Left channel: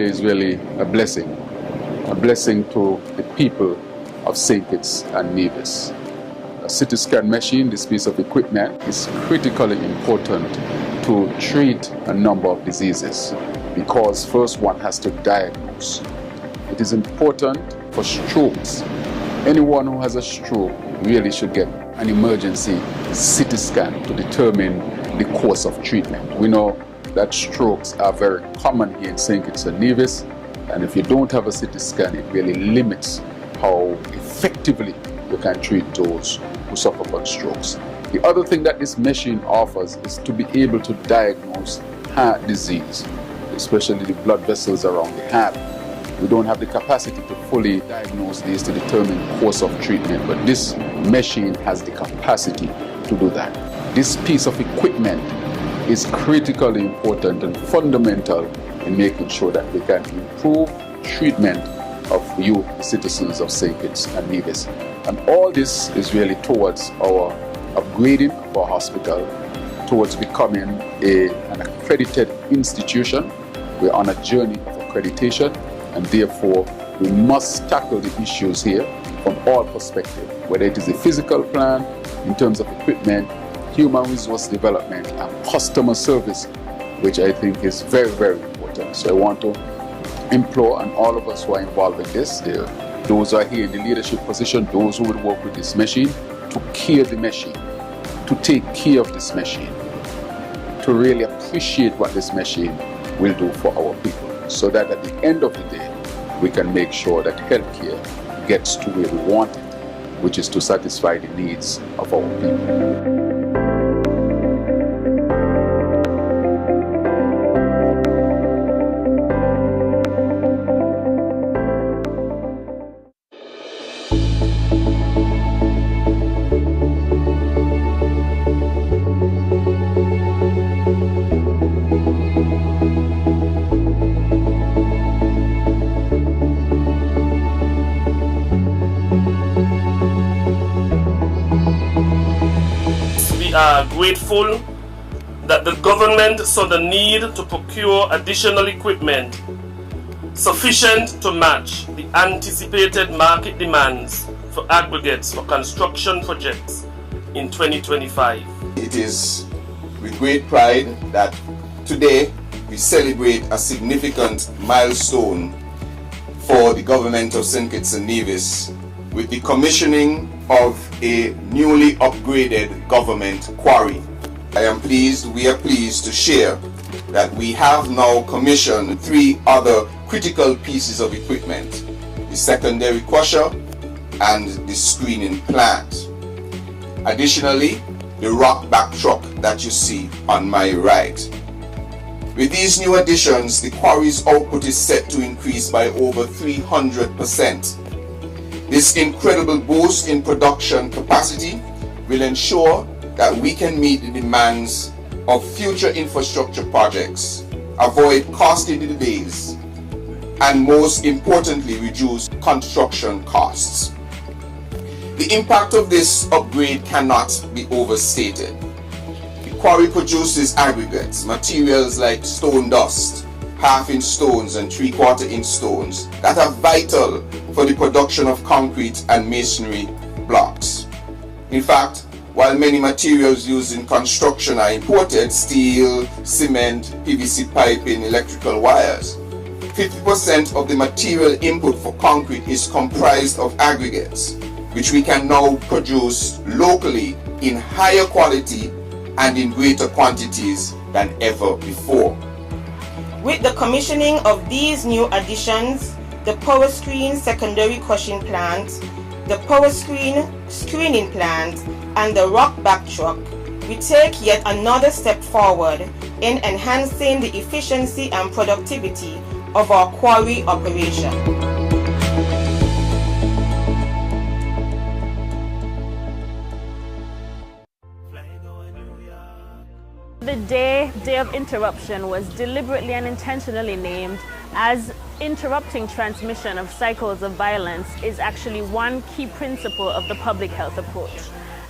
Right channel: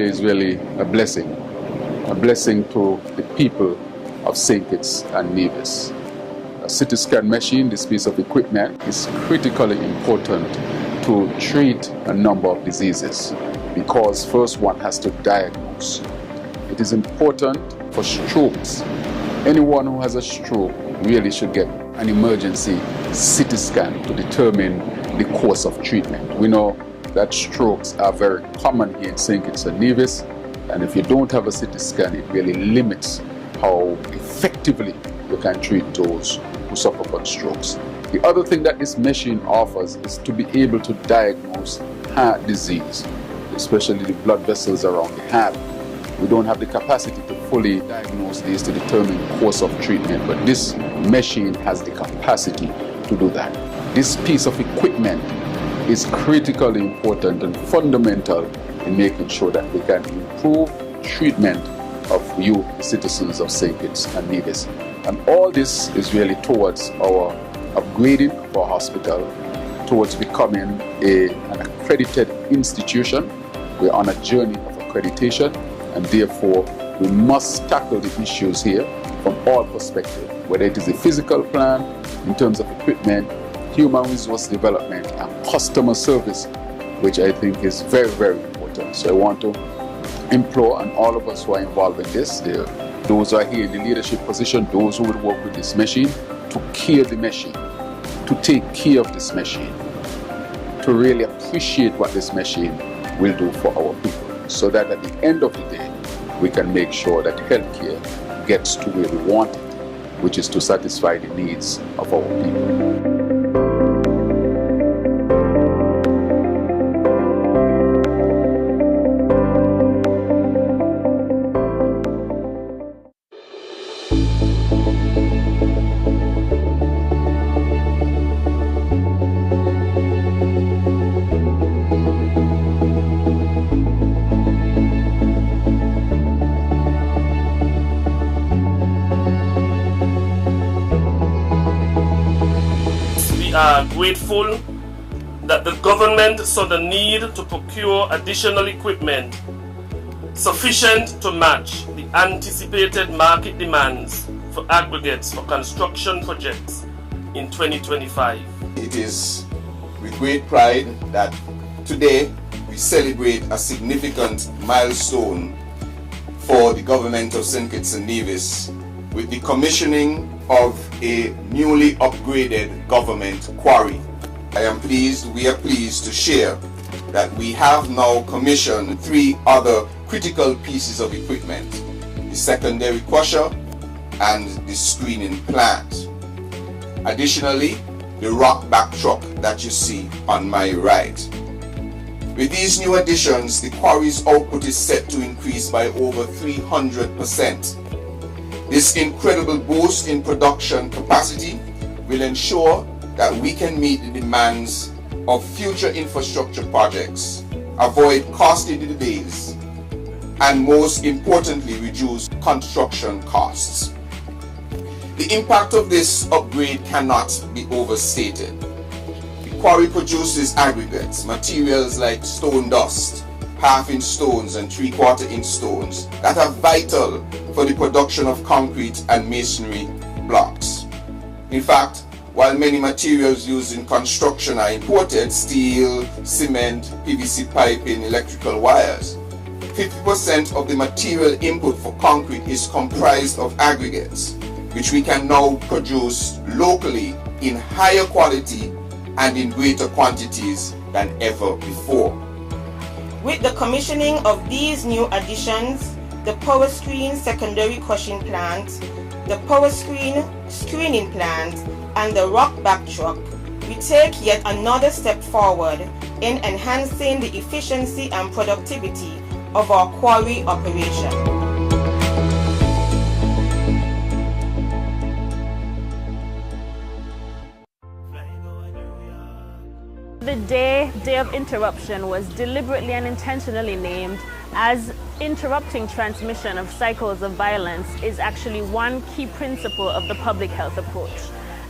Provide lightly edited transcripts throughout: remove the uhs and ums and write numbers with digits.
here is really a blessing to the people of St. Kitts and Nevis. A CT scan machine, this piece of equipment, is critically important to treat a number of diseases because first one has to diagnose. It is important for strokes. Anyone who has a stroke really should get an emergency CT scan to determine the course of treatment. We know that strokes are very common here in St. Kitts and Nevis, and if you don't have a CT scan, it really limits how effectively you can treat those who suffer from strokes. The other thing that this machine offers is to be able to diagnose heart disease, especially the blood vessels around the heart. We don't have the capacity to fully diagnose these to determine the course of treatment, but this machine has the capacity to do that. This piece of equipment is critically important and fundamental in making sure that we can improve treatment of you citizens of St. Kitts and Nevis. And all this is really towards our upgrading of our hospital, towards becoming an accredited institution. We're on a journey of accreditation, and therefore we must tackle the issues here from all perspectives, whether it is a physical plan in terms of equipment, human resource development, and customer service, which I think is very, very important. So I want to implore on all of us who are involved in this, those who are here in the leadership position, those who would work with this machine, to care the machine, to take care of this machine, to really appreciate what this machine will do for our people, so that at the end of the day, we can make sure that healthcare gets to where we want it, which is to satisfy the needs of our people. Grateful that the government saw the need to procure additional equipment sufficient to match the anticipated market demands for aggregates for construction projects in 2025. It is with great pride that today we celebrate a significant milestone for the government of St. Kitts and Nevis with the commissioning of a newly upgraded government quarry. We are pleased to share that we have now commissioned 3 other critical pieces of equipment: the secondary crusher and the screening plant. Additionally, the rock back truck that you see on my right. With these new additions, the quarry's output is set to increase by over 300%. This incredible boost in production capacity will ensure that we can meet the demands of future infrastructure projects, avoid costly delays, and most importantly, reduce construction costs. The impact of this upgrade cannot be overstated. The quarry produces aggregates, materials like stone dust, half-inch stones and three-quarter-inch stones that are vital for the production of concrete and masonry blocks. In fact, while many materials used in construction are imported, steel, cement, PVC piping, electrical wires, 50% of the material input for concrete is comprised of aggregates, which we can now produce locally in higher quality and in greater quantities than ever before. With the commissioning of these new additions, the power screen secondary crushing plant, the power screen screening plant, and the rock back truck, we take yet another step forward in enhancing the efficiency and productivity of our quarry operation. The day of interruption was deliberately and intentionally named as interrupting transmission of cycles of violence is actually one key principle of the public health approach.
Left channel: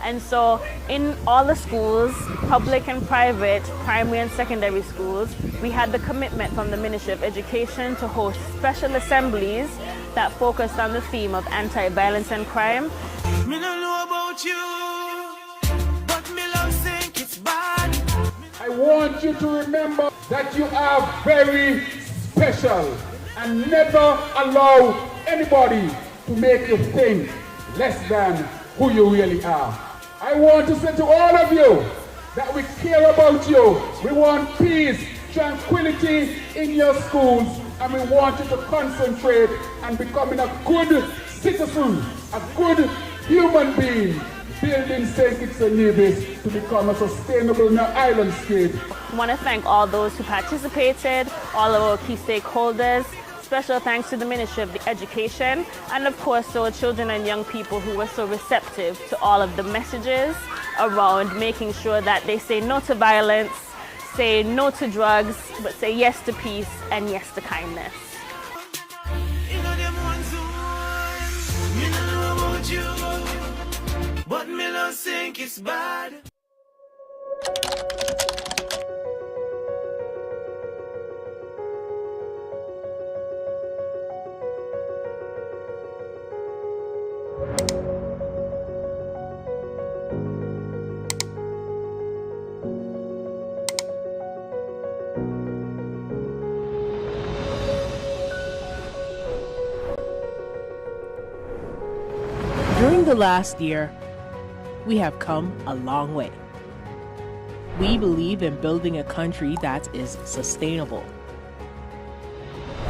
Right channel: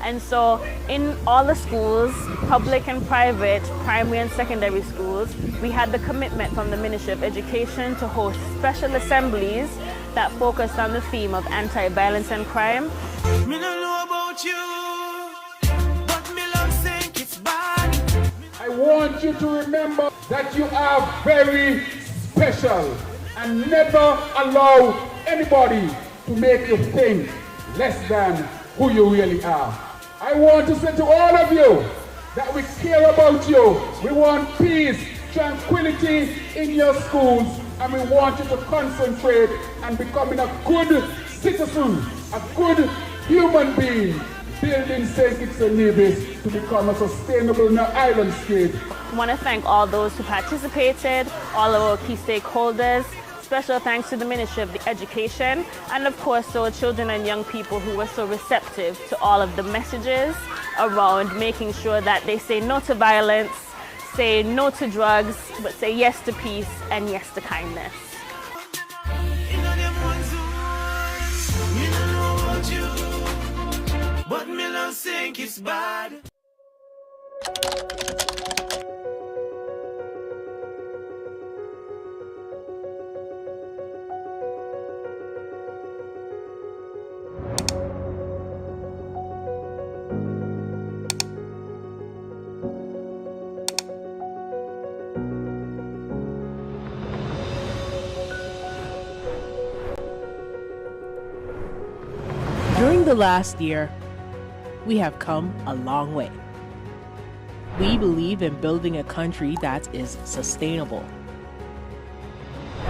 And so in all the schools, public and private, primary and secondary schools, we had the commitment from the Ministry of Education to host special assemblies that focused on the theme of anti-violence and crime. Me don't know about you, but me love think it's bad. I want you to remember that you are very special and never allow anybody to make you think less than who you really are. I want to say to all of you that we care about you. We want peace, tranquility in your schools, and we want you to concentrate on becoming a good citizen, a good human being, building St. Kitts and Nevis to become a sustainable island state. I want to thank all those who participated, all of our key stakeholders. Special thanks to the Ministry of Education, and of course to our children and young people who were so receptive to all of the messages around making sure that they say no to violence, say no to drugs, but say yes to peace and yes to kindness. But me don't think it's bad. During the last year, we have come a long way. We believe in building a country that is sustainable.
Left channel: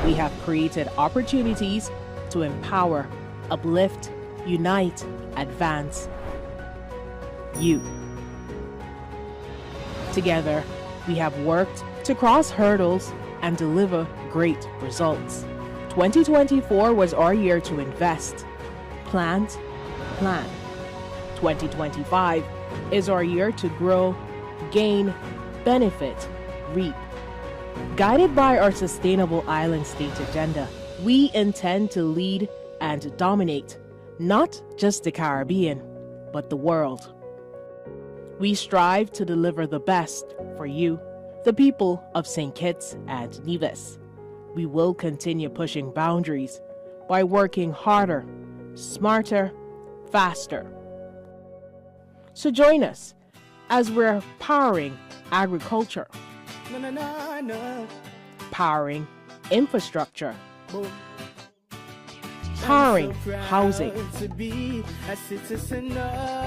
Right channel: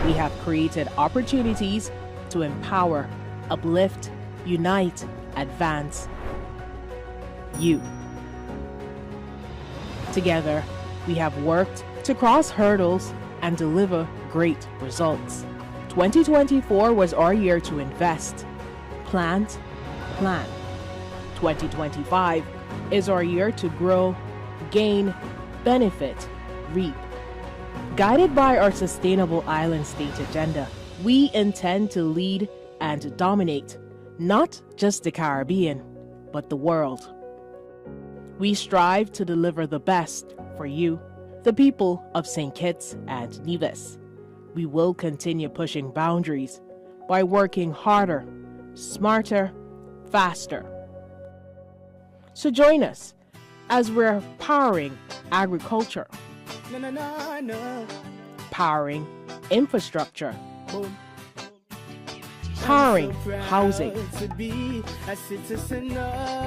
We have created opportunities to empower, uplift, unite, advance you. Together, we have worked to cross hurdles and deliver great results. 2024 was our year to invest, plant, plan. 2025 is our year to grow, gain, benefit, reap. Guided by our sustainable island state agenda, we intend to lead and dominate not just the Caribbean, but the world. We strive to deliver the best for you, the people of St. Kitts and Nevis. We will continue pushing boundaries by working harder, smarter, faster. So join us as we're powering agriculture, powering infrastructure, powering housing,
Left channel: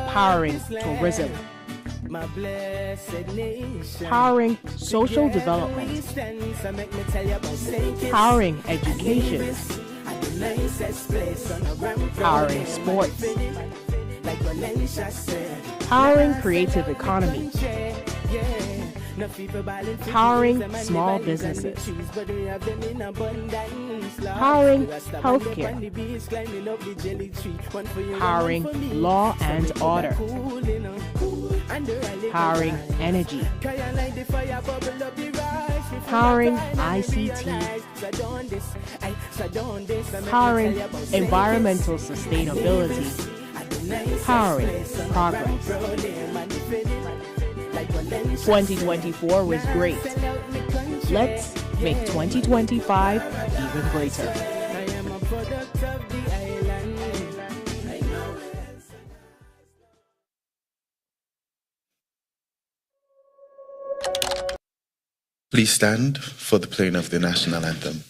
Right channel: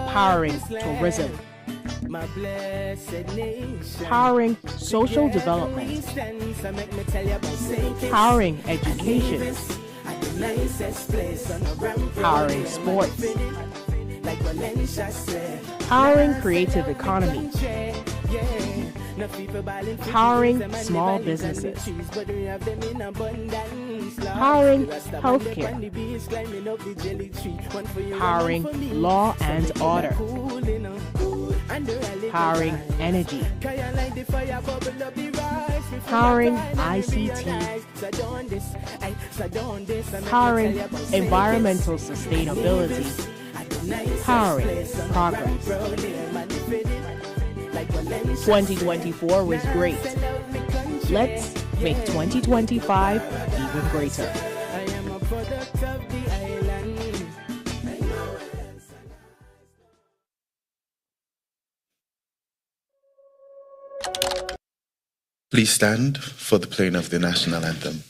powering tourism, powering social development, powering education, powering sports, powering creative economy, powering small businesses, powering healthcare, powering law and order, powering energy, powering ICT, powering environmental sustainability, powering progress. 2024 was great. Let's make 2025 even greater. Please stand for the playing of the national anthem.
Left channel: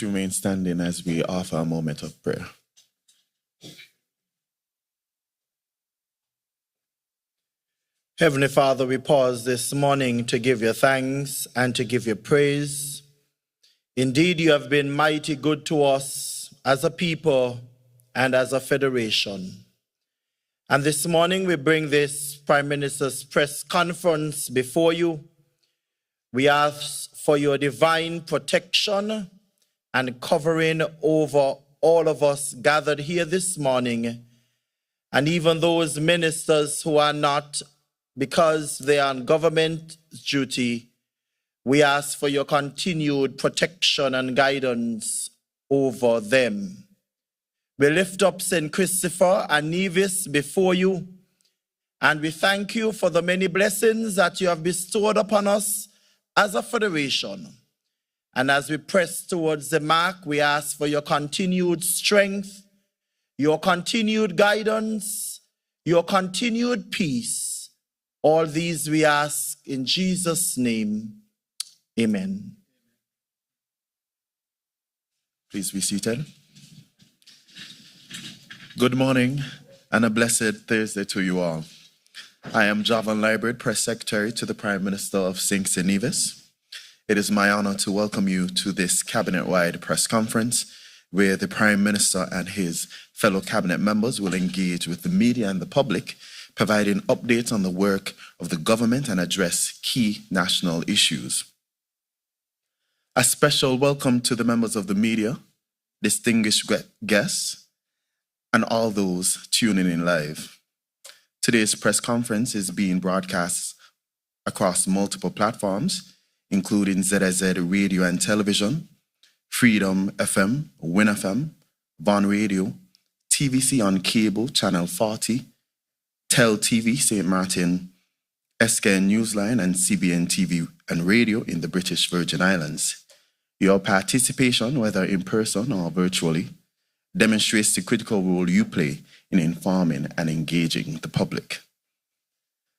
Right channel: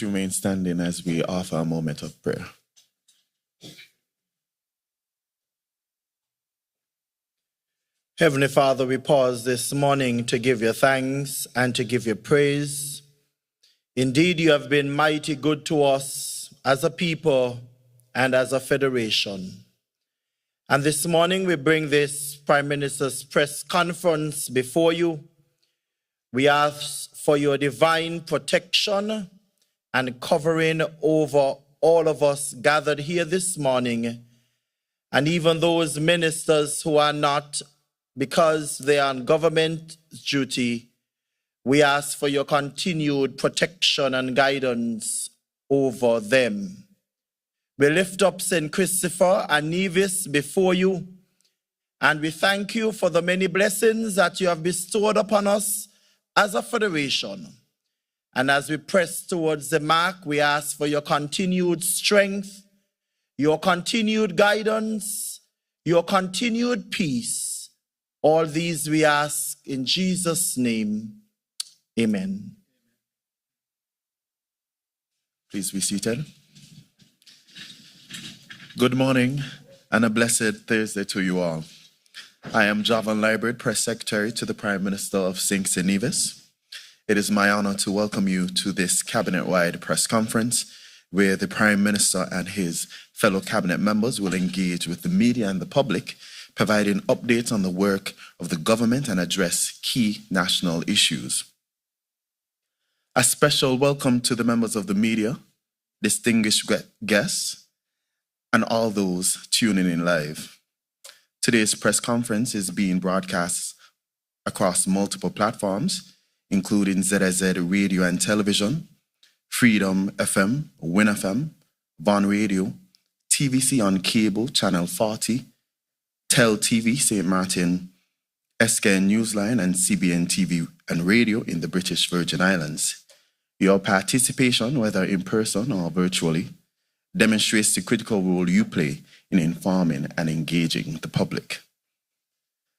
Please remain standing as we offer a moment of prayer. Heavenly Father, we pause this morning to give you thanks and to give you praise. Indeed, you have been mighty good to us as a people and as a federation. And this morning we bring this Prime Minister's press conference before you. We ask for your divine protection and covering over all of us gathered here this morning, and even those ministers who are not, because they are on government duty. We ask for your continued protection and guidance over them. We lift up St. Christopher and Nevis before you, and we thank you for the many blessings that you have bestowed upon us as a federation. And as we press towards the mark, we ask for your continued strength, your continued guidance, your continued peace. All these we ask in Jesus' name. Amen. Please be seated. Good morning and a blessed Thursday to you all. I am Javan Library, Press Secretary to the Prime Minister of St. Nevis. It is my honor to welcome you to this cabinet-wide press conference where the Prime Minister and his fellow cabinet members will engage with the media and the public, providing updates on the work of the government and address key national issues. A special welcome to the members of the media, distinguished guests, and all those tuning in live. Today's press conference is being broadcast across multiple platforms, including ZZ Radio and Television, Freedom FM, Win FM, Von Radio, TVC on Cable, Channel 40, Tel TV, St. Martin, SKN Newsline, and CBN TV and Radio in the British Virgin Islands. Your participation, whether in person or virtually, demonstrates the critical role you play in informing and engaging the public.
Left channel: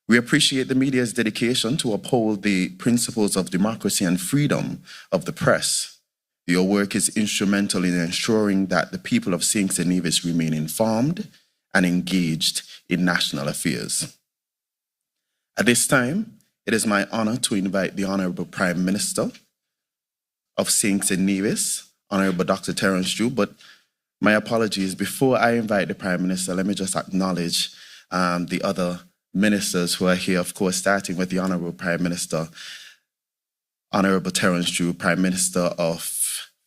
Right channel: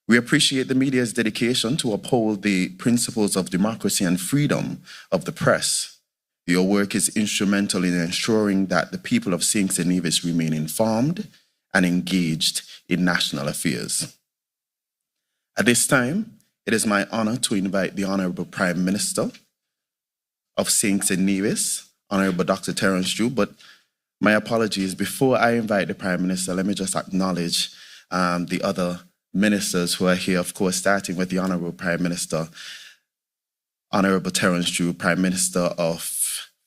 We appreciate the media's dedication to uphold the principles of democracy and freedom of the press. Your work is instrumental in ensuring that the people of St. Nevis remain informed and engaged in national affairs. At this time, it is my honor to invite the Honorable Prime Minister of St. Nevis, Honorable Dr. Terence Drew, but my apologies, before I invite the Prime Minister, let me just acknowledge the other ministers who are here, of course, starting with the Honorable Prime Minister, Honorable Terence Drew, Prime Minister of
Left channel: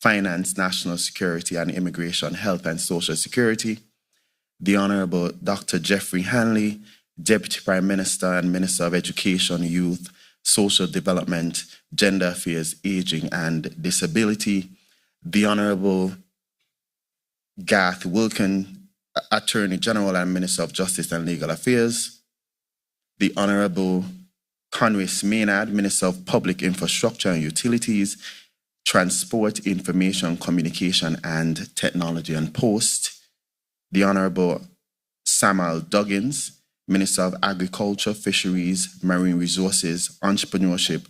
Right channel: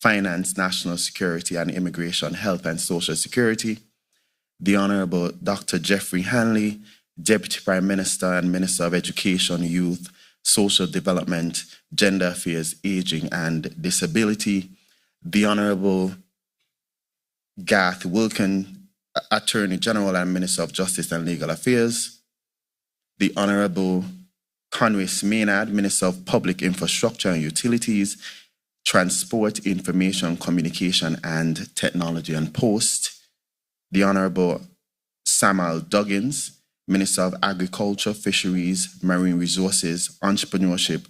Finance, National Security and Immigration, Health and Social Security, the Honorable Dr. Jeffrey Hanley, Deputy Prime Minister and Minister of Education, Youth, Social Development, Gender Affairs, Aging and Disability, the Honorable Garth Wilkin, Attorney General and Minister of Justice and Legal Affairs, the Honorable Conway Maynard, Minister of Public Infrastructure and Utilities, Transport, Information, Communication and Technology and Post, the Honorable Samuel Duggins, Minister of Agriculture, Fisheries, Marine Resources, Entrepreneurship,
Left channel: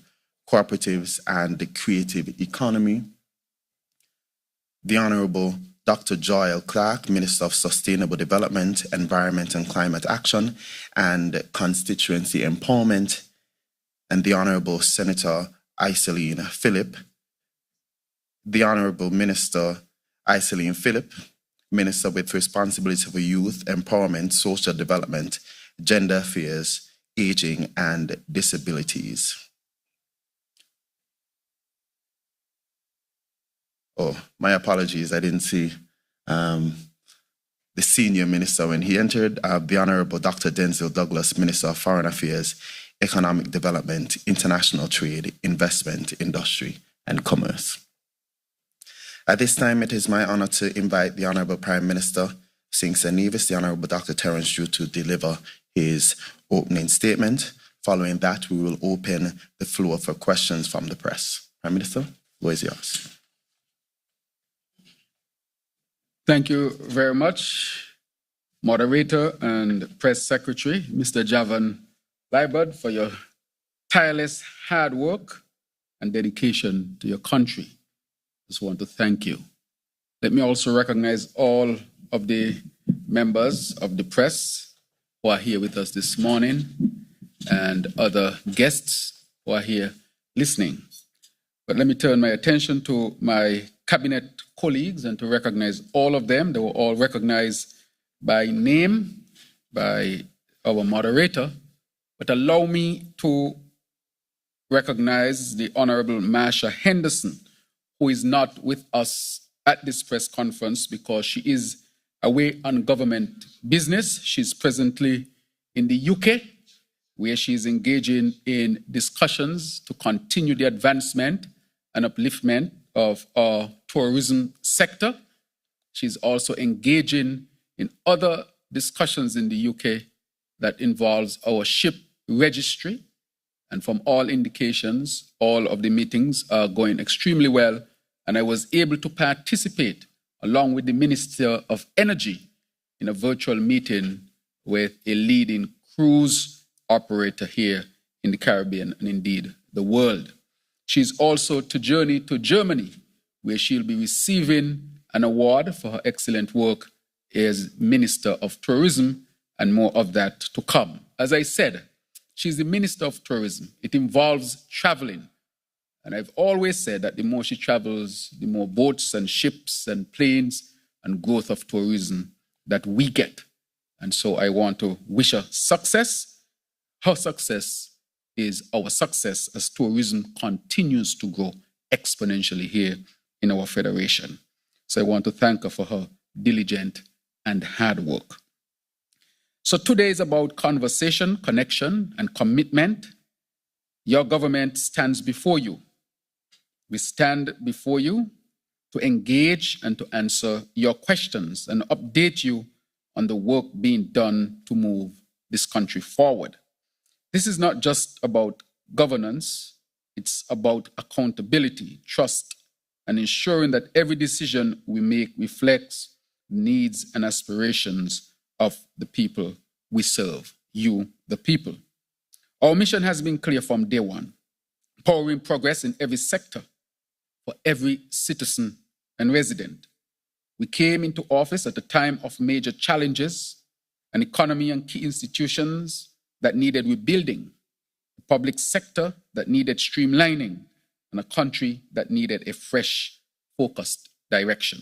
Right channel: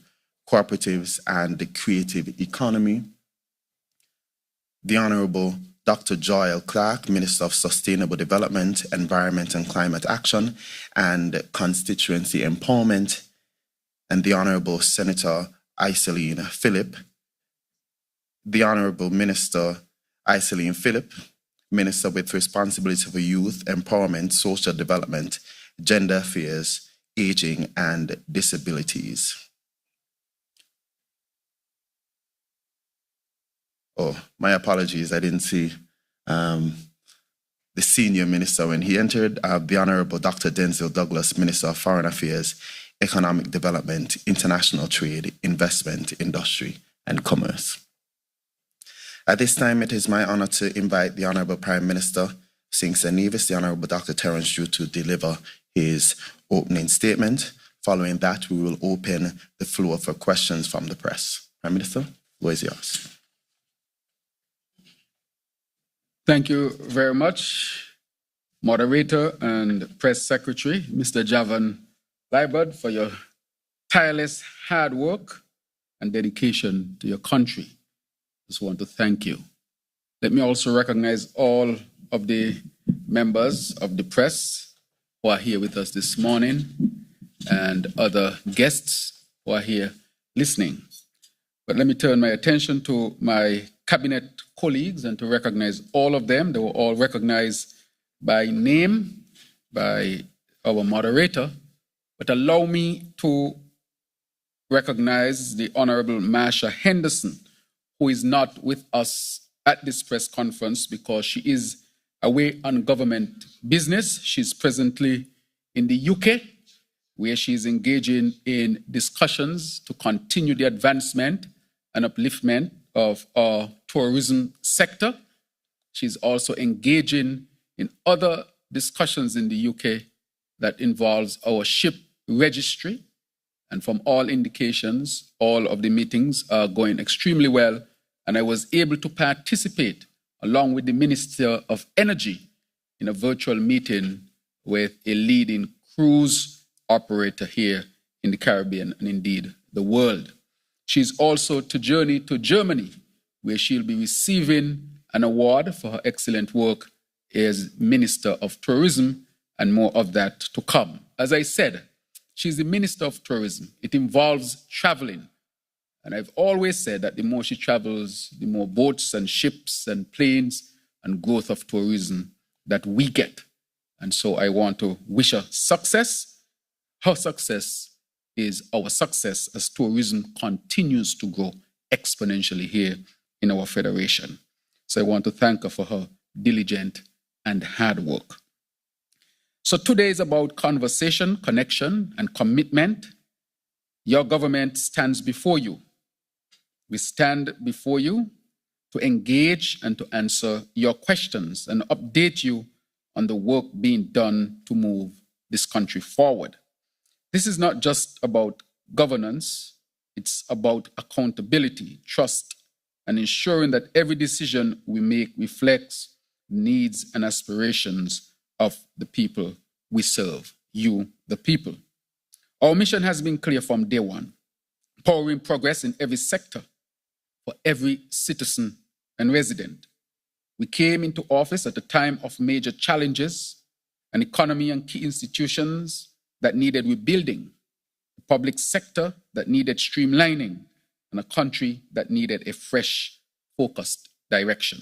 Cooperatives and the Creative Economy, the Honorable Dr. Joel Clark, Minister of Sustainable Development, Environment and Climate Action, and Constituency Empowerment, and the Honorable Senator Iseline Phillip, the Honorable Minister Iseline Phillip, Minister with Responsibility for Youth, Empowerment, Social Development, Gender Affairs, Aging and Disabilities. Oh, my apologies, I didn't see the senior minister when he entered, the Honorable Dr. Denzel Douglas, Minister of Foreign Affairs, Economic Development, International Trade, Investment, Industry and Commerce. At this time, it is my honor to invite the Honorable Prime Minister, St. Nevis, the Honorable Dr. Terence Drew, to deliver his opening statement. Following that, we will open the floor for questions from the press. Prime Minister, the floor is yours. Thank you very much, Moderator and Press Secretary, Mr. Javan Liebert, for your tireless hard work and dedication to your country. Just want to thank you. Let me also recognize all of the members of the press who are here with us this morning and other guests who are here listening. But let me turn my attention to my cabinet colleagues and to recognize all of them. They were all recognized by name by our moderator. But allow me to recognize the Honorable Marsha Henderson, who is not with us at this press conference because she is away on government business. She's presently in the UK, where she is engaging in discussions to continue the advancement and upliftment of our tourism sector. She's also engaging in other discussions in the UK that involves our ship registry. And from all indications, all of the meetings are going extremely well. And I was able to participate along with the Minister of Energy in a virtual meeting with a leading cruise operator here in the Caribbean and indeed the world. She's also to journey to Germany, where she'll be receiving an award for her excellent work as Minister of Tourism, and more of that to come. As I said, she's the Minister of Tourism. It involves traveling. And I've always said that the more she travels, the more boats and ships and planes and growth of tourism that we get. And so I want to wish her success. Her success is our success as tourism continues to grow exponentially here in our federation. So I want to thank her for her diligent and hard work. So today is about conversation, connection, and commitment. Your government stands before you. We stand before you to engage and to answer your questions and update you on the work being done to move this country forward. This is not just about governance, it's about accountability, trust, and ensuring that every decision we make reflects the needs and aspirations of the people we serve, you, the people. Our mission has been clear from day one, powering progress in every sector for every citizen and resident. We came into office at a time of major challenges, an economy and key institutions that needed rebuilding, a public sector that needed streamlining, and a country that needed a fresh, focused direction.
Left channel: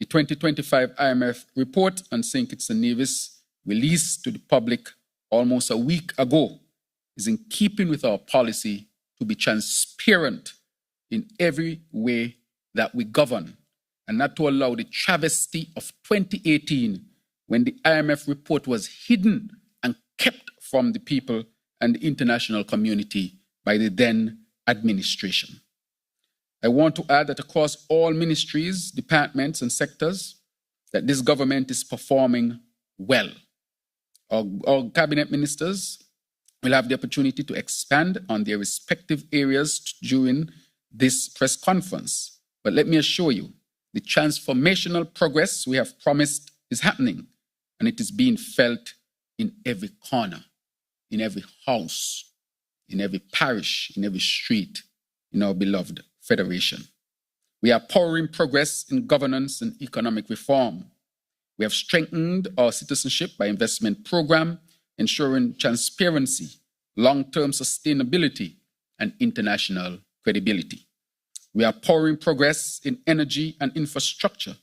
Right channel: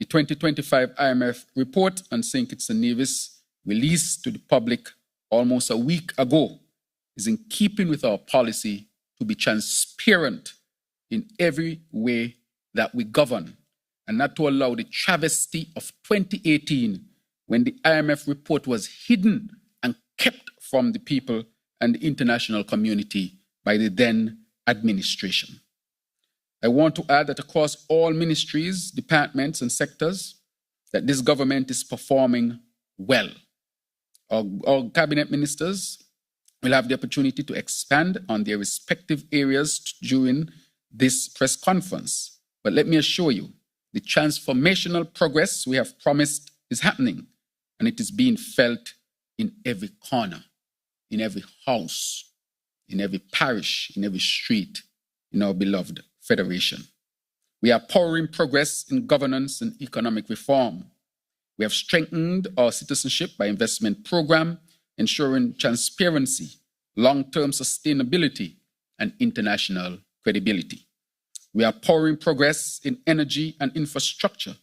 The 2025 IMF report on St. Kitts and Nevis, released to the public almost a week ago, is in keeping with our policy to be transparent in every way that we govern, and not to allow the travesty of 2018, when the IMF report was hidden and kept from the people and the international community by the then administration. I want to add that across all ministries, departments, and sectors, that this government is performing well. Our cabinet ministers will have the opportunity to expand on their respective areas during this press conference. But let me assure you, the transformational progress we have promised is happening, and it is being felt in every corner, in every house, in every parish, in every street, in our beloved federation. We are powering progress in governance and economic reform. We have strengthened our citizenship by investment program, ensuring transparency, long-term sustainability, and international credibility. We are powering progress in energy and infrastructure.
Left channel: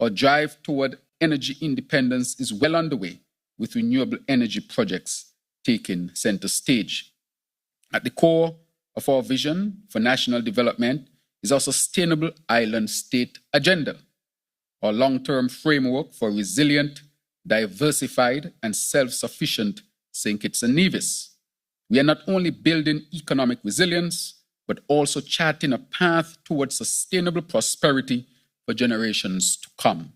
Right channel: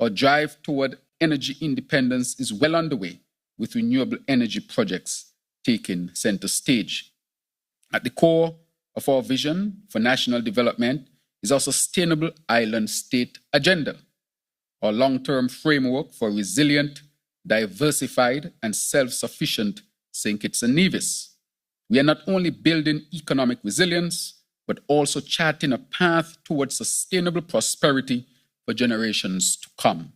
Our drive toward energy independence is well underway, with renewable energy projects taking center stage. At the core of our vision for national development is our sustainable island state agenda, our long-term framework for resilient, diversified, and self-sufficient St. Kitts and Nevis. We are not only building economic resilience, but also charting a path towards sustainable prosperity for generations to come.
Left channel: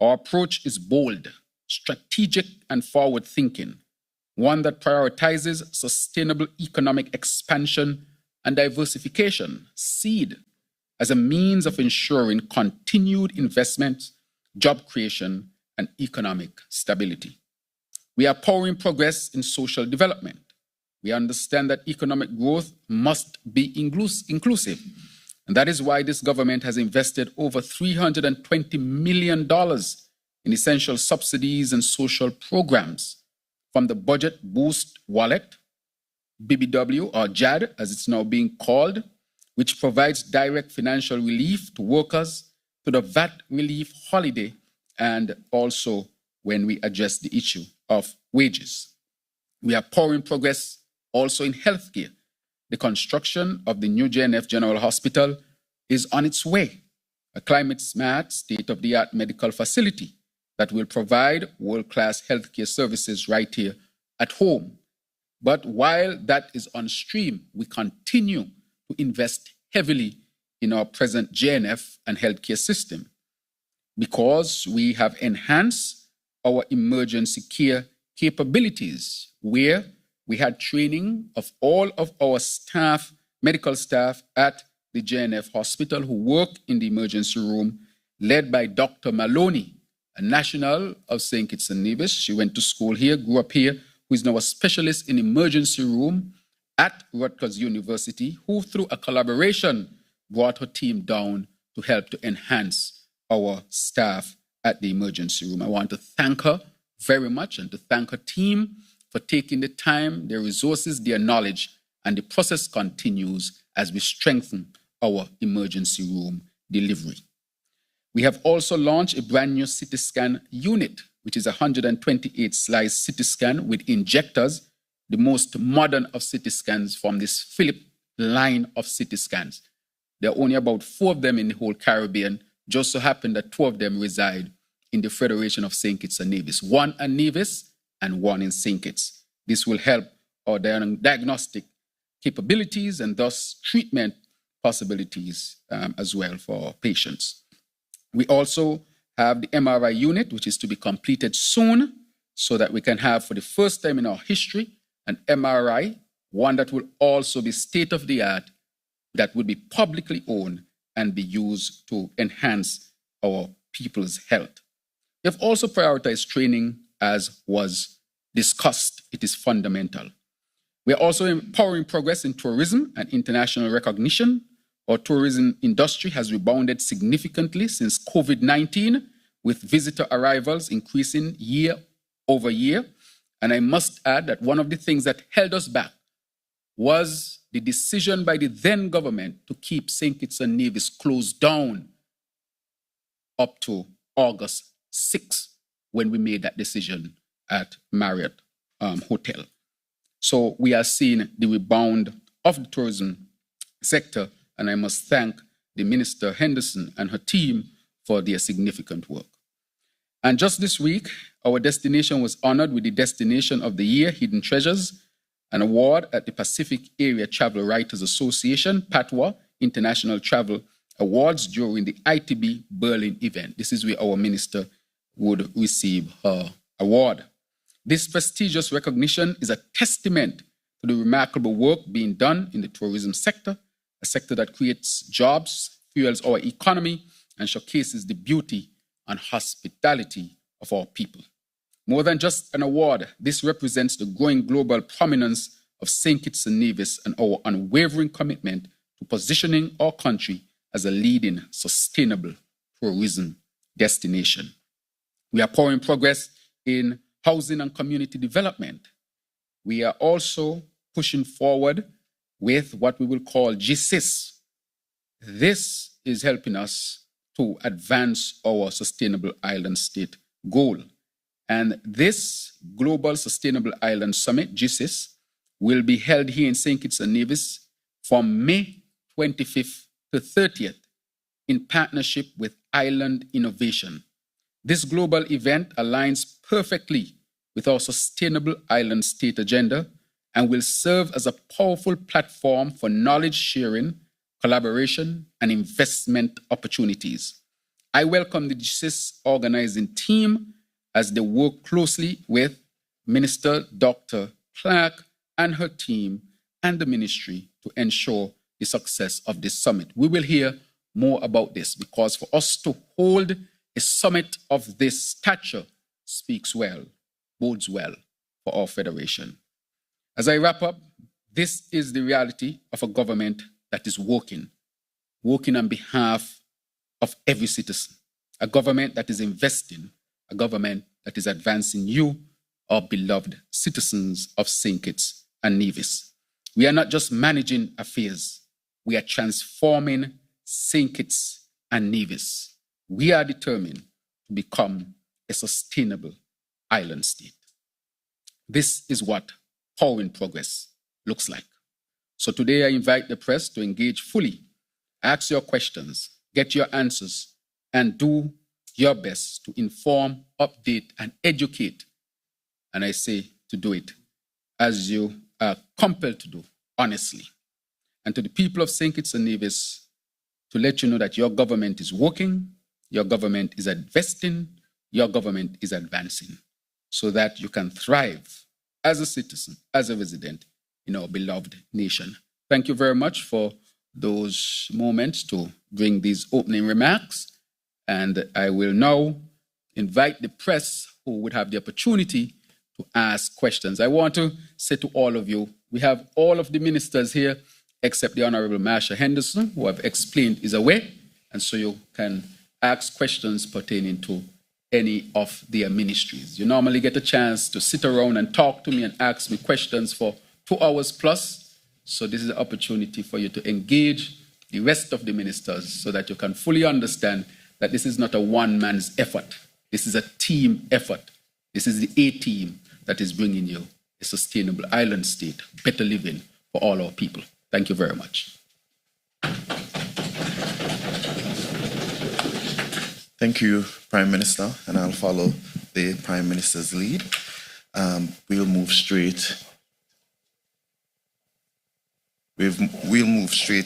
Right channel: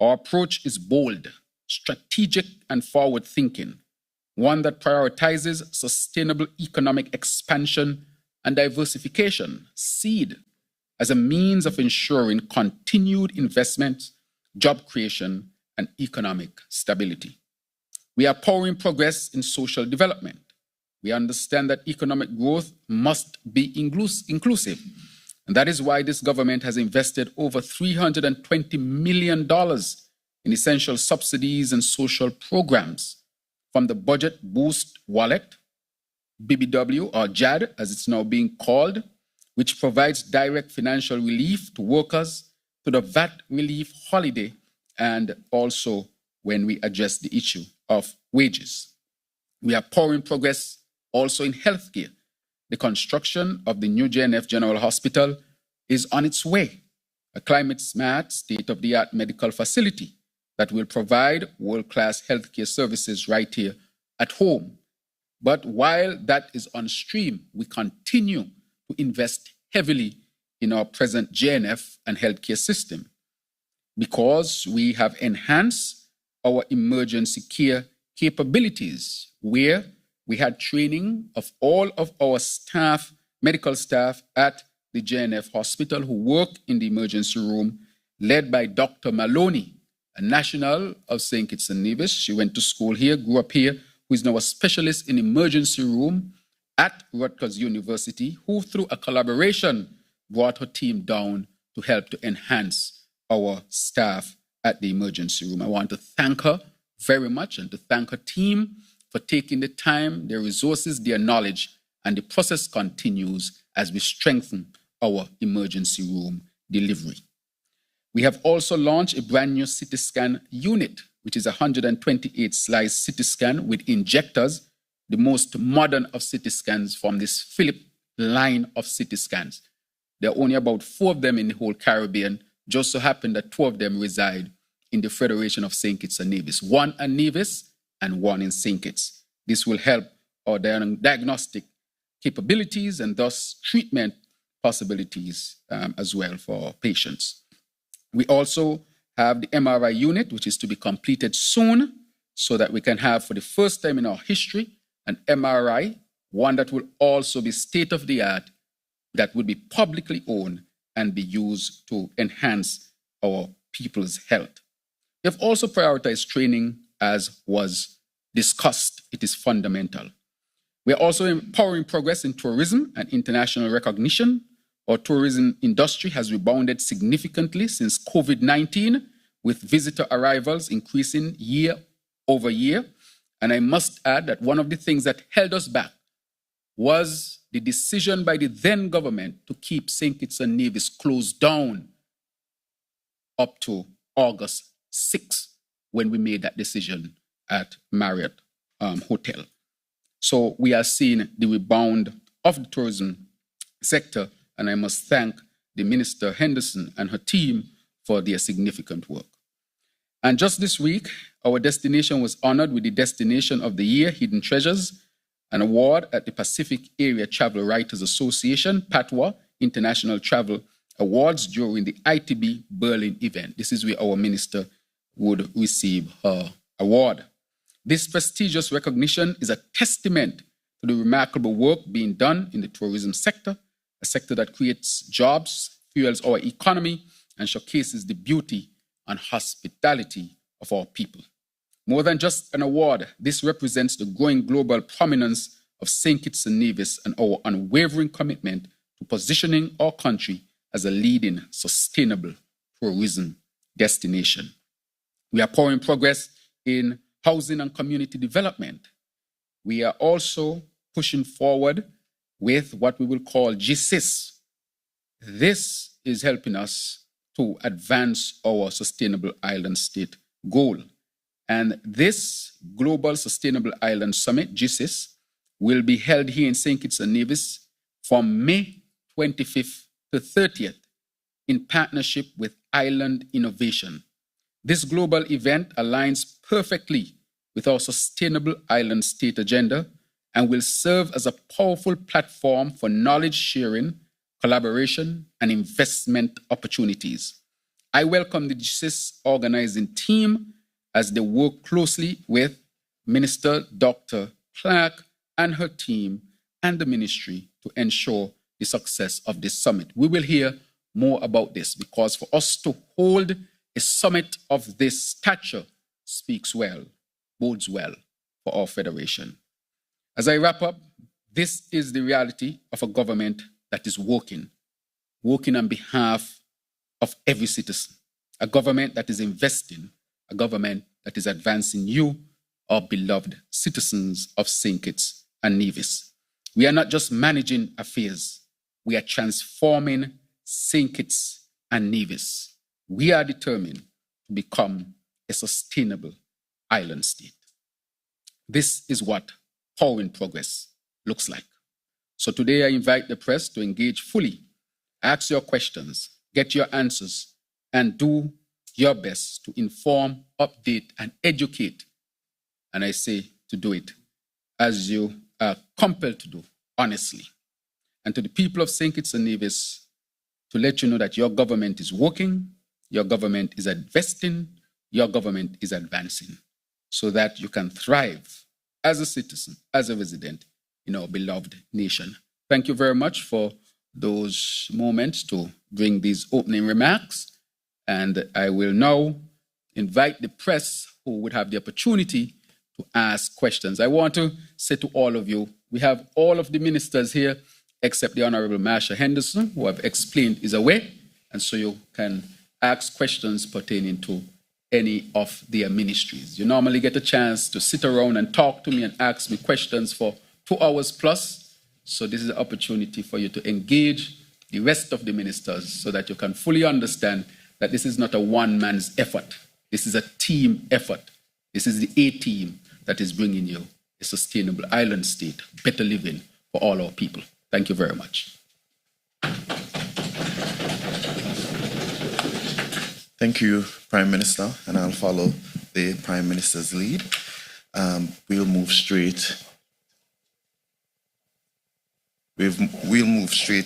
Our approach is bold, strategic, and forward-thinking, one that prioritizes sustainable economic expansion and diversification, SEED, as a means of ensuring continued investment, job creation, and economic stability. We are powering progress in social development. We understand that economic growth must be inclusive, And that is why this government has invested over $320 million in essential subsidies and social programs, from the Budget Boost Wallet, BBW, or JAD as it's now being called, which provides direct financial relief to workers, to the VAT relief holiday, and also when we address the issue of wages. We are pouring progress also in healthcare. The construction of the new JNF General Hospital is on its way, a climate-smart, state-of-the-art medical facility that will provide world-class healthcare services right here at home. But while that is on stream, we continue to invest heavily in our present JNF and healthcare system, because we have enhanced our emergency care capabilities, where we had training of all of our staff, medical staff at the JNF hospital who work in the emergency room, led by Dr. Maloney, a national of St. Kitts and Nevis. She went to school here, grew up here, who is now a specialist in emergency room at Rutgers University, who through a collaboration brought her team down to help to enhance our staff at the emergency room. I want to thank her very much and to thank her team for taking the time, their resources, their knowledge, and the process continues as we strengthen our emergency room delivery. We have also launched a brand new CT scan unit, which is a 128 slice CT scan with injectors, the most modern of CT scans from this Philips line of CT scans. There are only about 4 of them in the whole Caribbean. Just so happen that 2 of them reside in the Federation of St. Kitts and Nevis, 1 in Nevis and 1 in St. Kitts. This will help our diagnostic capabilities and thus treatment possibilities as well for patients. We also have the MRI unit, which is to be completed soon, so that we can have, for the first time in our history, an MRI, one that will also be state-of-the-art, that will be publicly owned and be used to enhance our people's health. We have also prioritized training as was discussed. It is fundamental. We are also empowering progress in tourism and international recognition. Our tourism industry has rebounded significantly since COVID-19, with visitor arrivals increasing year over year. And I must add that one of the things that held us back was the decision by the then government to keep St. Kitts and Nevis closed down up to August 6th, when we made that decision at Marriott Hotel. So we are seeing the rebound of the tourism sector, and I must thank the Minister Henderson and her team for their significant work. And just this week, our destination was honored with the Destination of the Year, Hidden Treasures, an award at the Pacific Area Travel Writers Association, PATWA, International Travel Awards during the ITB Berlin event. This is where our minister would receive her award. This prestigious recognition is a testament to the remarkable work being done in the tourism sector, a sector that creates jobs, fuels our economy, and showcases the beauty and hospitality of our people. More than just an award, this represents the growing global prominence of St. Kitts and Nevis and our unwavering commitment to positioning our country as a leading sustainable tourism destination. We are pouring progress in housing and community development. We are also pushing forward with what we will call GSIS. This is helping us to advance our Sustainable Island State goal. And this Global Sustainable Island Summit, GSIS, will be held here in St. Kitts and Nevis from May 25th to 30th in partnership with Island Innovation. This global event aligns perfectly with our Sustainable Island State agenda and will serve as a powerful platform for knowledge sharing, collaboration, and investment opportunities. I welcome the GSIS organizing team as they work closely with Minister Dr. Clark and her team and the ministry to ensure the success of this summit. We will hear more about this, because for us to hold a summit of this stature speaks well, bodes well for our federation. As I wrap up, this is the reality of a government that is working. working on behalf of every citizen, a government that is investing, a government that is advancing you, our beloved citizens of St. Kitts and Nevis. We are not just managing affairs, we are transforming St. Kitts and Nevis. We are determined to become a sustainable island state. This is what Power in Progress looks like. So today I invite the press to engage fully, ask your questions, get your answers, and do your best to inform, update, and educate. And I say to do it as you are compelled to do, honestly. And to the people of St. Kitts and Nevis, to let you know that your government is working, your government is investing, your government is advancing, so that you can thrive as a citizen, as a resident in our beloved nation. Thank you very much for those moments to bring these opening remarks. And I will now invite the press who would have the opportunity to ask questions. I want to say to all of you, we have all of the ministers here except the Honorable Marsha Henderson, who I've explained is away, and so you can ask questions pertaining to any of their ministries. You normally get a chance to sit around and talk to me and ask me questions for 2 hours plus, so this is an opportunity for you to engage the rest of the ministers so that you can fully understand that this is not a one-man's effort. This is a team effort. This is the A-team that is bringing you a sustainable island state, better living for all our people. Thank you very much. Thank you, Prime Minister, and I'll follow the Prime Minister's lead. We'll move straight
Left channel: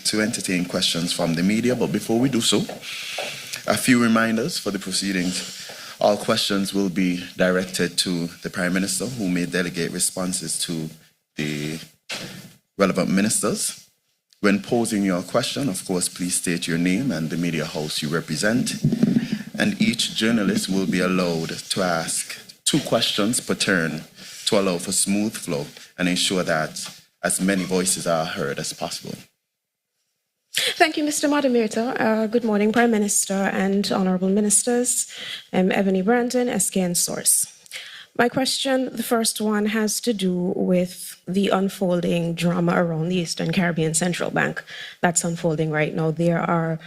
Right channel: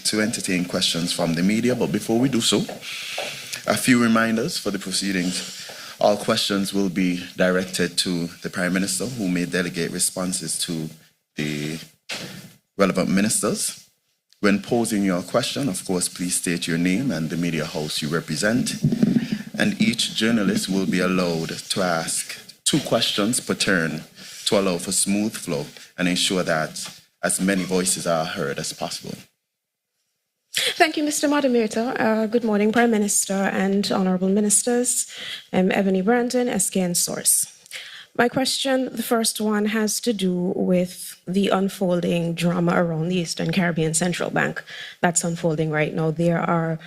to entertain questions from the media, but before we do so, a few reminders for the proceedings. All questions will be directed to the Prime Minister, who may delegate responses to the relevant ministers. When posing your question, of course, please state your name and the media house you represent. And each journalist will be allowed to ask 2 questions per turn to allow for smooth flow and ensure that as many voices are heard as possible. Thank you, Mr. Moderator. Good morning, Prime Minister and Honourable Ministers. I'm Ebony Brandon, SKN Source. My question, the first one, has to do with the unfolding drama around the Eastern Caribbean Central Bank that's unfolding right now. There are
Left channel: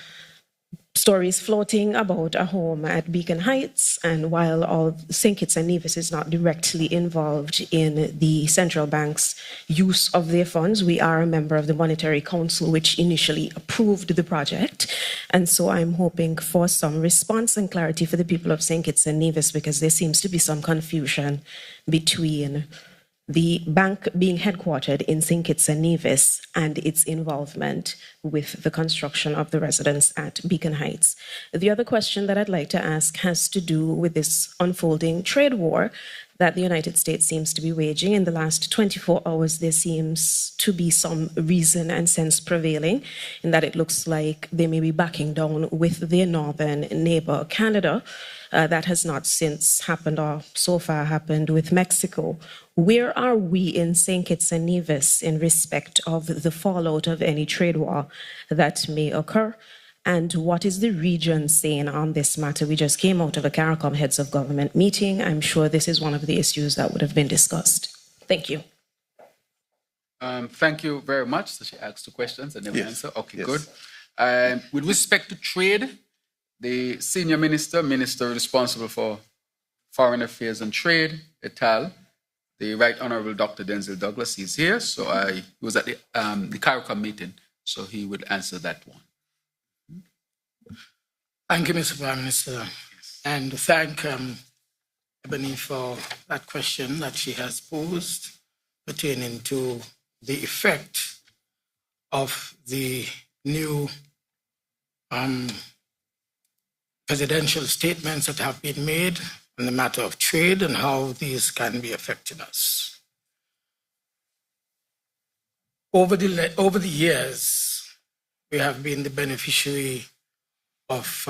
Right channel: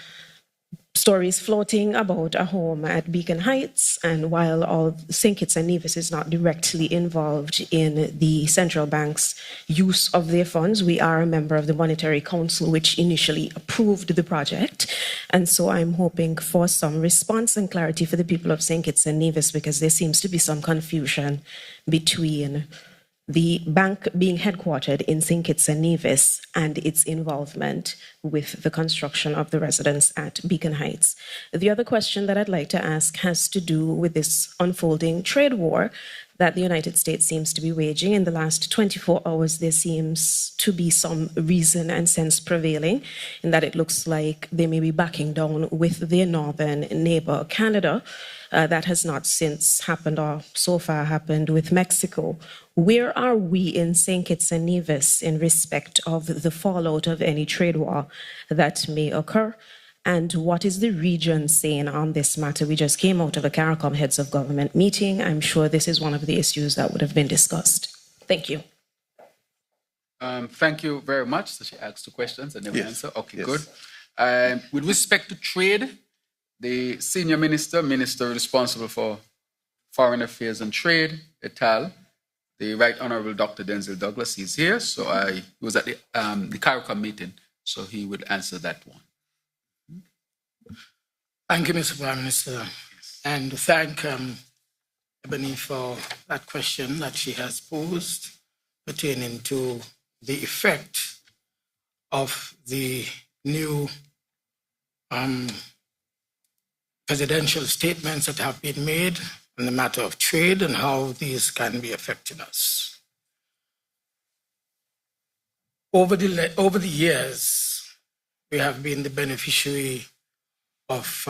stories floating about a home at Beacon Heights, and while all St. Kitts and Nevis is not directly involved in the central bank's use of their funds, we are a member of the Monetary Council, which initially approved the project. And so I'm hoping for some response and clarity for the people of St. Kitts and Nevis, because there seems to be some confusion between the bank being headquartered in St. Kitts and Nevis and its involvement with the construction of the residence at Beacon Heights. The other question that I'd like to ask has to do with this unfolding trade war that the United States seems to be waging. In the last 24 hours, there seems to be some reason and sense prevailing in that it looks like they may be backing down with their northern neighbor, Canada. That has not since happened, or so far happened, with Mexico. Where are we in St. Kitts and Nevis in respect of the fallout of any trade war that may occur? And what is the region saying on this matter? We just came out of a CARICOM Heads of Government meeting. I'm sure this is one of the issues that would have been discussed. Thank you. Thank you very much. So she asked 2 questions and never answer. Okay, Yes. good. With respect to trade, the senior minister responsible for foreign affairs and trade, ETAL, the Right Honorable Dr. Denzel Douglas, is here. So he was at the CARICOM meeting, so he would answer that one. Thank you, Mr. Prime Minister, and thank Ebony for that question that she has posed pertaining to the effect of the new presidential statements that have been made in the matter of trade and how these can be affecting us. Over the years, we have been the beneficiary of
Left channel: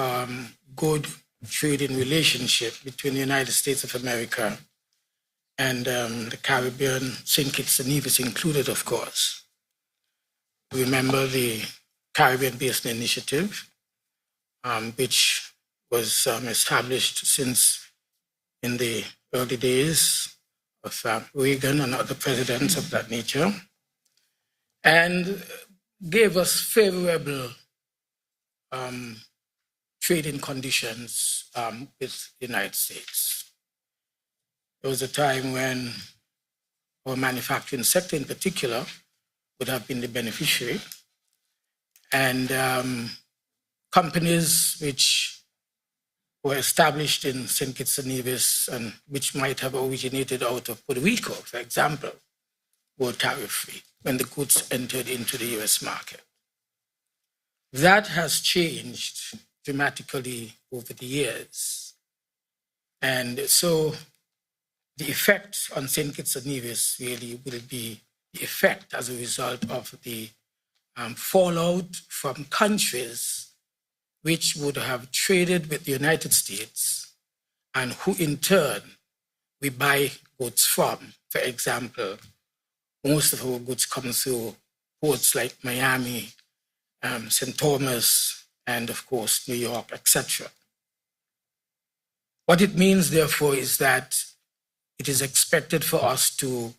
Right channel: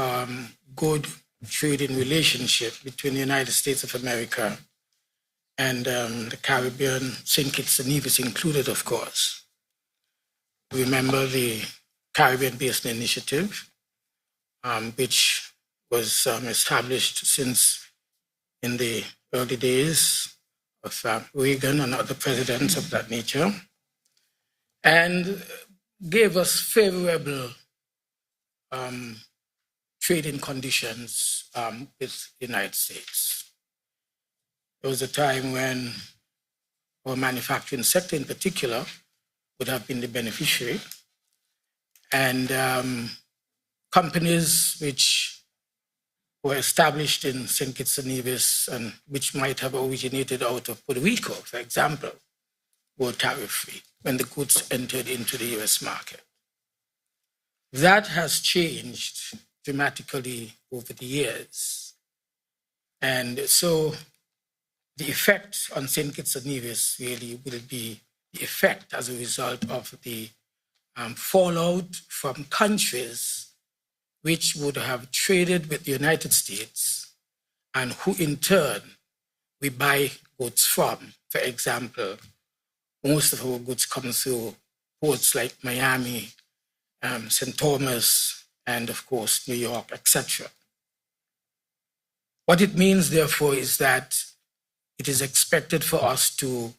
good trading relationship between the United States of America and the Caribbean, St. Kitts and Nevis included, of course. Remember the Caribbean Basin Initiative, which was established since in the early days of Reagan and other presidents of that nature, and gave us favorable trading conditions with the United States. There was a time when our manufacturing sector in particular would have been the beneficiary, and companies which were established in St. Kitts and Nevis and which might have originated out of Puerto Rico, for example, were tariff-free when the goods entered into the US market. That has changed dramatically over the years. And so the effect on St. Kitts and Nevis really will be the effect as a result of the fallout from countries which would have traded with the United States and who in turn we buy goods from. For example, most of our goods come through ports like Miami, St. Thomas, and of course, New York, etc. What it means, therefore, is that it is expected for us to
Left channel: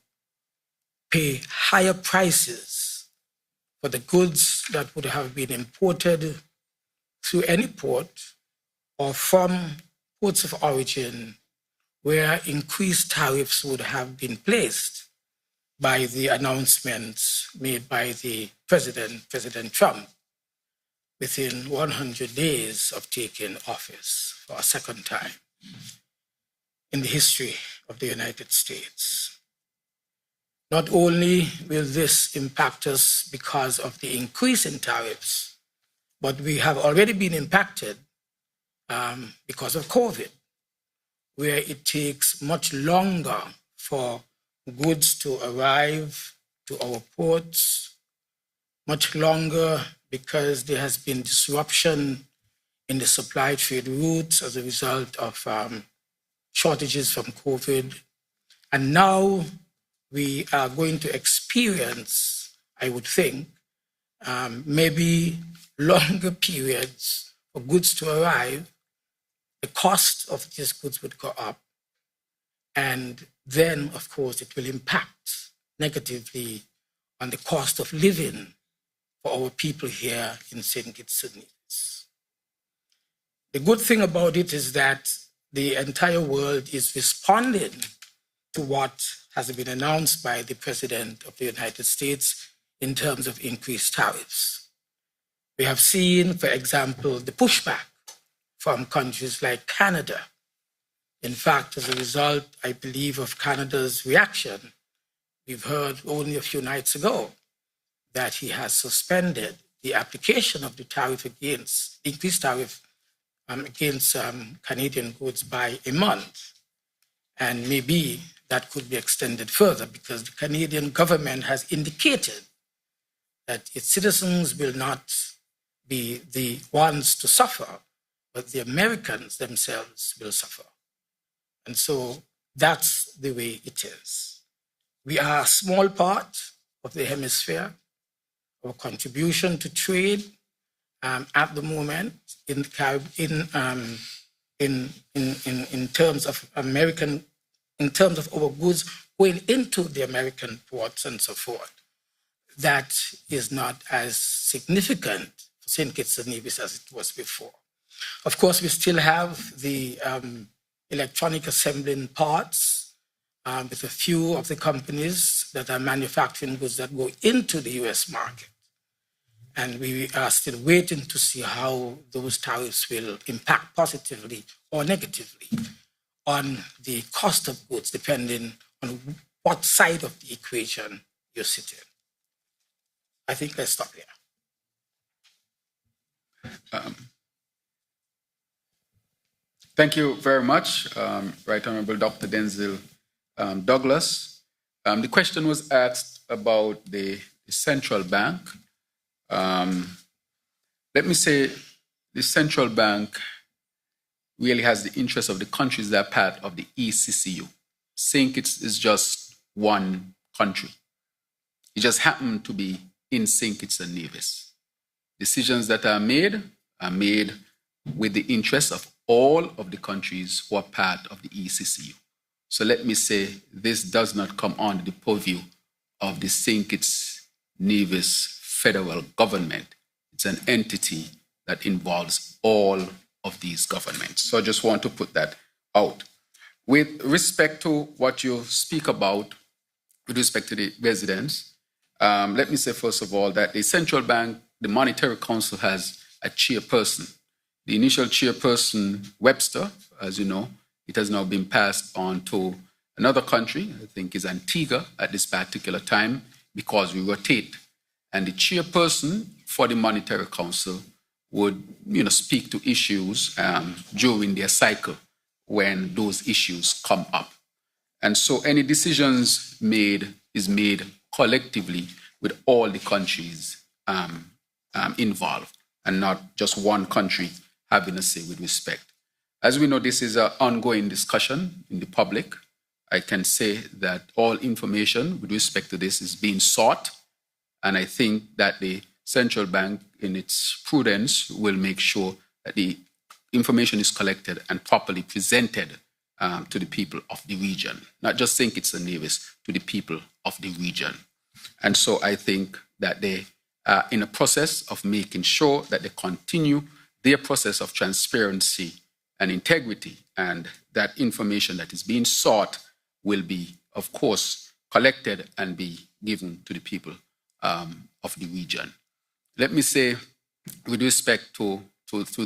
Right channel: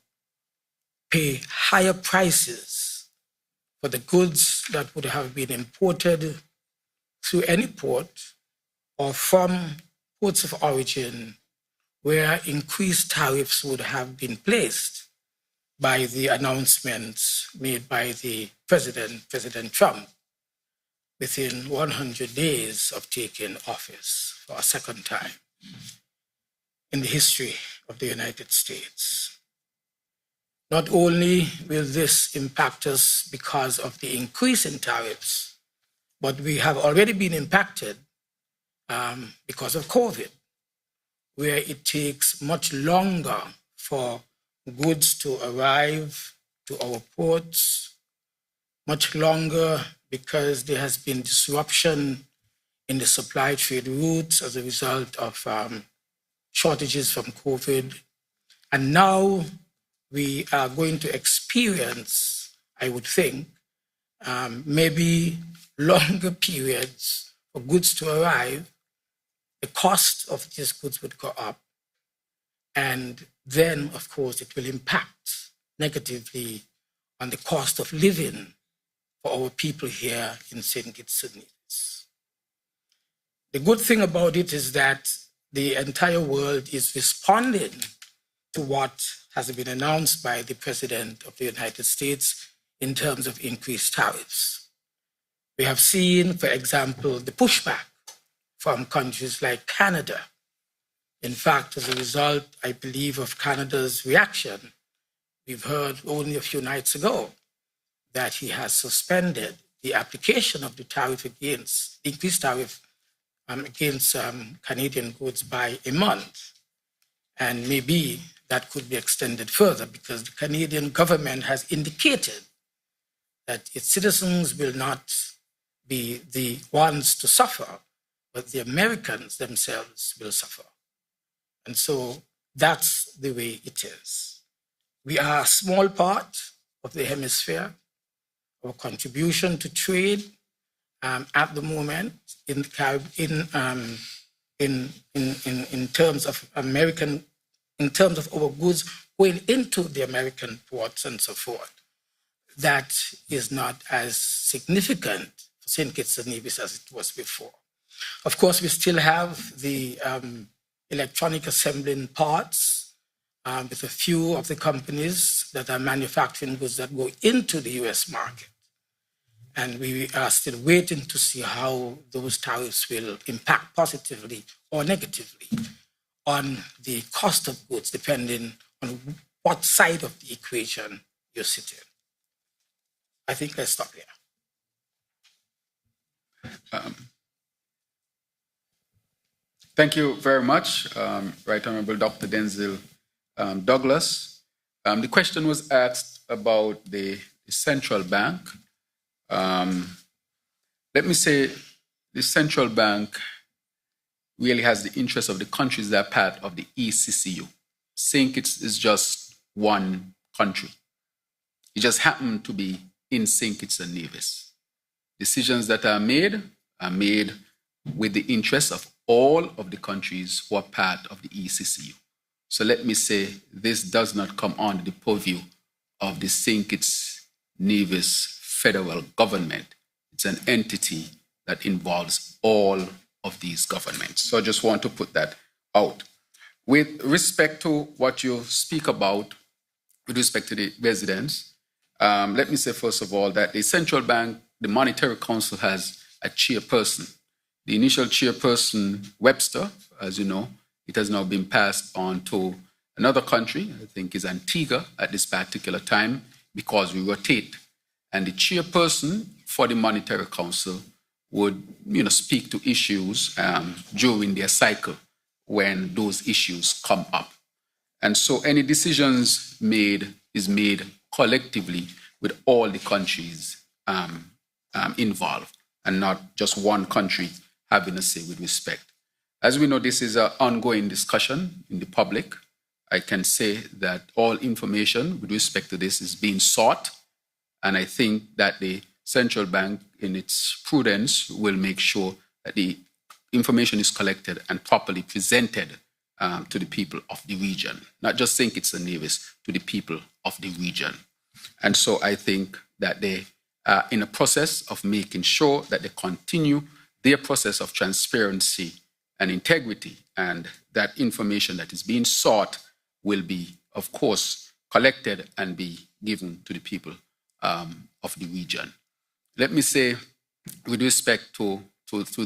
pay higher prices for the goods that would have been imported through any port or from ports of origin where increased tariffs would have been placed by the announcements made by the President Trump, within 100 days of taking office for a second time in the history of the United States. Not only will this impact us because of the increase in tariffs, but we have already been impacted because of COVID, where it takes much longer for goods to arrive to our ports, much longer because there has been disruption in the supply trade routes as a result of shortages from COVID. And now we are going to experience, I would think, maybe longer periods for goods to arrive. The cost of these goods would go up. And then, of course, it will impact negatively on the cost of living for our people here in St. Kitts and Nevis. The good thing about it is that the entire world is responding to what has been announced by the President of the United States in terms of increased tariffs. We have seen, for example, the pushback from countries like Canada. In fact, as a result, I believe, of Canada's reaction, we've heard only a few nights ago that he has suspended the application of the tariff against, increased tariff against Canadian goods by a month. And maybe that could be extended further because the Canadian government has indicated that its citizens will not be the ones to suffer, but the Americans themselves will suffer. And so that's the way it is. We are a small part of the hemisphere. Our contribution to trade at the moment in terms of American, in terms of our goods going into the American ports and so forth, that is not as significant for St. Kitts and Nevis as it was before. Of course, we still have the electronic assembling parts with a few of the companies that are manufacturing goods that go into the US market. And we are still waiting to see how those tariffs will impact positively or negatively on the cost of goods, depending on what side of the equation you're sitting. I think let's stop here. Thank you very much, Right Honorable Dr. Denzil Douglas. The question was asked about the central bank. Let me say the central bank really has the interest of the countries that are part of the ECCU. St. Kitts is just one country. It just happened to be in St. Kitts and Nevis. Decisions that are made with the interests of all of the countries who are part of the ECCU. So let me say, this does not come under the purview of the St. Kitts Nevis federal government. It's an entity that involves all of these governments. So I just want to put that out. With respect to what you speak about, with respect to the residents, let me say first of all that the central bank, the Monetary Council has a chairperson. The initial chairperson, Webster, as you know, it has now been passed on to another country, I think is Antigua at this particular time, because we rotate. And the chairperson for the Monetary Council would, speak to issues during their cycle when those issues come up. And so any decisions made is made collectively with all the countries involved, and not just one country having a say with respect. As we know, this is an ongoing discussion in the public. I can say that all information with respect to this is being sought, and I think that the central bank, in its prudence, will make sure that the information is collected and properly presented to the people of the region, not just St. Kitts and Nevis, to the people of the region. And so I think that they are in a process of making sure that they continue their process of transparency and integrity, and that information that is being sought will be, of course, collected and be given to the people of the region. Let me say, with respect to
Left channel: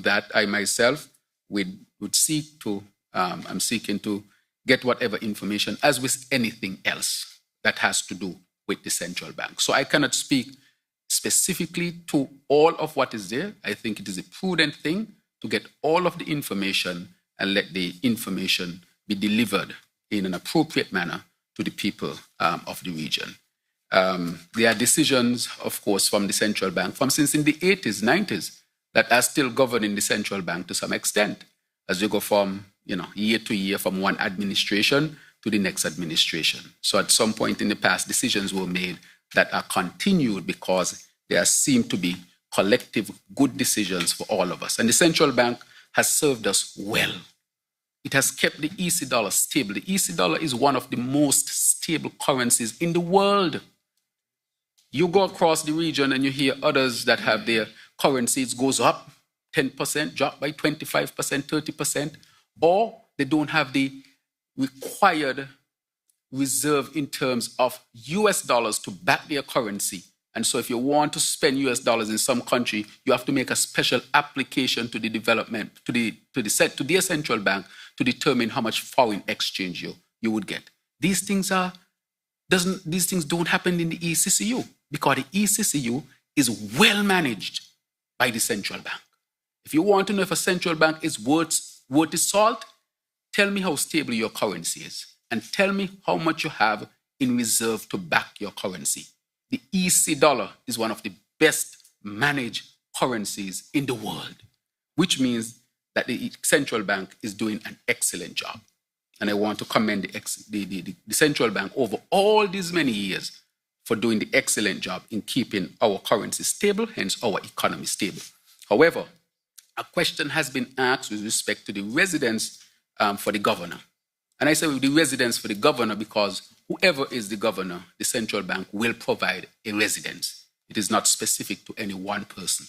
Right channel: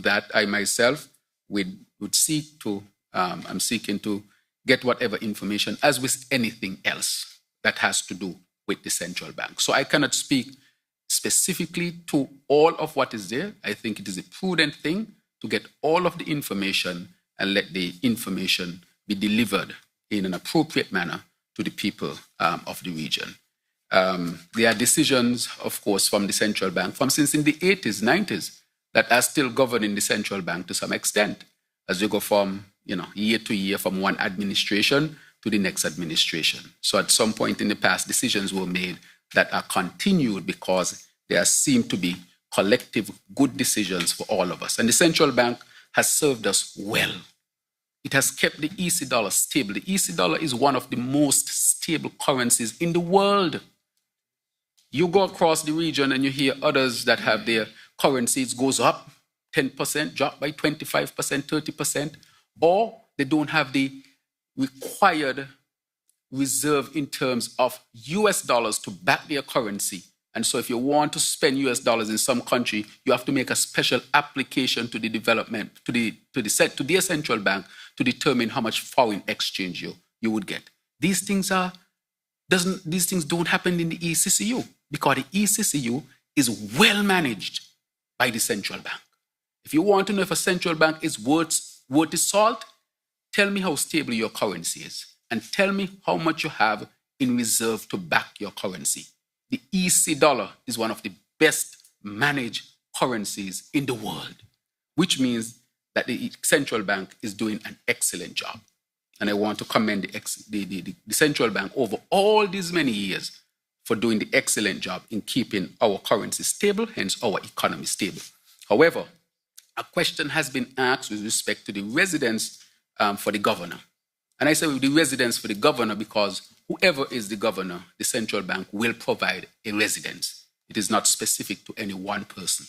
that, I myself would seek to, I'm seeking to get whatever information, as with anything else that has to do with the central bank. So I cannot speak specifically to all of what is there. I think it is a prudent thing to get all of the information and let the information be delivered in an appropriate manner to the people of the region. There are decisions, of course, from the central bank from since in the 80s, 90s, that are still governing the central bank to some extent, as you go from year to year, from one administration to the next administration. So at some point in the past, decisions were made that are continued because there seem to be collective good decisions for all of us. And the central bank has served us well. It has kept the EC dollar stable. The EC dollar is one of the most stable currencies in the world. You go across the region and you hear others that have their currencies goes up 10%, drop by 25%, 30%, or they don't have the required reserve in terms of US dollars to back their currency. And so if you want to spend US dollars in some country, you have to make a special application to the development, to their central bank to determine how much foreign exchange you would get. These things don't happen in the ECCU, because the ECCU is well managed by the central bank. If you want to know if a central bank is worth its salt, tell me how stable your currency is, and tell me how much you have in reserve to back your currency. The EC dollar is one of the best managed currencies in the world, which means that the central bank is doing an excellent job. And I want to commend the central bank over all these many years for doing the excellent job in keeping our currency stable, hence our economy stable. However, a question has been asked with respect to the residence for the governor. And I say with the residence for the governor because whoever is the governor, the central bank will provide a residence. It is not specific to any one person.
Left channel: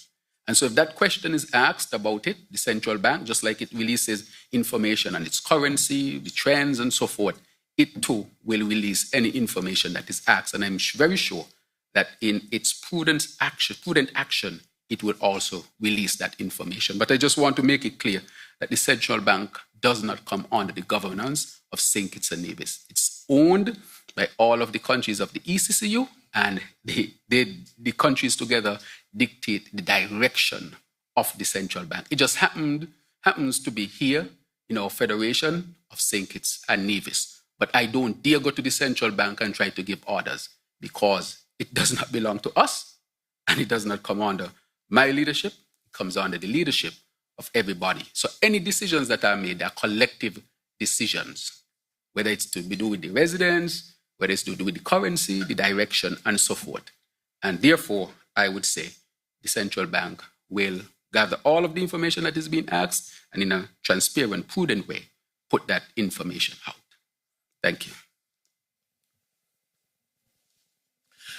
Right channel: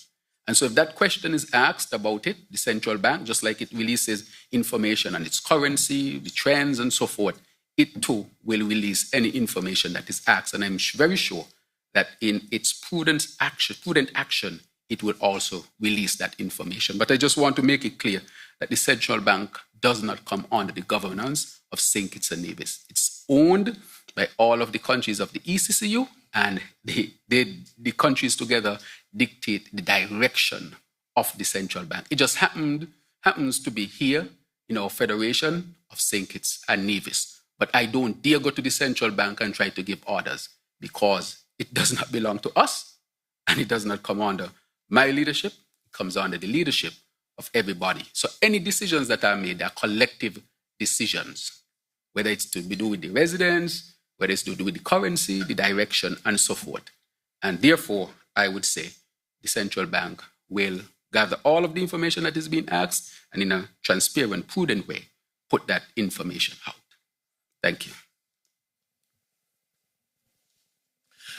And so if that question is asked about it, the central bank, just like it releases information on its currency, the trends and so forth, it too will release any information that is asked. And I'm very sure that in its prudent action, it will also release that information. But I just want to make it clear that the central bank does not come under the governance of St. Kitts and Nevis. It's owned by all of the countries of the ECCU, and the countries together dictate the direction of the central bank. It just happens to be here in our Federation of St. Kitts and Nevis. But I don't dare go to the central bank and try to give orders, because it does not belong to us, and it does not come under my leadership. It comes under the leadership of everybody. So any decisions that are made are collective decisions, whether it's to do with the residents, whether it's to do with the currency, the direction, and so forth. And therefore, I would say the central bank will gather all of the information that is being asked and in a transparent, prudent way, put that information out. Thank you.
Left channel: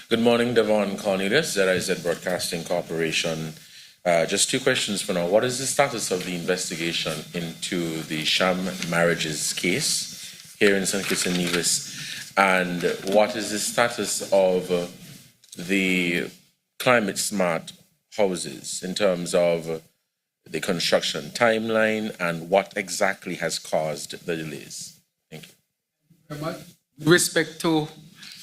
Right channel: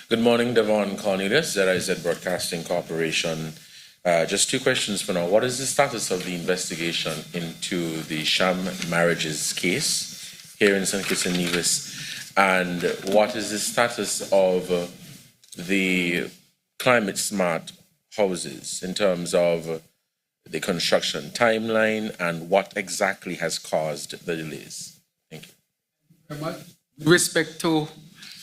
Good morning, Devon Cornelius, ZIZ Broadcasting Corporation. Just two questions for now. What is the status of the investigation into the sham marriages case here in St. Kitts and Nevis? And what is the status of the climate smart houses in terms of the construction timeline and what exactly has caused the delays? Thank you. With respect to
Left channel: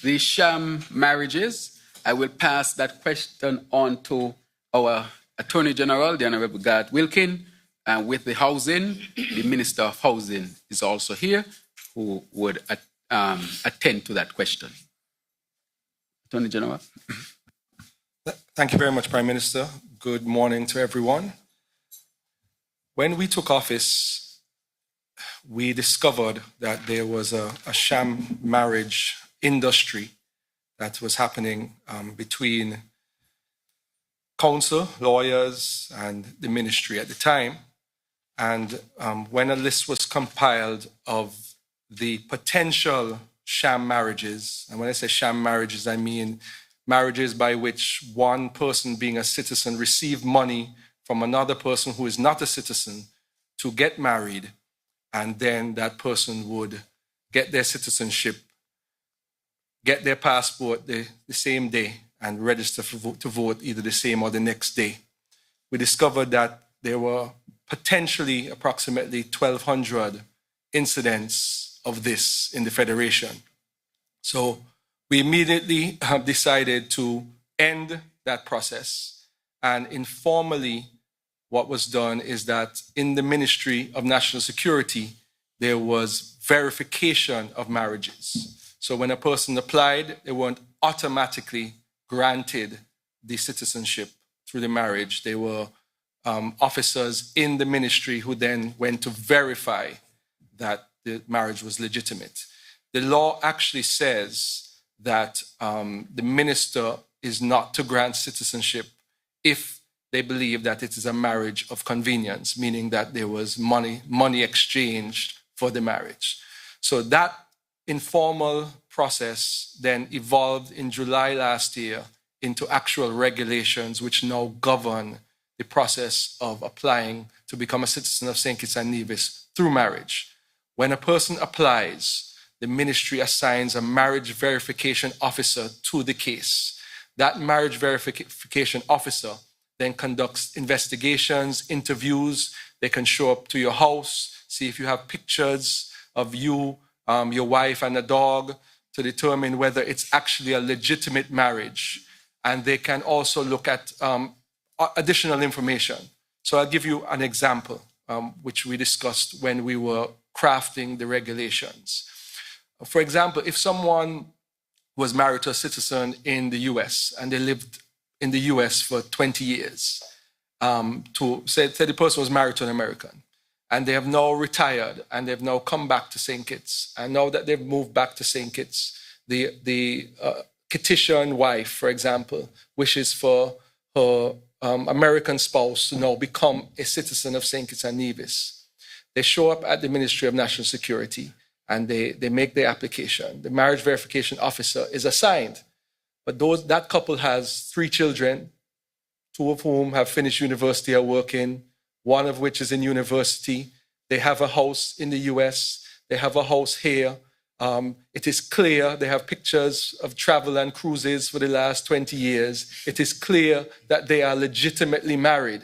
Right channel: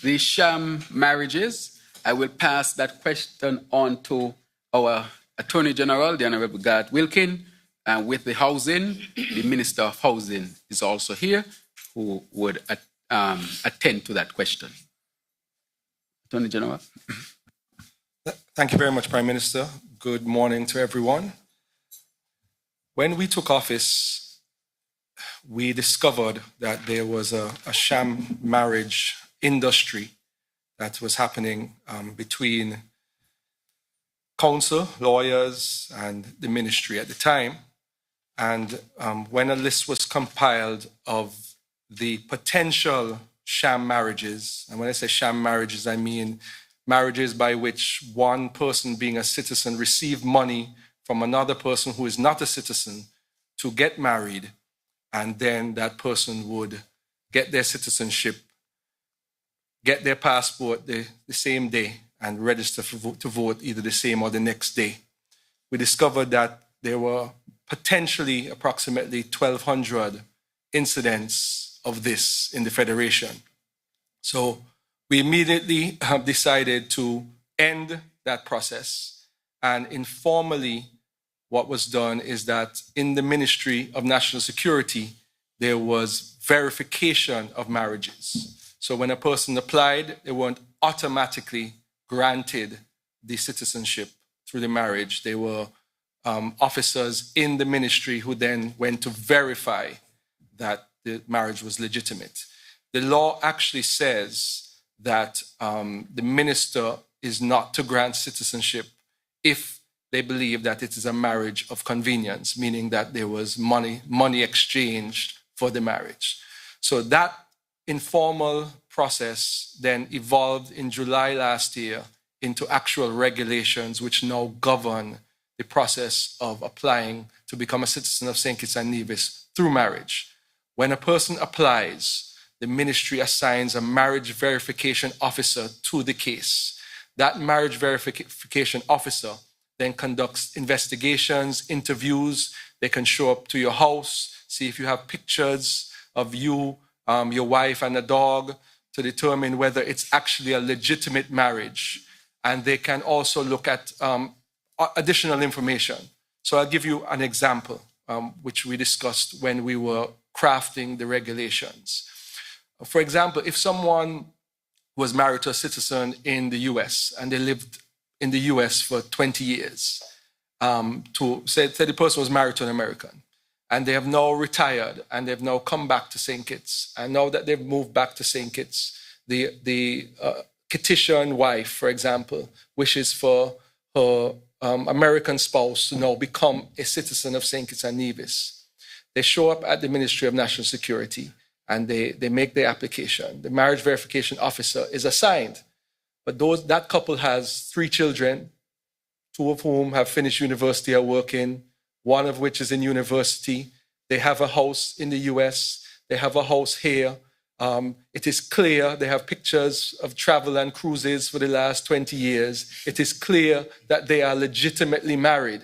the sham marriages, I will pass that question on to our Attorney General, the Honorable Garth Wilkin, and with the housing, the Minister of Housing is also here, who would attend to that question. Attorney General. Thank you very much, Prime Minister. Good morning to everyone. When we took office, we discovered that there was a sham marriage industry that was happening between council, lawyers, and the ministry at the time. And when a list was compiled of the potential sham marriages, and when I say sham marriages, I mean marriages by which one person being a citizen received money from another person who is not a citizen to get married, and then that person would get their citizenship, get their passport the same day, and register to vote either the same or the next day. We discovered that there were potentially approximately 1,200 incidents of this in the Federation. So we immediately have decided to end that process, and informally what was done is that in the Ministry of National Security, there was verification of marriages. So when a person applied, they weren't automatically granted the citizenship through the marriage. They were officers in the ministry who then went to verify that the marriage was legitimate. The law actually says that the minister is not to grant citizenship if they believe that it is a marriage of convenience, meaning that there was money exchanged for the marriage. So that informal process then evolved in July last year into actual regulations which now govern the process of applying to become a citizen of St. Kitts and Nevis through marriage. When a person applies, the ministry assigns a marriage verification officer to the case. That marriage verification officer then conducts investigations, interviews. They can show up to your house, see if you have pictures of you, your wife and a dog, to determine whether it's actually a legitimate marriage. And they can also look at additional information. So I'll give you an example, which we discussed when we were crafting the regulations. For example, if someone was married to a citizen in the US and they lived in the US for 20 years, say the person was married to an American, and they have now retired and they've now come back to St. Kitts, and now that they've moved back to St. Kitts, the Kittitian wife, for example, wishes for her American spouse to now become a citizen of St. Kitts and Nevis. They show up at the Ministry of National Security and they make their application. The marriage verification officer is assigned, but that couple has 3 children, 2 of whom have finished university or working, 1 of which is in university. They have a house in the US. They have a house here. It is clear, they have pictures of travel and cruises for the last 20 years. It is clear that they are legitimately married.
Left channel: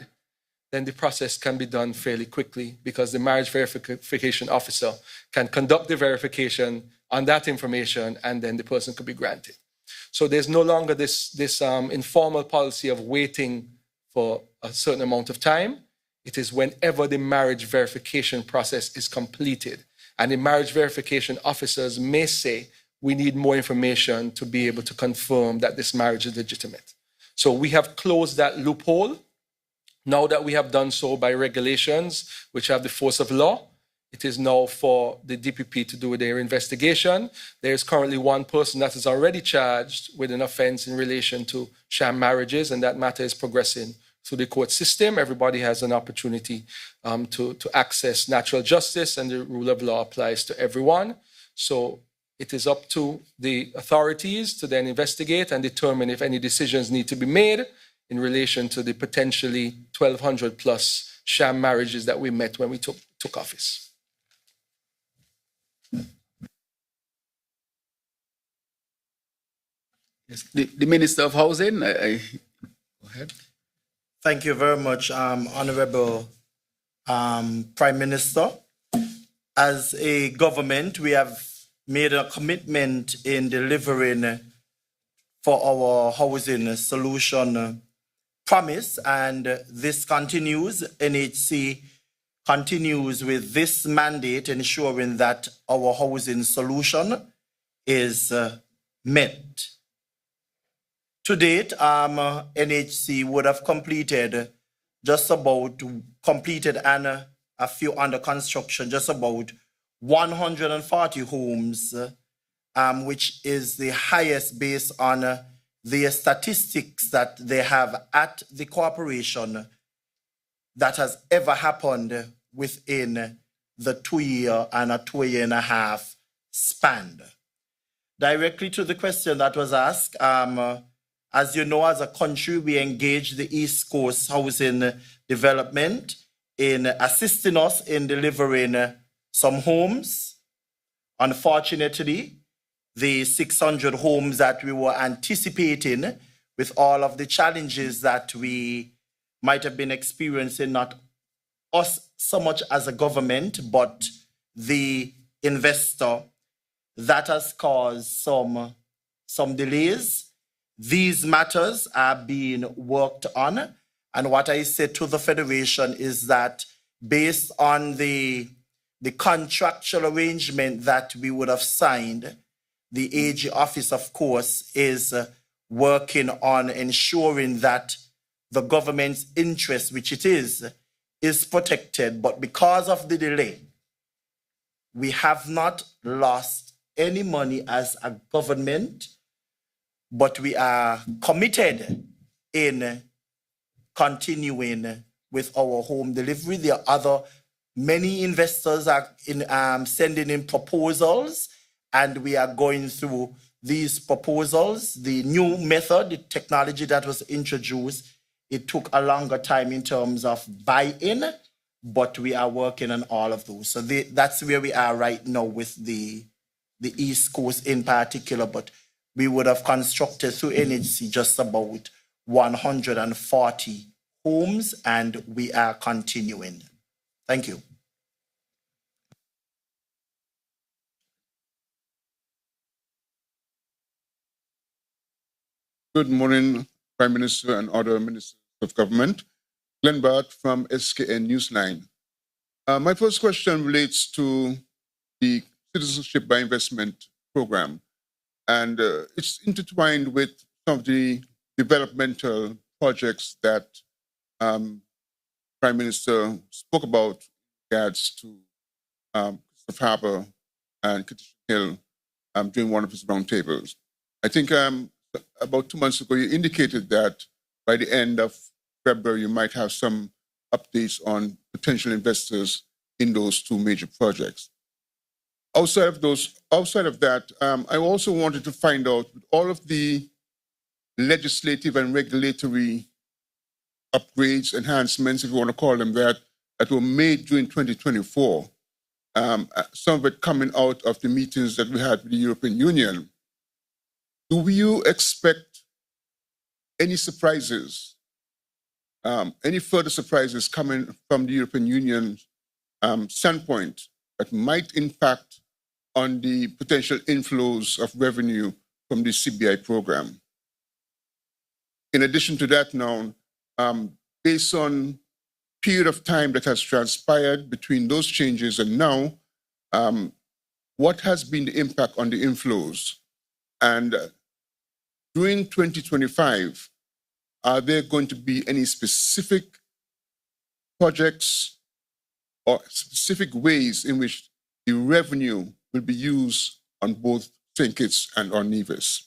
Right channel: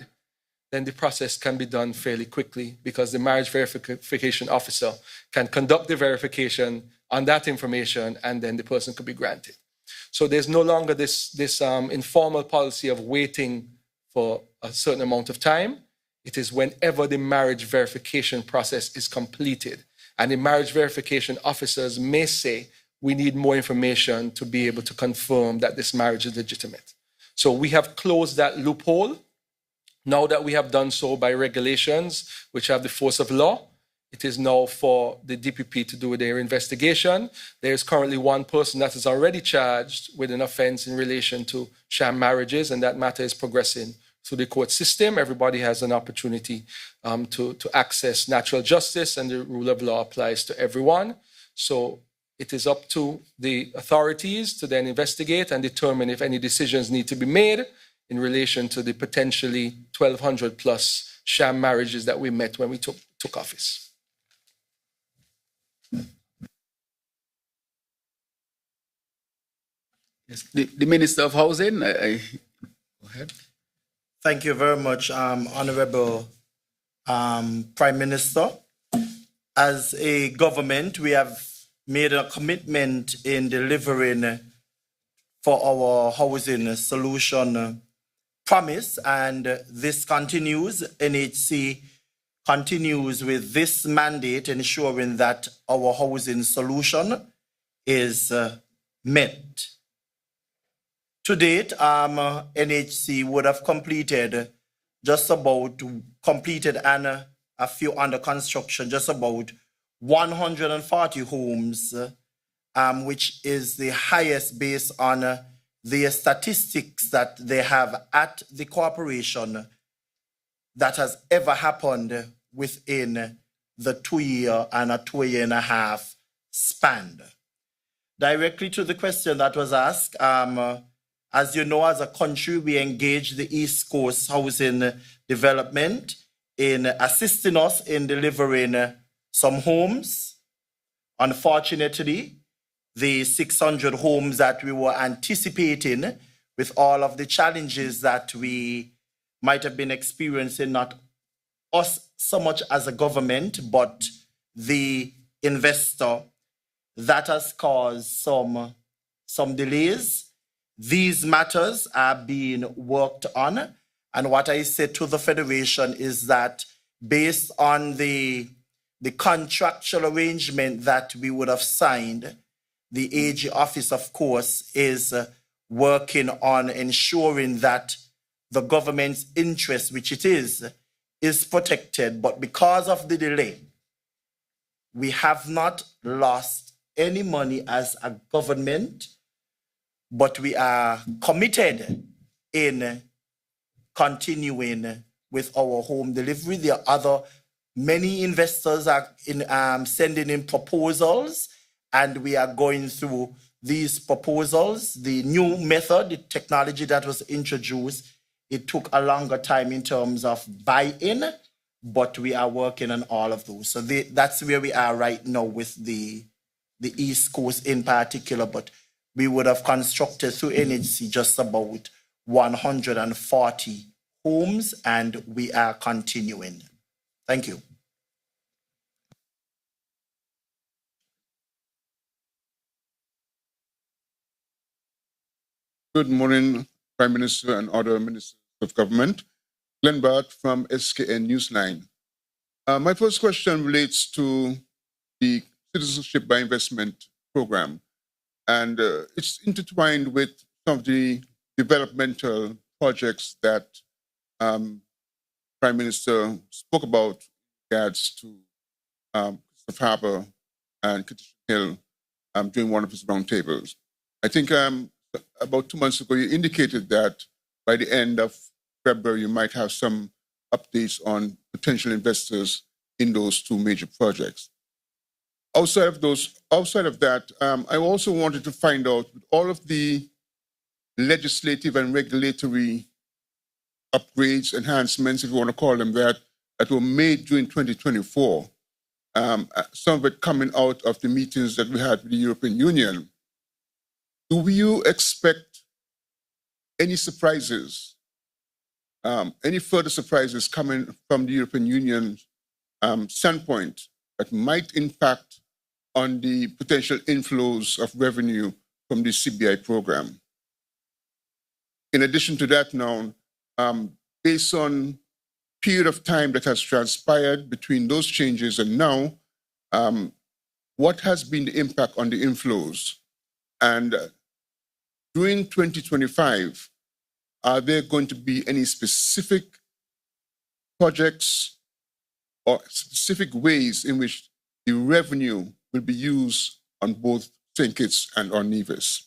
Then the process can be done fairly quickly because the marriage verification officer can conduct the verification on that information, and then the person could be granted. So there's no longer this informal policy of waiting for a certain amount of time. It is whenever the marriage verification process is completed. And the marriage verification officers may say, we need more information to be able to confirm that this marriage is legitimate. So we have closed that loophole. Now that we have done so by regulations, which have the force of law, It is now for the DPP to do their investigation. There is currently one person that is already charged with an offense in relation to sham marriages, and that matter is progressing through the court system. Everybody has an opportunity to access natural justice, and the rule of law applies to everyone. So it is up to the authorities to then investigate and determine if any decisions need to be made in relation to the potentially 1,200 plus sham marriages that we met when we took office. Yes, the Minister of Housing, go ahead. Thank you very much, Honorable Prime Minister. As a government, we have made a commitment in delivering for our housing solution promise, and this continues. NHC continues with this mandate, ensuring that our housing solution is met. To date, NHC would have completed and a few under construction, just about 140 homes, which is the highest based on the statistics that they have at the corporation that has ever happened within the 2 year and a 2 year and a half span. Directly to the question that was asked, as you know, as a country, we engage the East Coast Housing Development in assisting us in delivering some homes. Unfortunately, the 600 homes that we were anticipating, with all of the challenges that we might have been experiencing, not us so much as a government, but the investor, that has caused some delays. These matters are being worked on, and what I said to the Federation is that based on the contractual arrangement that we would have signed, the AG office, of course, is working on ensuring that the government's interest, which it is protected. But because of the delay, we have not lost any money as a government, but we are committed in continuing with our home delivery. There are many investors are sending in proposals, and we are going through these proposals. The new method, the technology that was introduced, it took a longer time in terms of buy-in, but we are working on all of those. So that's where we are right now with the East Coast in particular, but we would have constructed through NHC just about 140 homes, and we are continuing. Thank you. Good morning, Prime Minister and other ministers of government. Glenn Bart from SKN Newsline. My first question relates to the Citizenship by Investment program, and it's intertwined with some of the developmental projects that Prime Minister spoke about in regards to Christopher Harbour and Katisha Hill during one of his roundtables. I think about 2 months ago, you indicated that by the end of February, you might have some updates on potential investors in those two major projects. Outside of that, I also wanted to find out all of the legislative and regulatory upgrades, enhancements, if you want to call them that were made during 2024. Some of it coming out of the meetings that we had with the European Union. Do you expect any surprises, any further surprises coming from the European Union standpoint that might impact on the potential inflows of revenue from the CBI program? In addition to that now, based on period of time that has transpired between those changes and now, what has been the impact on the inflows? And during 2025, are there going to be any specific projects or specific ways in which the revenue will be used on both St. Kitts and on Nevis?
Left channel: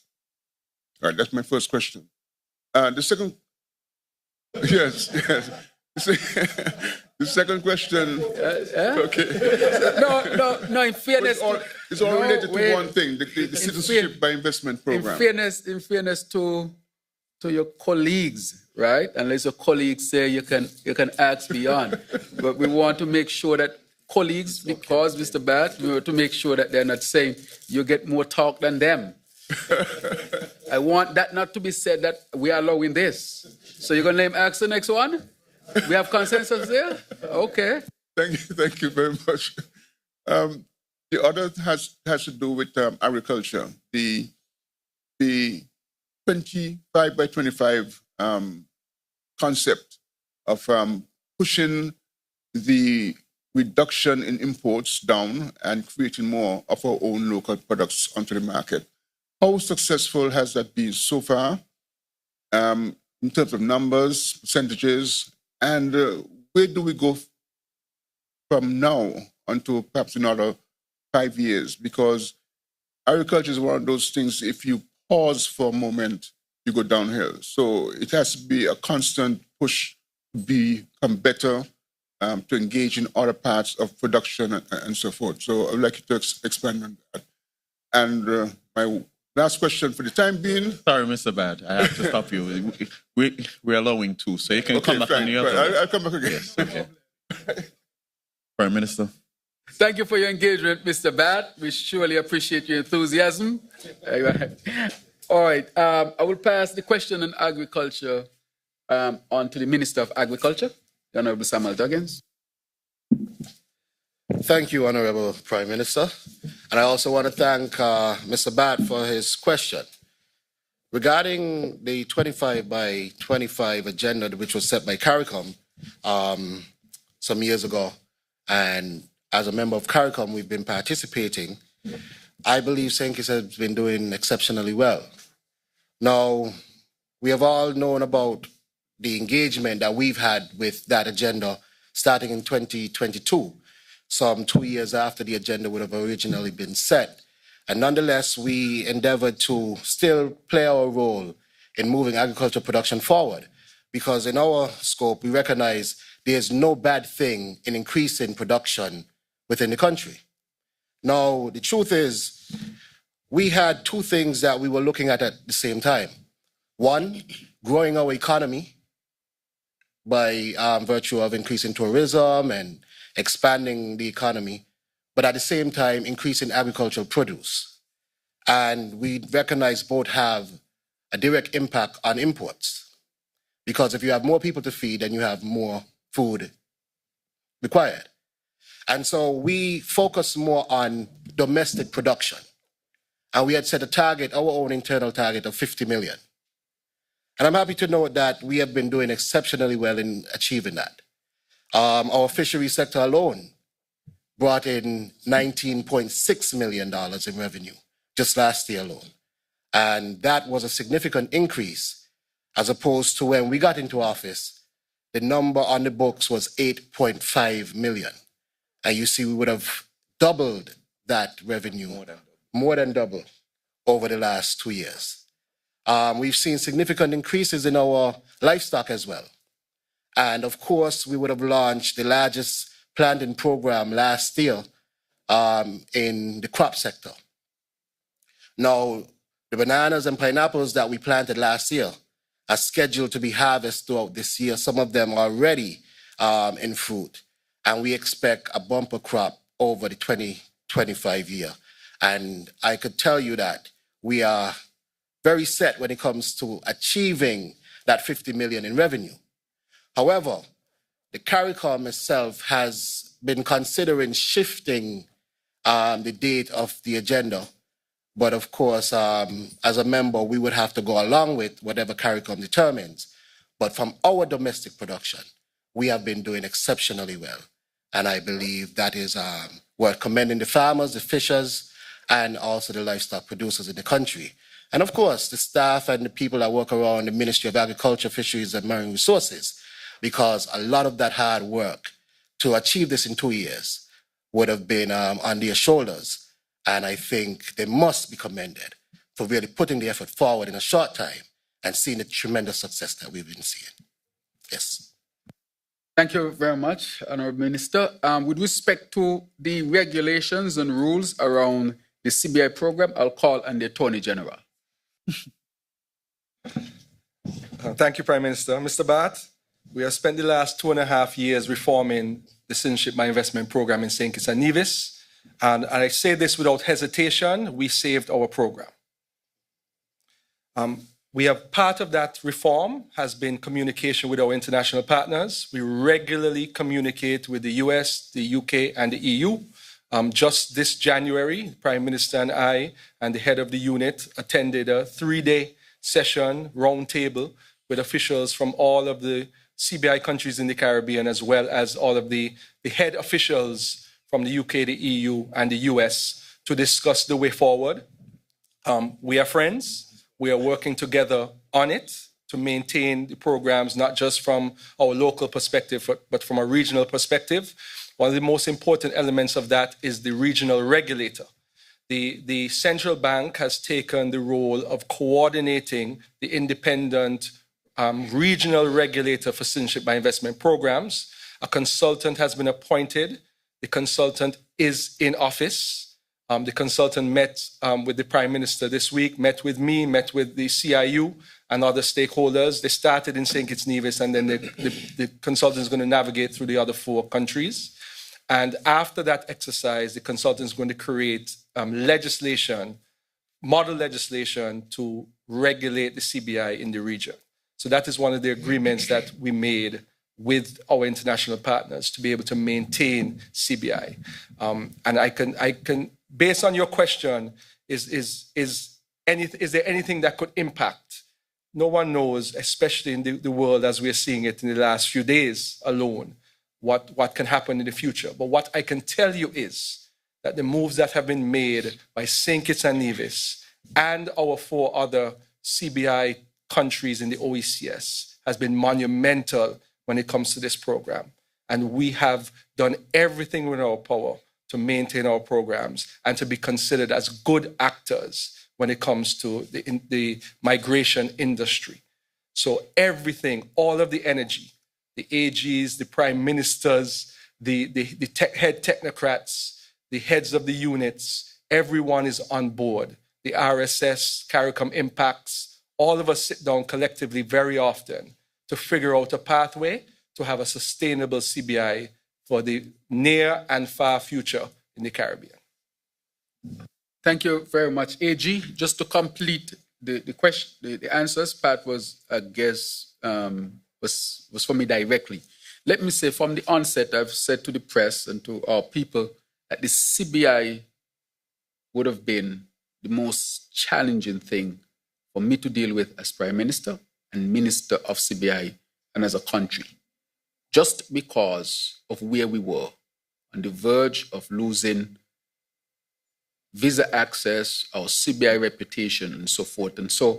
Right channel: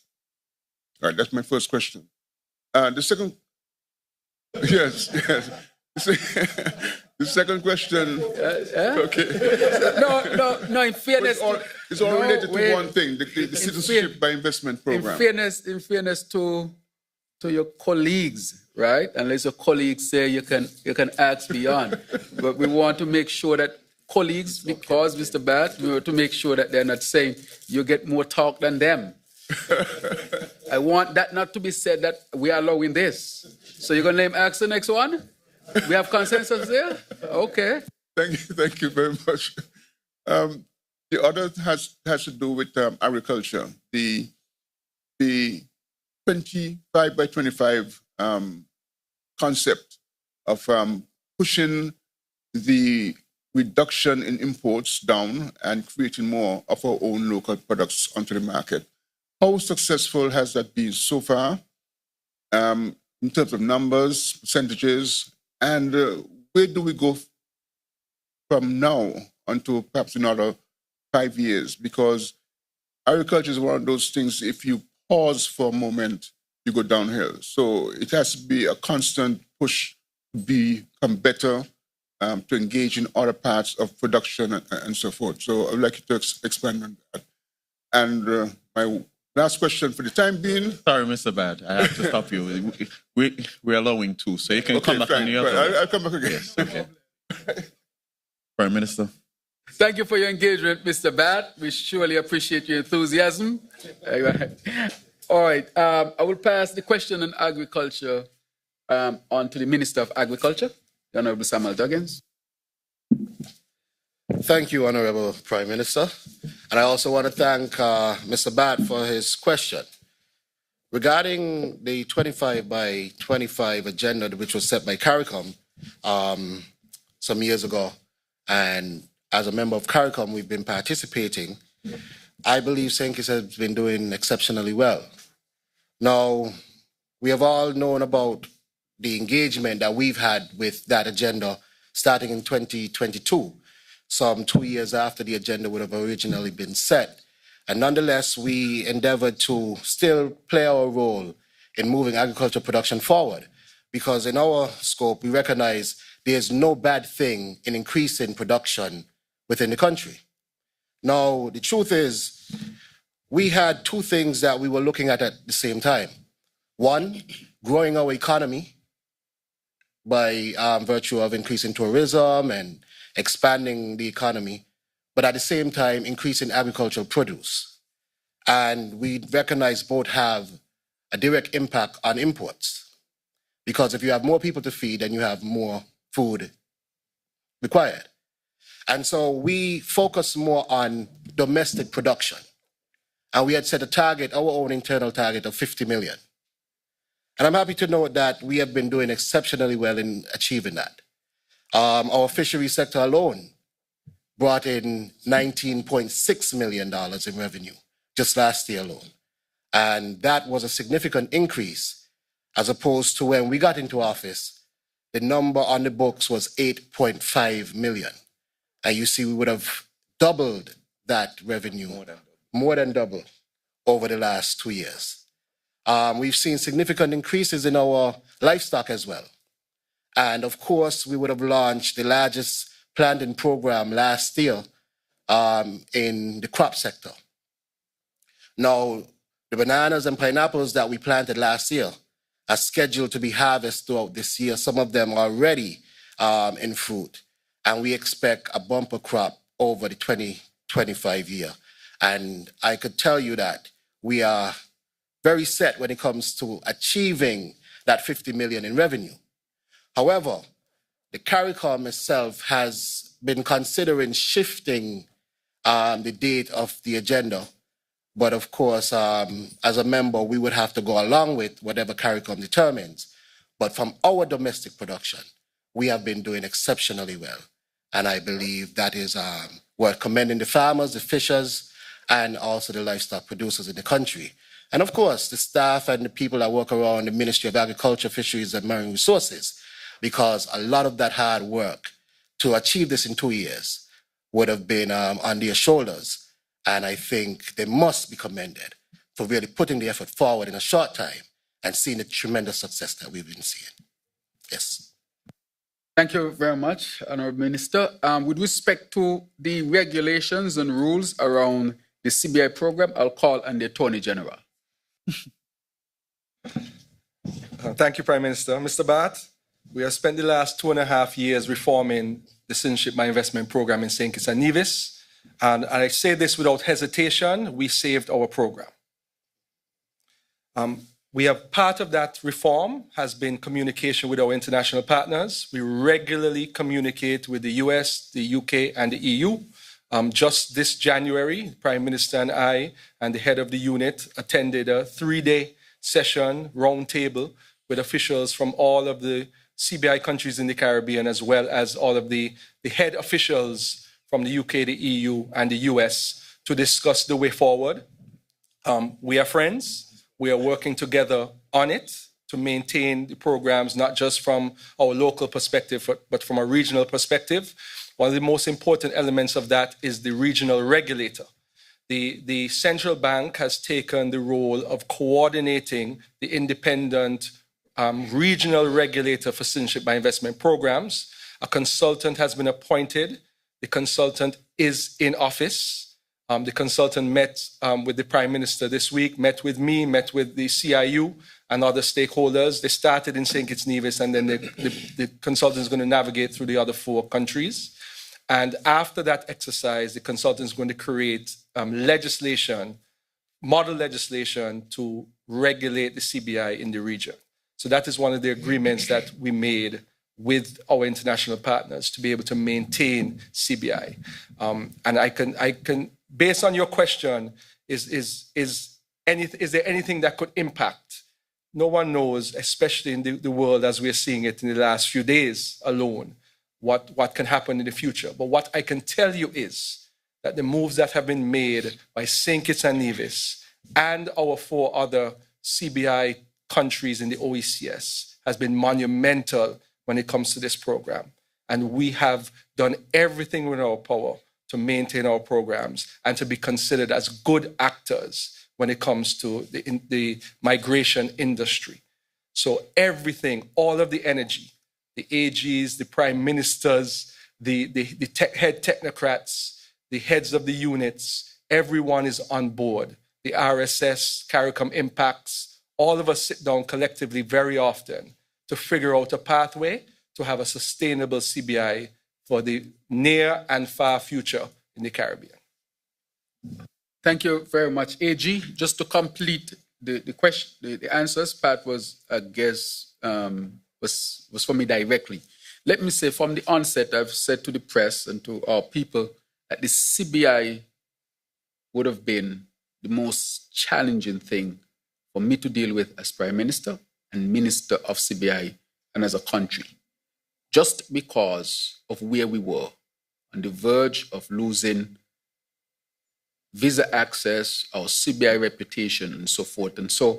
All right, that's my first question. The second, yes. The second question. Okay. No. In fairness, it's all related to one thing: the citizenship by investment program. In fairness to your colleagues, right? Unless your colleagues say you can ask beyond, but we want to make sure that colleagues, because Mr. Bat, we want to make sure that they're not saying you get more talk than them. I want that not to be said that we are allowing this. So you're gonna ask the next one? We have consensus there? Okay. Thank you very much. The other has to do with agriculture. The 25 by 25 concept of pushing the reduction in imports down and creating more of our own local products onto the market. How successful has that been so far in terms of numbers, percentages, and where do we go from now until perhaps another 5 years? Because agriculture is one of those things, if you pause for a moment, you go downhill. So it has to be a constant push to become better, to engage in other parts of production and so forth. So I would like you to expand on that. And my last question for the time being. Sorry, Mr. Bad, I have to stop you. We're allowing two, so you can come back on the other. Fine. I'll come back again. Yes, okay. Prime Minister. Thank you for your engagement, Mr. Bad. We surely appreciate your enthusiasm. All right, I will pass the question on agriculture on to the Minister of Agriculture, the Honorable Samuel Duggins. Thank you, Honorable Prime Minister. And I also want to thank Mr. Bat for his question. Regarding the 25 by 25 agenda, which was set by CARICOM some years ago, and as a member of CARICOM, we've been participating, I believe St. Kitts has been doing exceptionally well. Now, we have all known about the engagement that we've had with that agenda starting in 2022, some 2 years after the agenda would have originally been set. And nonetheless, we endeavored to still play our role in moving agriculture production forward, because in our scope, we recognize there's no bad thing in increasing production within the country. Now, the truth is, we had two things that we were looking at the same time. One, growing our economy by virtue of increasing tourism and expanding the economy, but at the same time, increasing agricultural produce. And we recognize both have a direct impact on imports, because if you have more people to feed, then you have more food required. And so we focus more on domestic production. And we had set a target, our own internal target of 50 million. And I'm happy to note that we have been doing exceptionally well in achieving that. Our fishery sector alone brought in $19.6 million in revenue just last year alone. And that was a significant increase as opposed to when we got into office, the number on the books was 8.5 million. And you see, we would have doubled that revenue, more than double over the last 2 years. We've seen significant increases in our livestock as well. And of course, we would have launched the largest planting program last year in the crop sector. Now, the bananas and pineapples that we planted last year are scheduled to be harvested throughout this year. Some of them are already in fruit. And we expect a bumper crop over the 2025 year. And I could tell you that we are very set when it comes to achieving that 50 million in revenue. However, the CARICOM itself has been considering shifting the date of the agenda. But of course, as a member, we would have to go along with whatever CARICOM determines. But from our domestic production, we have been doing exceptionally well. And I believe that is worth commending the farmers, the fishers, and also the livestock producers in the country. And of course, the staff and the people that work around the Ministry of Agriculture, Fisheries, and Marine Resources, because a lot of that hard work to achieve this in 2 years would have been on their shoulders. And I think they must be commended for really putting the effort forward in a short time and seeing the tremendous success that we've been seeing. Yes. Thank you very much, Honourable Minister. With respect to the regulations and rules around the CBI program, I'll call on the Attorney General. Thank you, Prime Minister. Mr. Bat, we have spent the last 2.5 years reforming the Citizenship by Investment program in St. Kitts and Nevis. And I say this without hesitation, we saved our program. We have part of that reform has been communication with our international partners. We regularly communicate with the US, the UK, and the EU. Just this January, the Prime Minister and I and the head of the unit attended a 3-day session roundtable with officials from all of the CBI countries in the Caribbean, as well as all of the head officials from the UK, the EU, and the US to discuss the way forward. We are friends. We are working together on it to maintain the programs, not just from our local perspective, but from a regional perspective. One of the most important elements of that is the regional regulator. The central bank has taken the role of coordinating the independent regional regulator for citizenship by investment programs. A consultant has been appointed. The consultant is in office. The consultant met with the Prime Minister this week, met with me, met with the CIU and other stakeholders. They started in St. Kitts Nevis, and then the consultant is going to navigate through the other 4 countries. And after that exercise, the consultant is going to create legislation, model legislation to regulate the CBI in the region. So that is one of the agreements that we made with our international partners to be able to maintain CBI. And I can, based on your question, is there anything that could impact? No one knows, especially in the world as we're seeing it in the last few days alone, what can happen in the future. But what I can tell you is that the moves that have been made by St. Kitts and Nevis and our 4 other CBI countries in the OECS has been monumental when it comes to this program. And we have done everything within our power to maintain our programs and to be considered as good actors when it comes to the migration industry. So everything, all of the energy, the AGs, the prime ministers, the head technocrats, the heads of the units, everyone is on board. The RSS, CARICOM impacts, all of us sit down collectively very often to figure out a pathway to have a sustainable CBI for the near and far future in the Caribbean. Thank you very much, AG. Just to complete the question, the answers part was, I guess, was for me directly. Let me say from the onset, I've said to the press and to our people that the CBI would have been the most challenging thing for me to deal with as Prime Minister and Minister of CBI and as a country, just because of where we were on the verge of losing visa access, our CBI reputation, and so forth. And so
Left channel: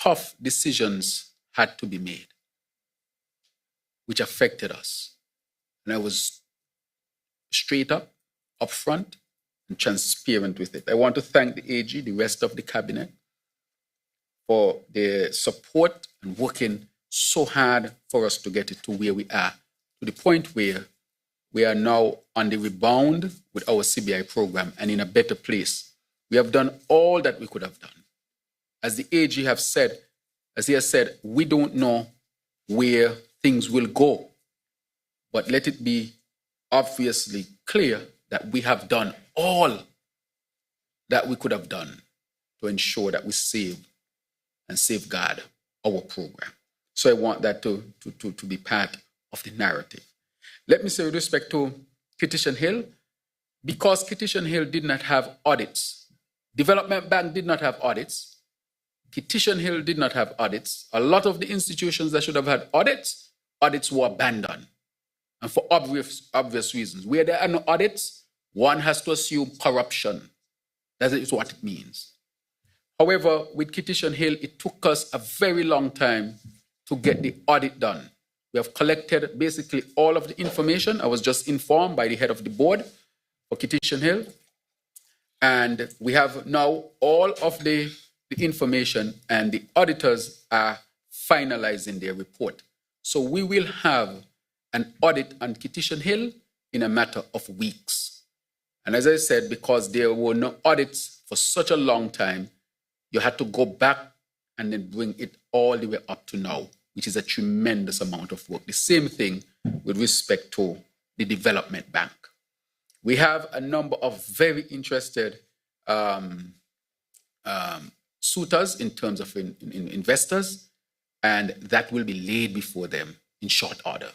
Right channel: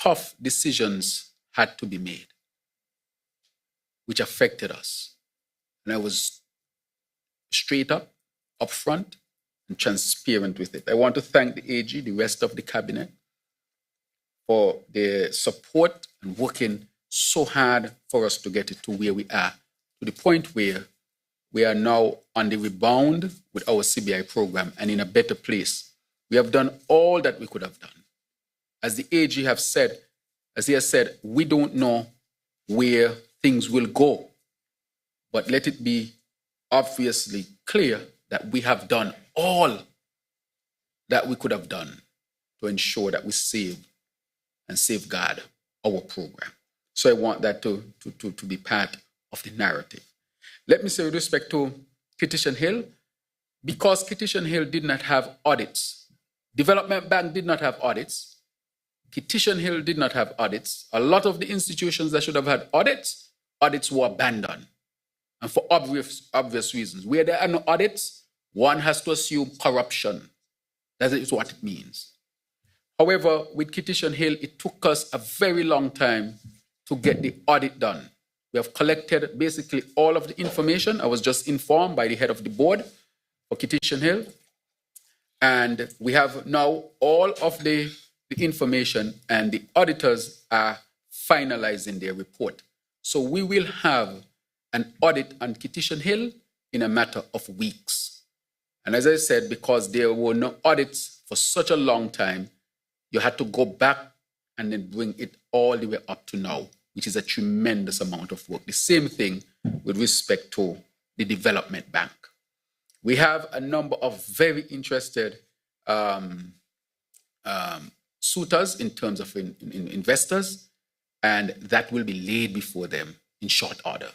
tough decisions had to be made, which affected us. And I was straight up, upfront, and transparent with it. I want to thank the AG, the rest of the cabinet, for their support and working so hard for us to get it to where we are, to the point where we are now on the rebound with our CBI program and in a better place. We have done all that we could have done. As the AG have said, as he has said, we don't know where things will go, but let it be obviously clear that we have done all that we could have done to ensure that we save and safeguard our program. So I want that to be part of the narrative. Let me say with respect to Petition Hill, because Petition Hill did not have audits, Development Bank did not have audits, Petition Hill did not have audits, a lot of the institutions that should have had audits were abandoned. And for obvious reasons. Where there are no audits, one has to assume corruption. That is what it means. However, with Petition Hill, it took us a very long time to get the audit done. We have collected basically all of the information. I was just informed by the head of the board for Kitishan Hill. And we have now all of the information, and the auditors are finalizing their report. So we will have an audit on Kitishan Hill in a matter of weeks. And as I said, because there were no audits for such a long time, you had to go back and then bring it all the way up to now, which is a tremendous amount of work. The same thing with respect to the development bank. We have a number of very interested suitors in terms of investors, and that will be laid before them in short order.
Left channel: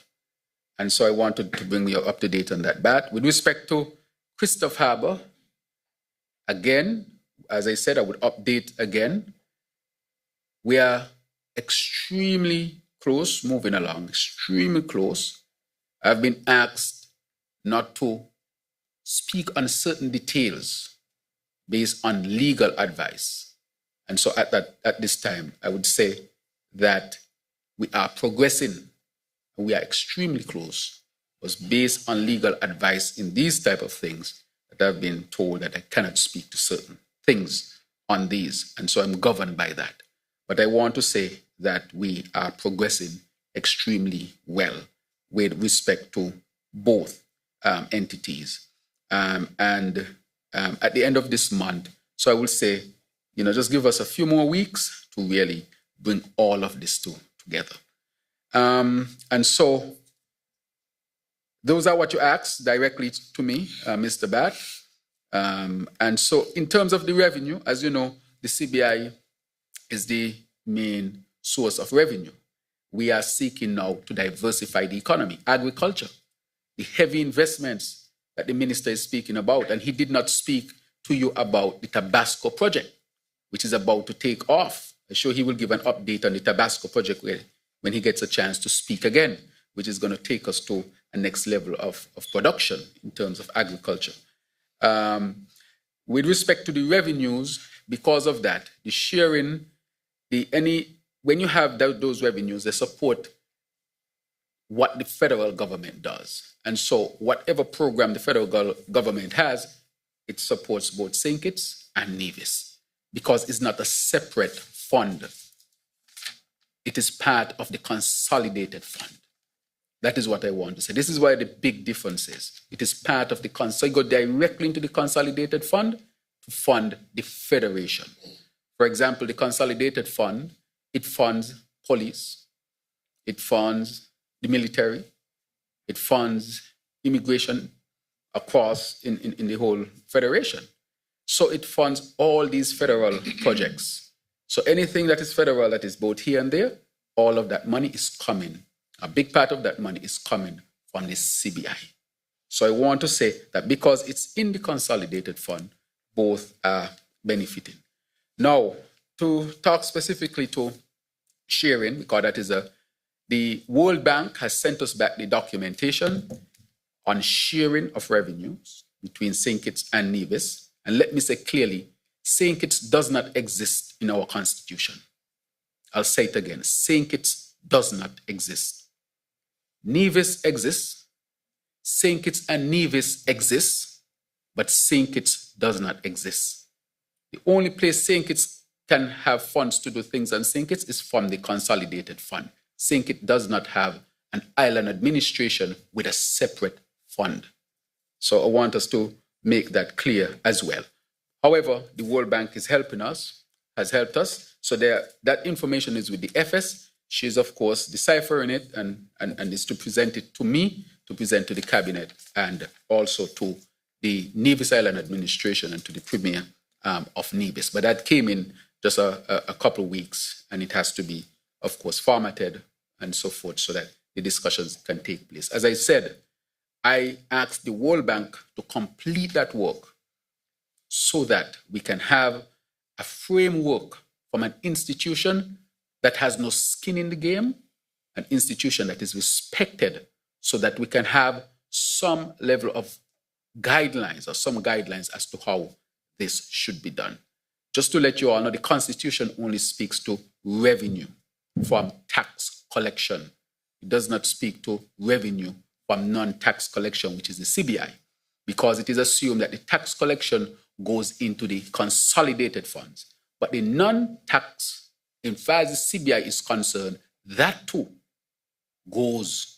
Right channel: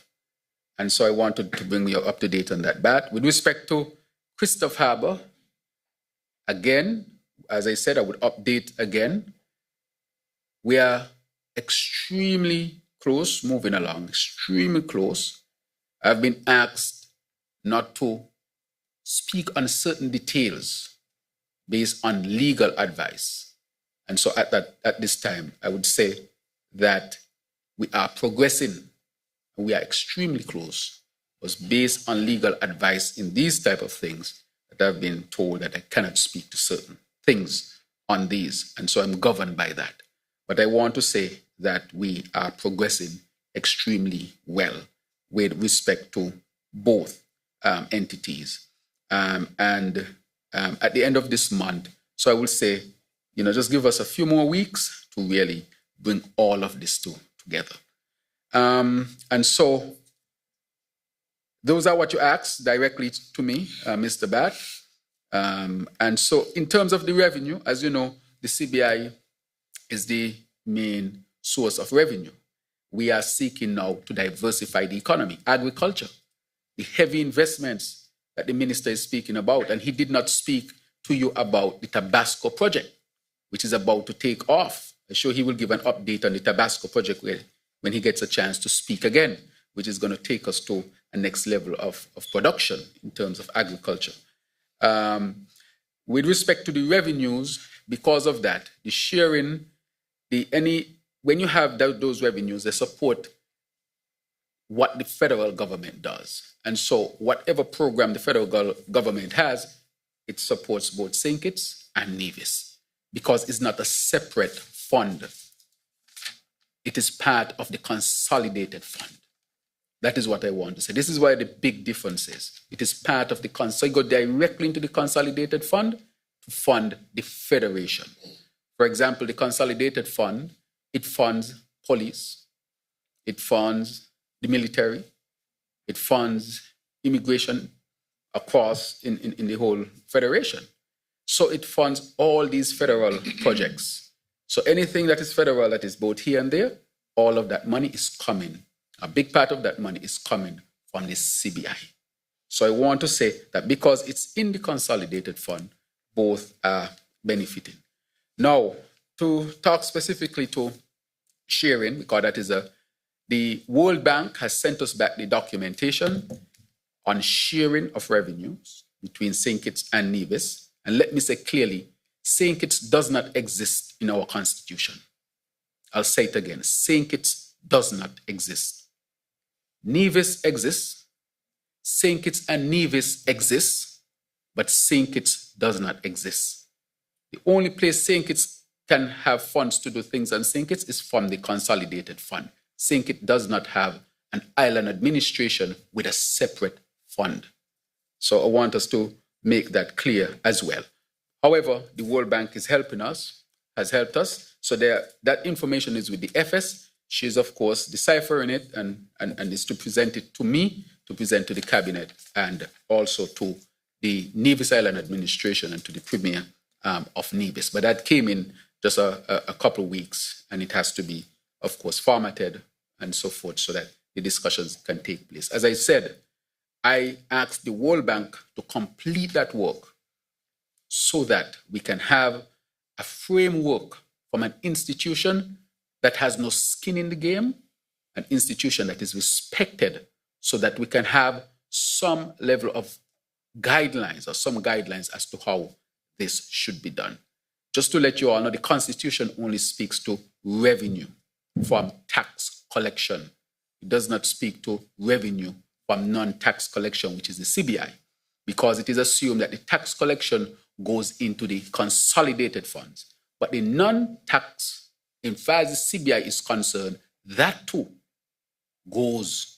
And so I wanted to bring you up to date on that. But with respect to Christoph Harbour, again, as I said, I would update again. We are extremely close, moving along, extremely close. I've been asked not to speak on certain details based on legal advice. And so at this time, I would say that we are progressing. We are extremely close. It was based on legal advice in these type of things that I've been told that I cannot speak to certain things on these. And so I'm governed by that. But I want to say that we are progressing extremely well with respect to both entities. And at the end of this month, so I will say, just give us a few more weeks to really bring all of this together. And so those are what you asked directly to me, Mr. Bat. And so in terms of the revenue, as you know, the CBI is the main source of revenue. We are seeking now to diversify the economy, agriculture, the heavy investments that the minister is speaking about. And he did not speak to you about the Tabasco project, which is about to take off. I'm sure he will give an update on the Tabasco project when he gets a chance to speak again, which is going to take us to a next level of production in terms of agriculture. With respect to the revenues, because of that, the sharing, when you have those revenues, they support what the federal government does. And so whatever program the federal government has, it supports both St. Kitts and Nevis, because it's not a separate fund. It is part of the consolidated fund. That is what I want to say. This is where the big difference is. It is part of the so you go directly into the consolidated fund to fund the federation. For example, the consolidated fund, it funds police, it funds the military, it funds immigration across in the whole federation. So it funds all these federal projects. So anything that is federal that is both here and there, all of that money is coming. A big part of that money is coming from the CBI. So I want to say that because it's in the consolidated fund, both are benefiting. Now, to talk specifically to sharing, because that is the World Bank has sent us back the documentation on sharing of revenues between St. Kitts and Nevis. And let me say clearly, St. Kitts does not exist in our constitution. I'll say it again, St. Kitts does not exist. Nevis exists, St. Kitts and Nevis exists, but St. Kitts does not exist. The only place St. Kitts can have funds to do things on St. Kitts is from the consolidated fund. St. Kitts does not have an island administration with a separate fund. So I want us to make that clear as well. However, the World Bank is helping us, has helped us. So that information is with the FS. She's, of course, deciphering it and is to present it to me, to present to the cabinet, and also to the Nevis Island administration and to the premier of Nevis. But that came in just a couple of weeks, and it has to be, of course, formatted and so forth so that the discussions can take place. As I said, I asked the World Bank to complete that work so that we can have a framework from an institution that has no skin in the game, an institution that is respected, so that we can have some level of guidelines or some guidelines as to how this should be done. Just to let you all know, the Constitution only speaks to revenue from tax collection. It does not speak to revenue from non-tax collection, which is the CBI, because it is assumed that the tax collection goes into the consolidated funds. But the non-tax, in far as the CBI is concerned, that too goes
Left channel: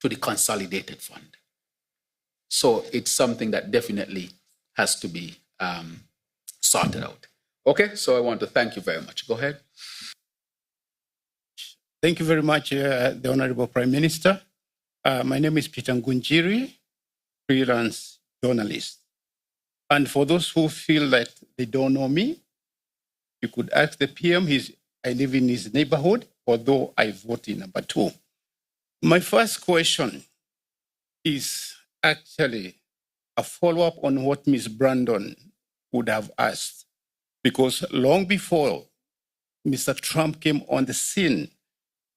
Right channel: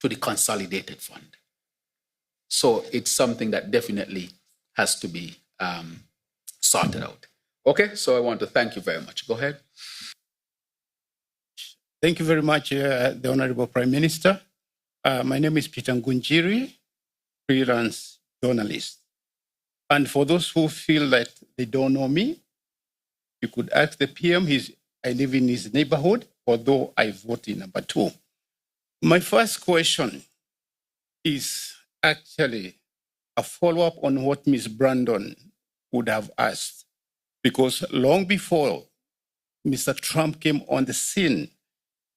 to the consolidated fund. So it's something that definitely has to be sorted out. Okay, so I want to thank you very much. Go ahead. Thank you very much, the Honorable Prime Minister. My name is Peter Ngunjiri, freelance journalist. And for those who feel that they don't know me, you could ask the PM. I live in his neighborhood, although I vote in number 2. My first question is actually a follow-up on what Ms. Brandon would have asked, because long before Mr. Trump came on the scene,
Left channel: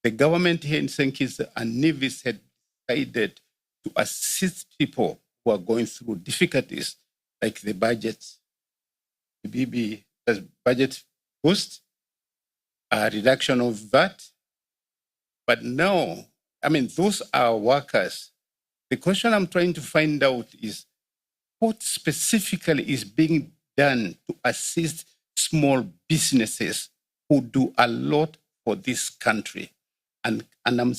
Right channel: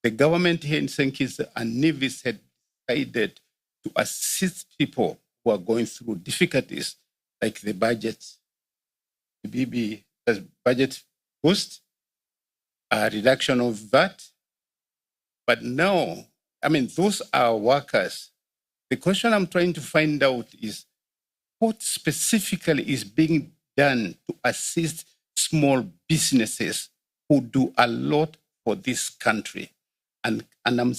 the government here in St. Kitts and Nevis had decided to assist people who are going through difficulties, like the budget, the budget boost, a reduction of VAT. But now, those are workers. The question I'm trying to find out is what specifically is being done to assist small businesses who do a lot for this country. And I'm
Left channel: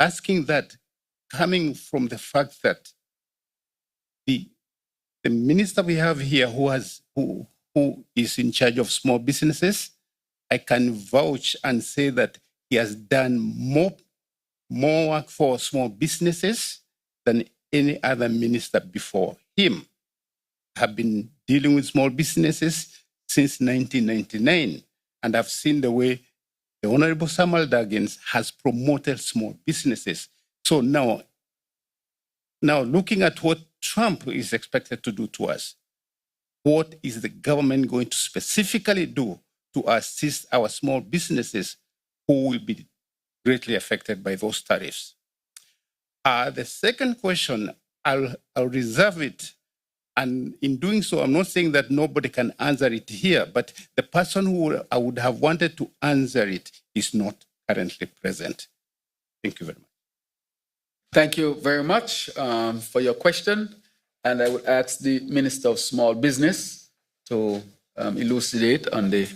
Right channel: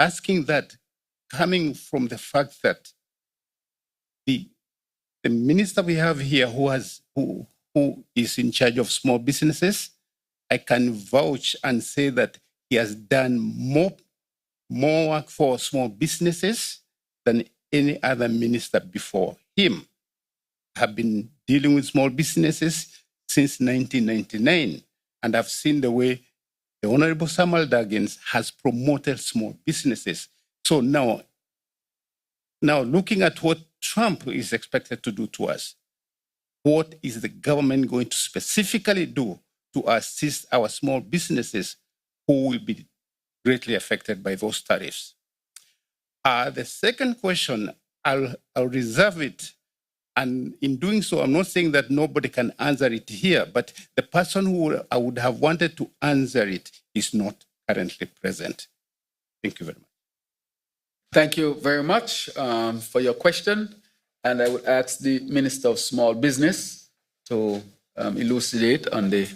asking that coming from the fact that the minister we have here who is in charge of small businesses, I can vouch and say that he has done more work for small businesses than any other minister before him. Have been dealing with small businesses since 1999, and I've seen the way the Honorable Samuel Daggins has promoted small businesses. So now looking at what Trump is expected to do to us, what is the government going to specifically do to assist our small businesses who will be greatly affected by those tariffs? The second question, I'll reserve it. And in doing so, I'm not saying that nobody can answer it here, but the person who I would have wanted to answer it is not currently present. Thank you very much. Thank you very much for your question. And I would ask the Minister of Small Business to elucidate on the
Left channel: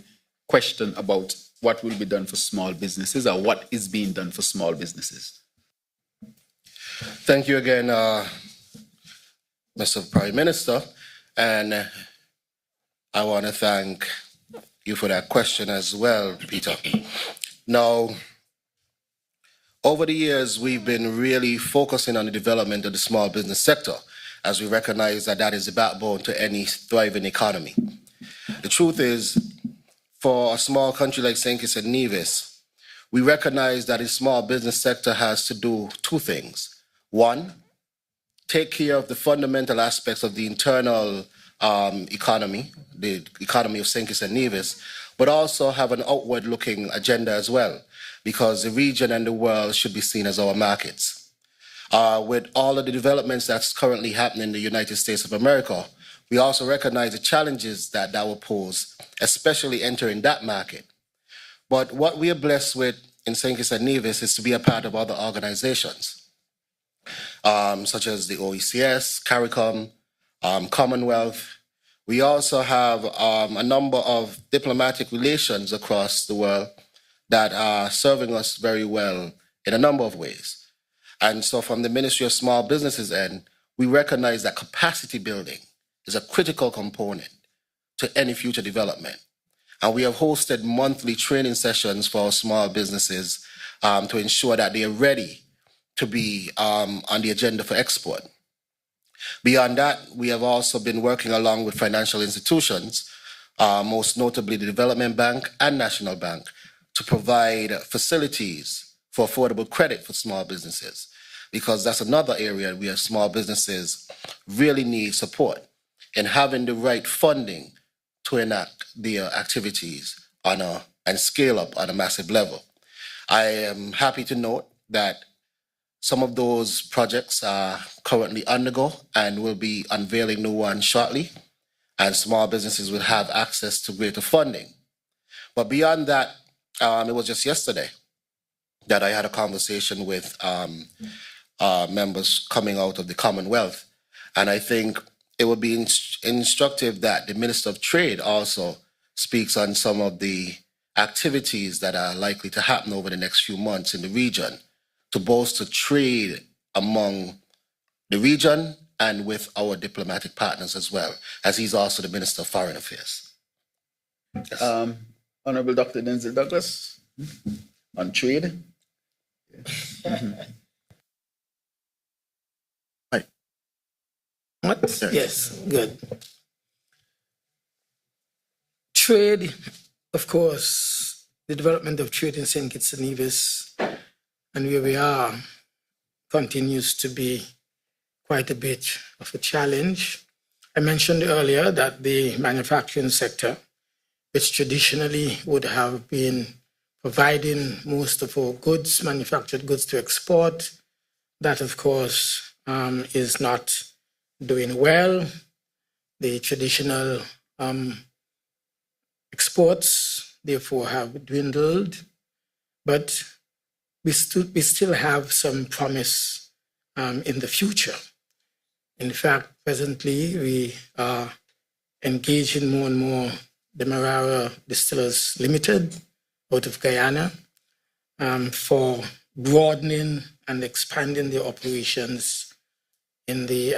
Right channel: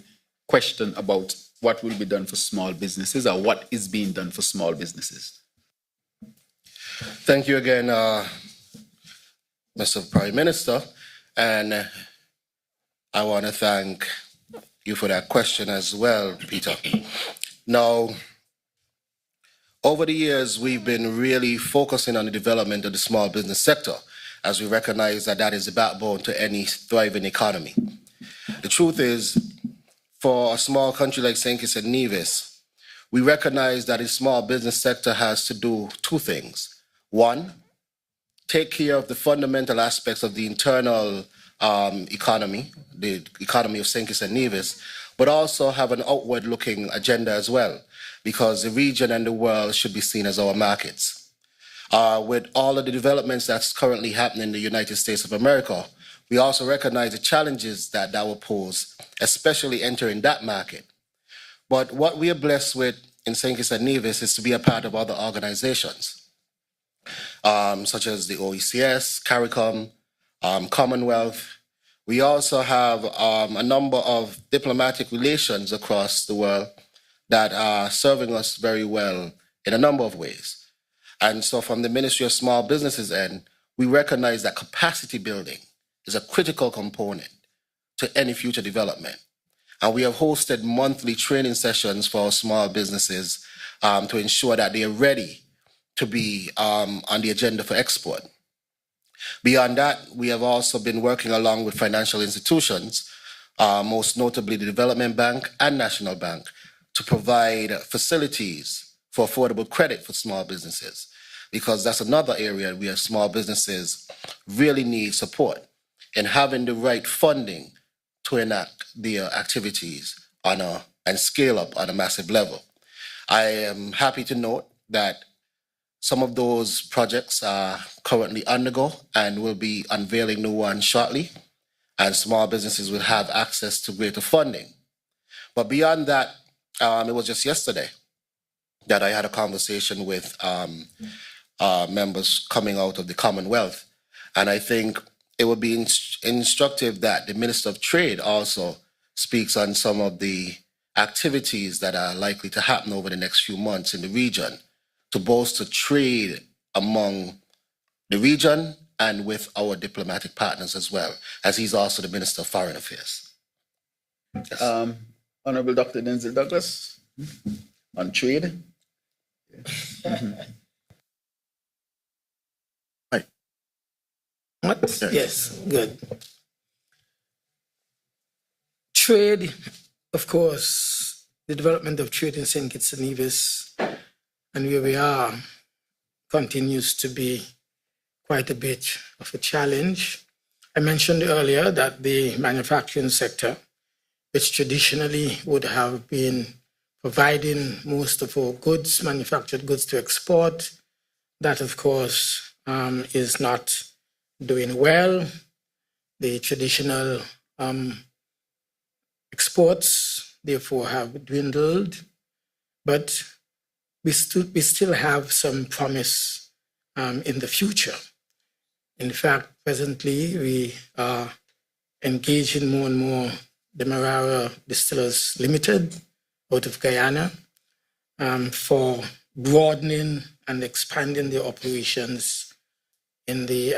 question about what will be done for small businesses or what is being done for small businesses. Thank you again, Mr. Prime Minister, and I want to thank you for that question as well, Peter. Now, over the years, we've been really focusing on the development of the small business sector, as we recognize that that is the backbone to any thriving economy. The truth is, for a small country like St. Kitts and Nevis, we recognize that the small business sector has to do 2 things. 1, take care of the fundamental aspects of the internal economy, the economy of St. Kitts and Nevis, but also have an outward-looking agenda as well, because the region and the world should be seen as our markets. With all of the developments that's currently happening in the United States of America, we also recognize the challenges that will pose, especially entering that market. But what we are blessed with in St. Kitts and Nevis is to be a part of other organizations, such as the OECS, CARICOM, Commonwealth. We also have a number of diplomatic relations across the world that are serving us very well in a number of ways. And so from the Ministry of Small Businesses end, we recognize that capacity building is a critical component to any future development. And we have hosted monthly training sessions for our small businesses to ensure that they are ready to be on the agenda for export. Beyond that, we have also been working along with financial institutions, most notably the Development Bank and National Bank, to provide facilities for affordable credit for small businesses, because that's another area where small businesses really need support in having the right funding to enact their activities and scale up on a massive level. I am happy to note that some of those projects are currently undergo and will be unveiling new ones shortly, and small businesses will have access to greater funding. But beyond that, it was just yesterday that I had a conversation with members coming out of the Commonwealth. And I think it would be instructive that the Minister of Trade also speaks on some of the activities that are likely to happen over the next few months in the region to bolster trade among the region and with our diplomatic partners as well, as he's also the Minister of Foreign Affairs. Yes. Honorable Dr. Denzel Douglas, on trade. Yes, good. Trade, of course, the development of trade in St. Kitts and Nevis and where we are continues to be quite a bit of a challenge. I mentioned earlier that the manufacturing sector, which traditionally would have been providing most of our goods, manufactured goods to export, that of course is not doing well. The traditional exports, therefore, have dwindled, but we still have some promise in the future. In fact, presently, we are engaging more and more the Marara Distillers Limited out of Guyana for broadening and expanding their operations in the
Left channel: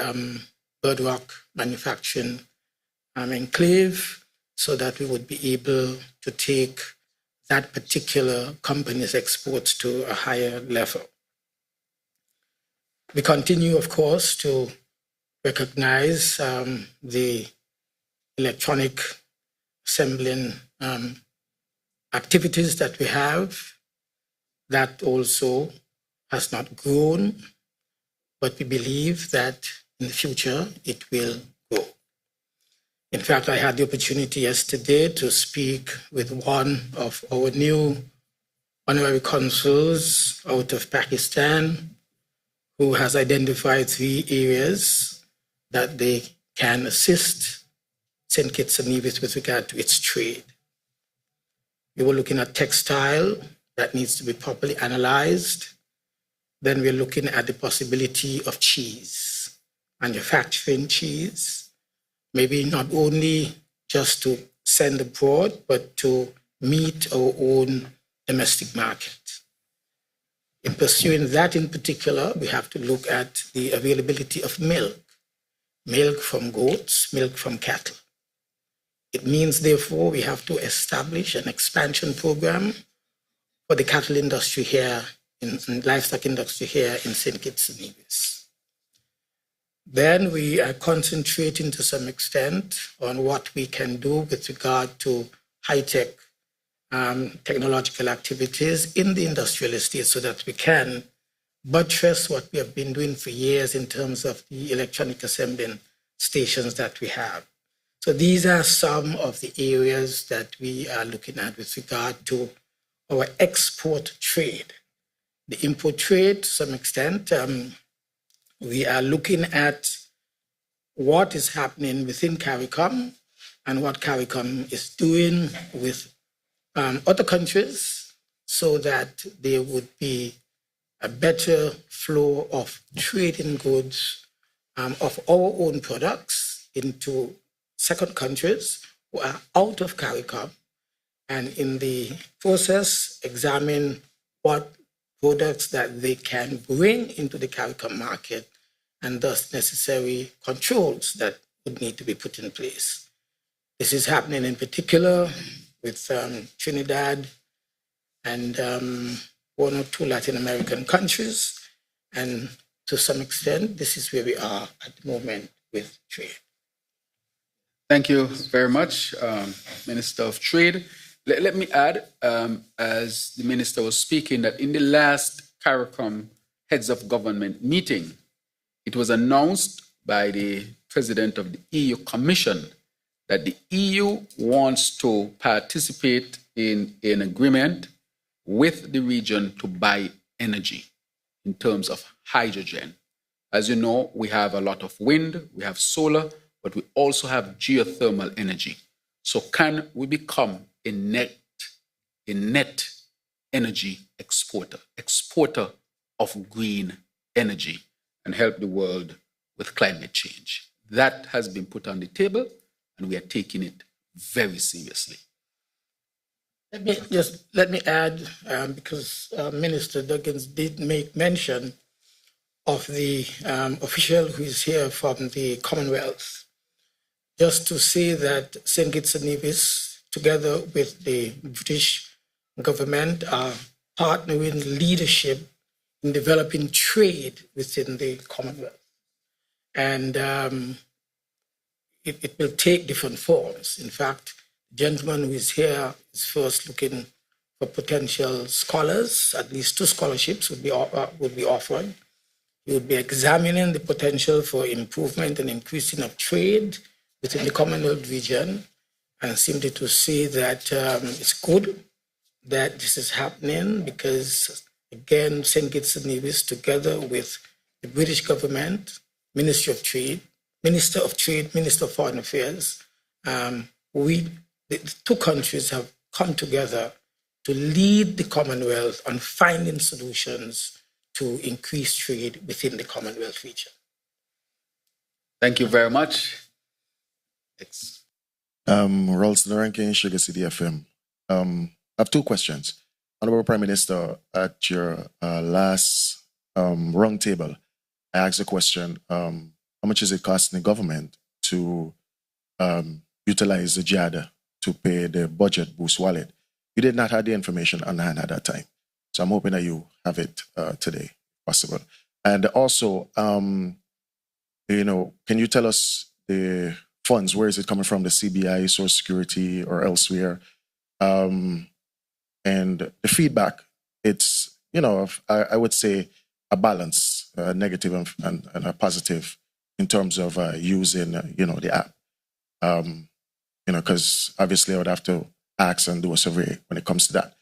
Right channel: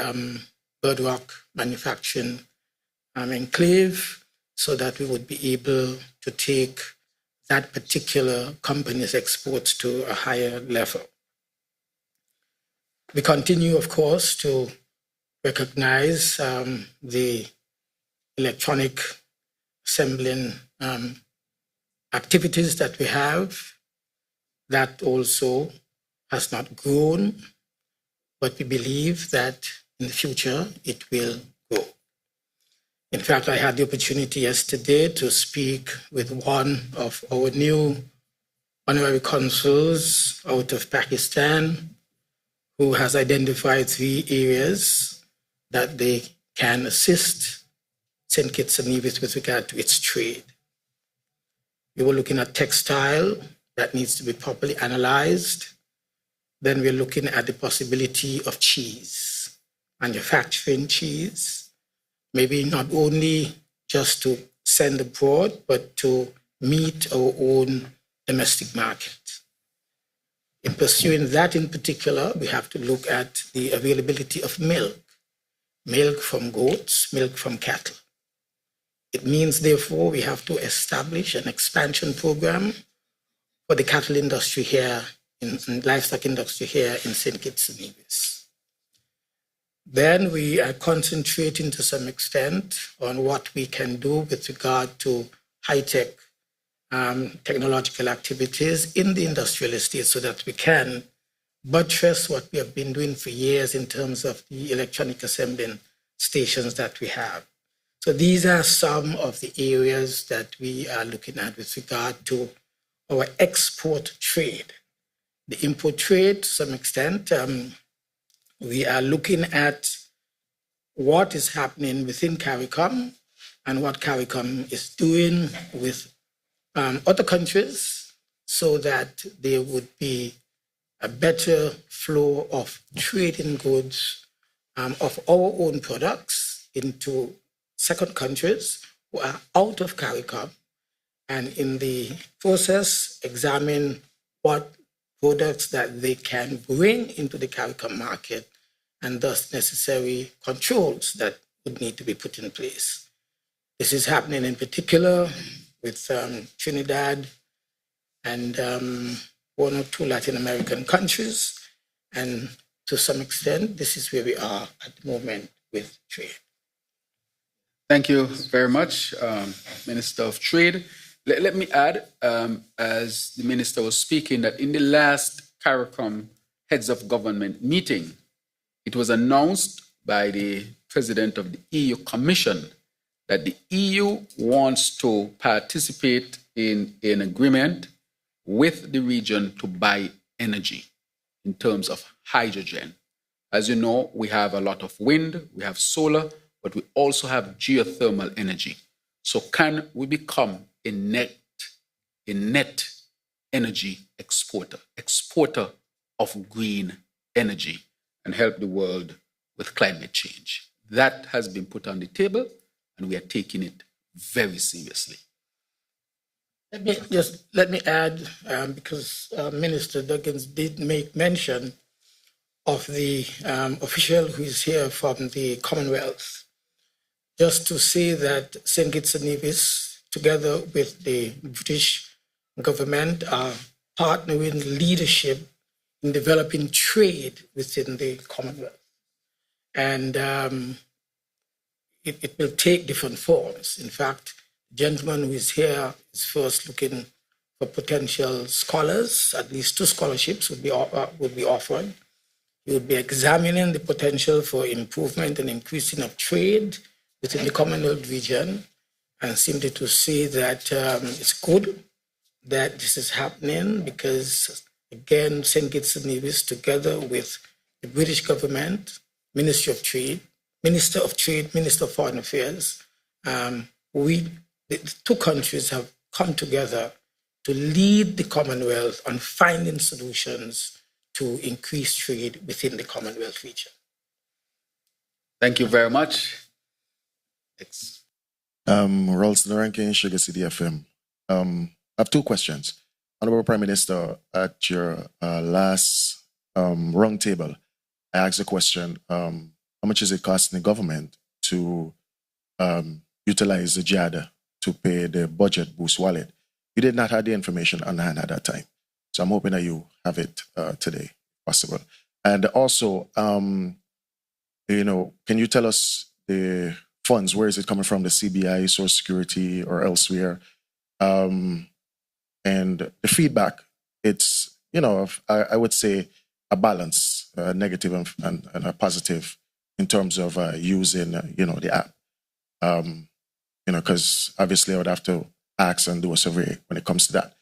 Bird Rock manufacturing enclave so that we would be able to take that particular company's exports to a higher level. We continue, of course, to recognize the electronic assembling activities that we have. That also has not grown, but we believe that in the future it will grow. In fact, I had the opportunity yesterday to speak with one of our new honorary consuls out of Pakistan, who has identified 3 areas that they can assist St. Kitts and Nevis with regard to its trade. We were looking at textile that needs to be properly analyzed. Then we're looking at the possibility of cheese, manufacturing cheese, maybe not only just to send abroad, but to meet our own domestic market. In pursuing that in particular, we have to look at the availability of milk from goats, milk from cattle. It means, therefore, we have to establish an expansion program for the cattle industry here, and livestock industry here in St. Kitts and Nevis. Then we are concentrating to some extent on what we can do with regard to high-tech technological activities in the industrial estate so that we can buttress what we have been doing for years in terms of the electronic assembling stations that we have. So these are some of the areas that we are looking at with regard to our export trade. The import trade, to some extent, we are looking at what is happening within CARICOM and what CARICOM is doing with other countries so that there would be a better flow of trading goods of our own products into second countries who are out of CARICOM, and in the process examine what products that they can bring into the CARICOM market and thus necessary controls that would need to be put in place. This is happening in particular with Trinidad and 1 or 2 Latin American countries. And to some extent, this is where we are at the moment with trade. Thank you very much, Minister of Trade. Let me add, as the Minister was speaking, that in the last CARICOM Heads of Government meeting, it was announced by the President of the EU Commission that the EU wants to participate in an agreement with the region to buy energy in terms of hydrogen. As you know, we have a lot of wind, we have solar, but we also have geothermal energy. So can we become a net energy exporter of green energy, and help the world with climate change. That has been put on the table, and we are taking it very seriously. Let me add, because Minister Duggins did make mention of the official who is here from the Commonwealth, just to say that St. Kitts and Nevis, together with the British government, are partnering leadership in developing trade within the Commonwealth. And it will take different forms. In fact, the gentleman who is here is first looking for potential scholars. At least 2 scholarships would be offered. We would be examining the potential for improvement and increasing of trade within the Commonwealth region, and simply to say that it's good that this is happening because, again, St. Kitts and Nevis, together with the British government, Minister of Trade, Minister of Foreign Affairs, the 2 countries have come together to lead the Commonwealth on finding solutions to increase trade within the Commonwealth region. Thank you very much. Ralston Rankin, Sugar City FM. I have 2 questions. Honorable Prime Minister, at your last round table, I asked a question, how much is it costing the government to utilize the JAD to pay the budget boost wallet? You did not have the information on hand at that time. So I'm hoping that you have it today, if possible. And also, can you tell us the funds, where is it coming from, the CBI, Social Security, or elsewhere? And the feedback, it's, I would say a balance, negative and a positive in terms of using, the app. Because obviously I would have to ask and do a survey when it comes to that.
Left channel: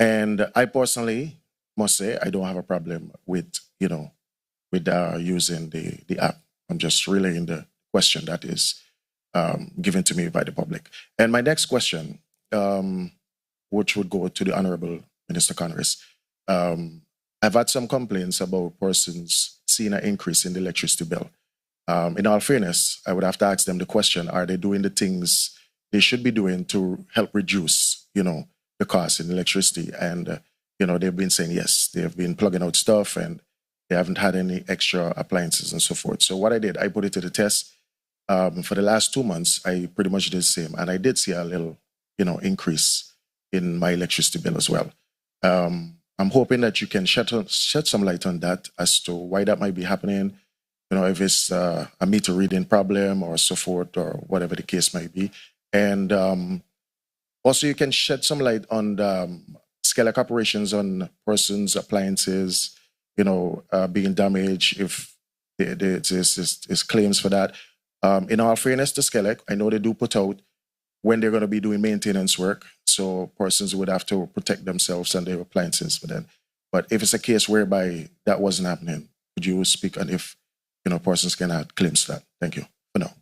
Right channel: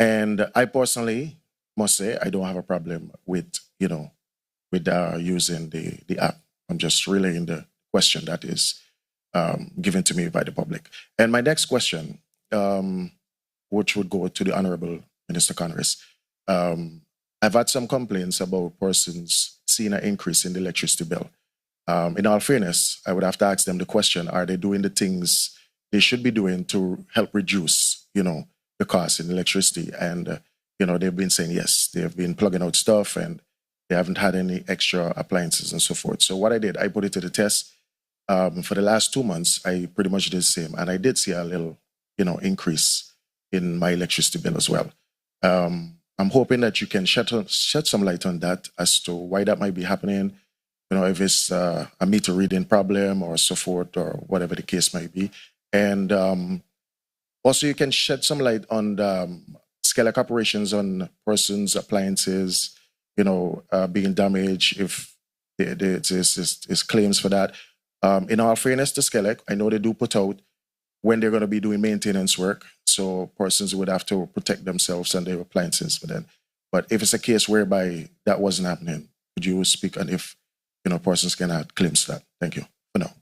And I personally must say I don't have a problem with using the app. I'm just relaying the question that is given to me by the public. And my next question, which would go to the Honorable Minister Congress, I've had some complaints about persons seeing an increase in the electricity bill. In all fairness, I would have to ask them the question, are they doing the things they should be doing to help reduce, the cost in electricity? And, they've been saying yes, they've been plugging out stuff and they haven't had any extra appliances and so forth. So what I did, I put it to the test. For the last 2 months, I pretty much did the same. And I did see a little, increase in my electricity bill as well. I'm hoping that you can shed some light on that as to why that might be happening. If it's a meter reading problem or so forth or whatever the case might be. And also you can shed some light on the scale-up operations on persons' appliances, being damaged, if there's claims for that. In all fairness to Skelec, I know they do put out when they're going to be doing maintenance work, so persons would have to protect themselves and their appliances for that. But if it's a case whereby that wasn't happening, could you speak on if persons can add claims to that? Thank you for now.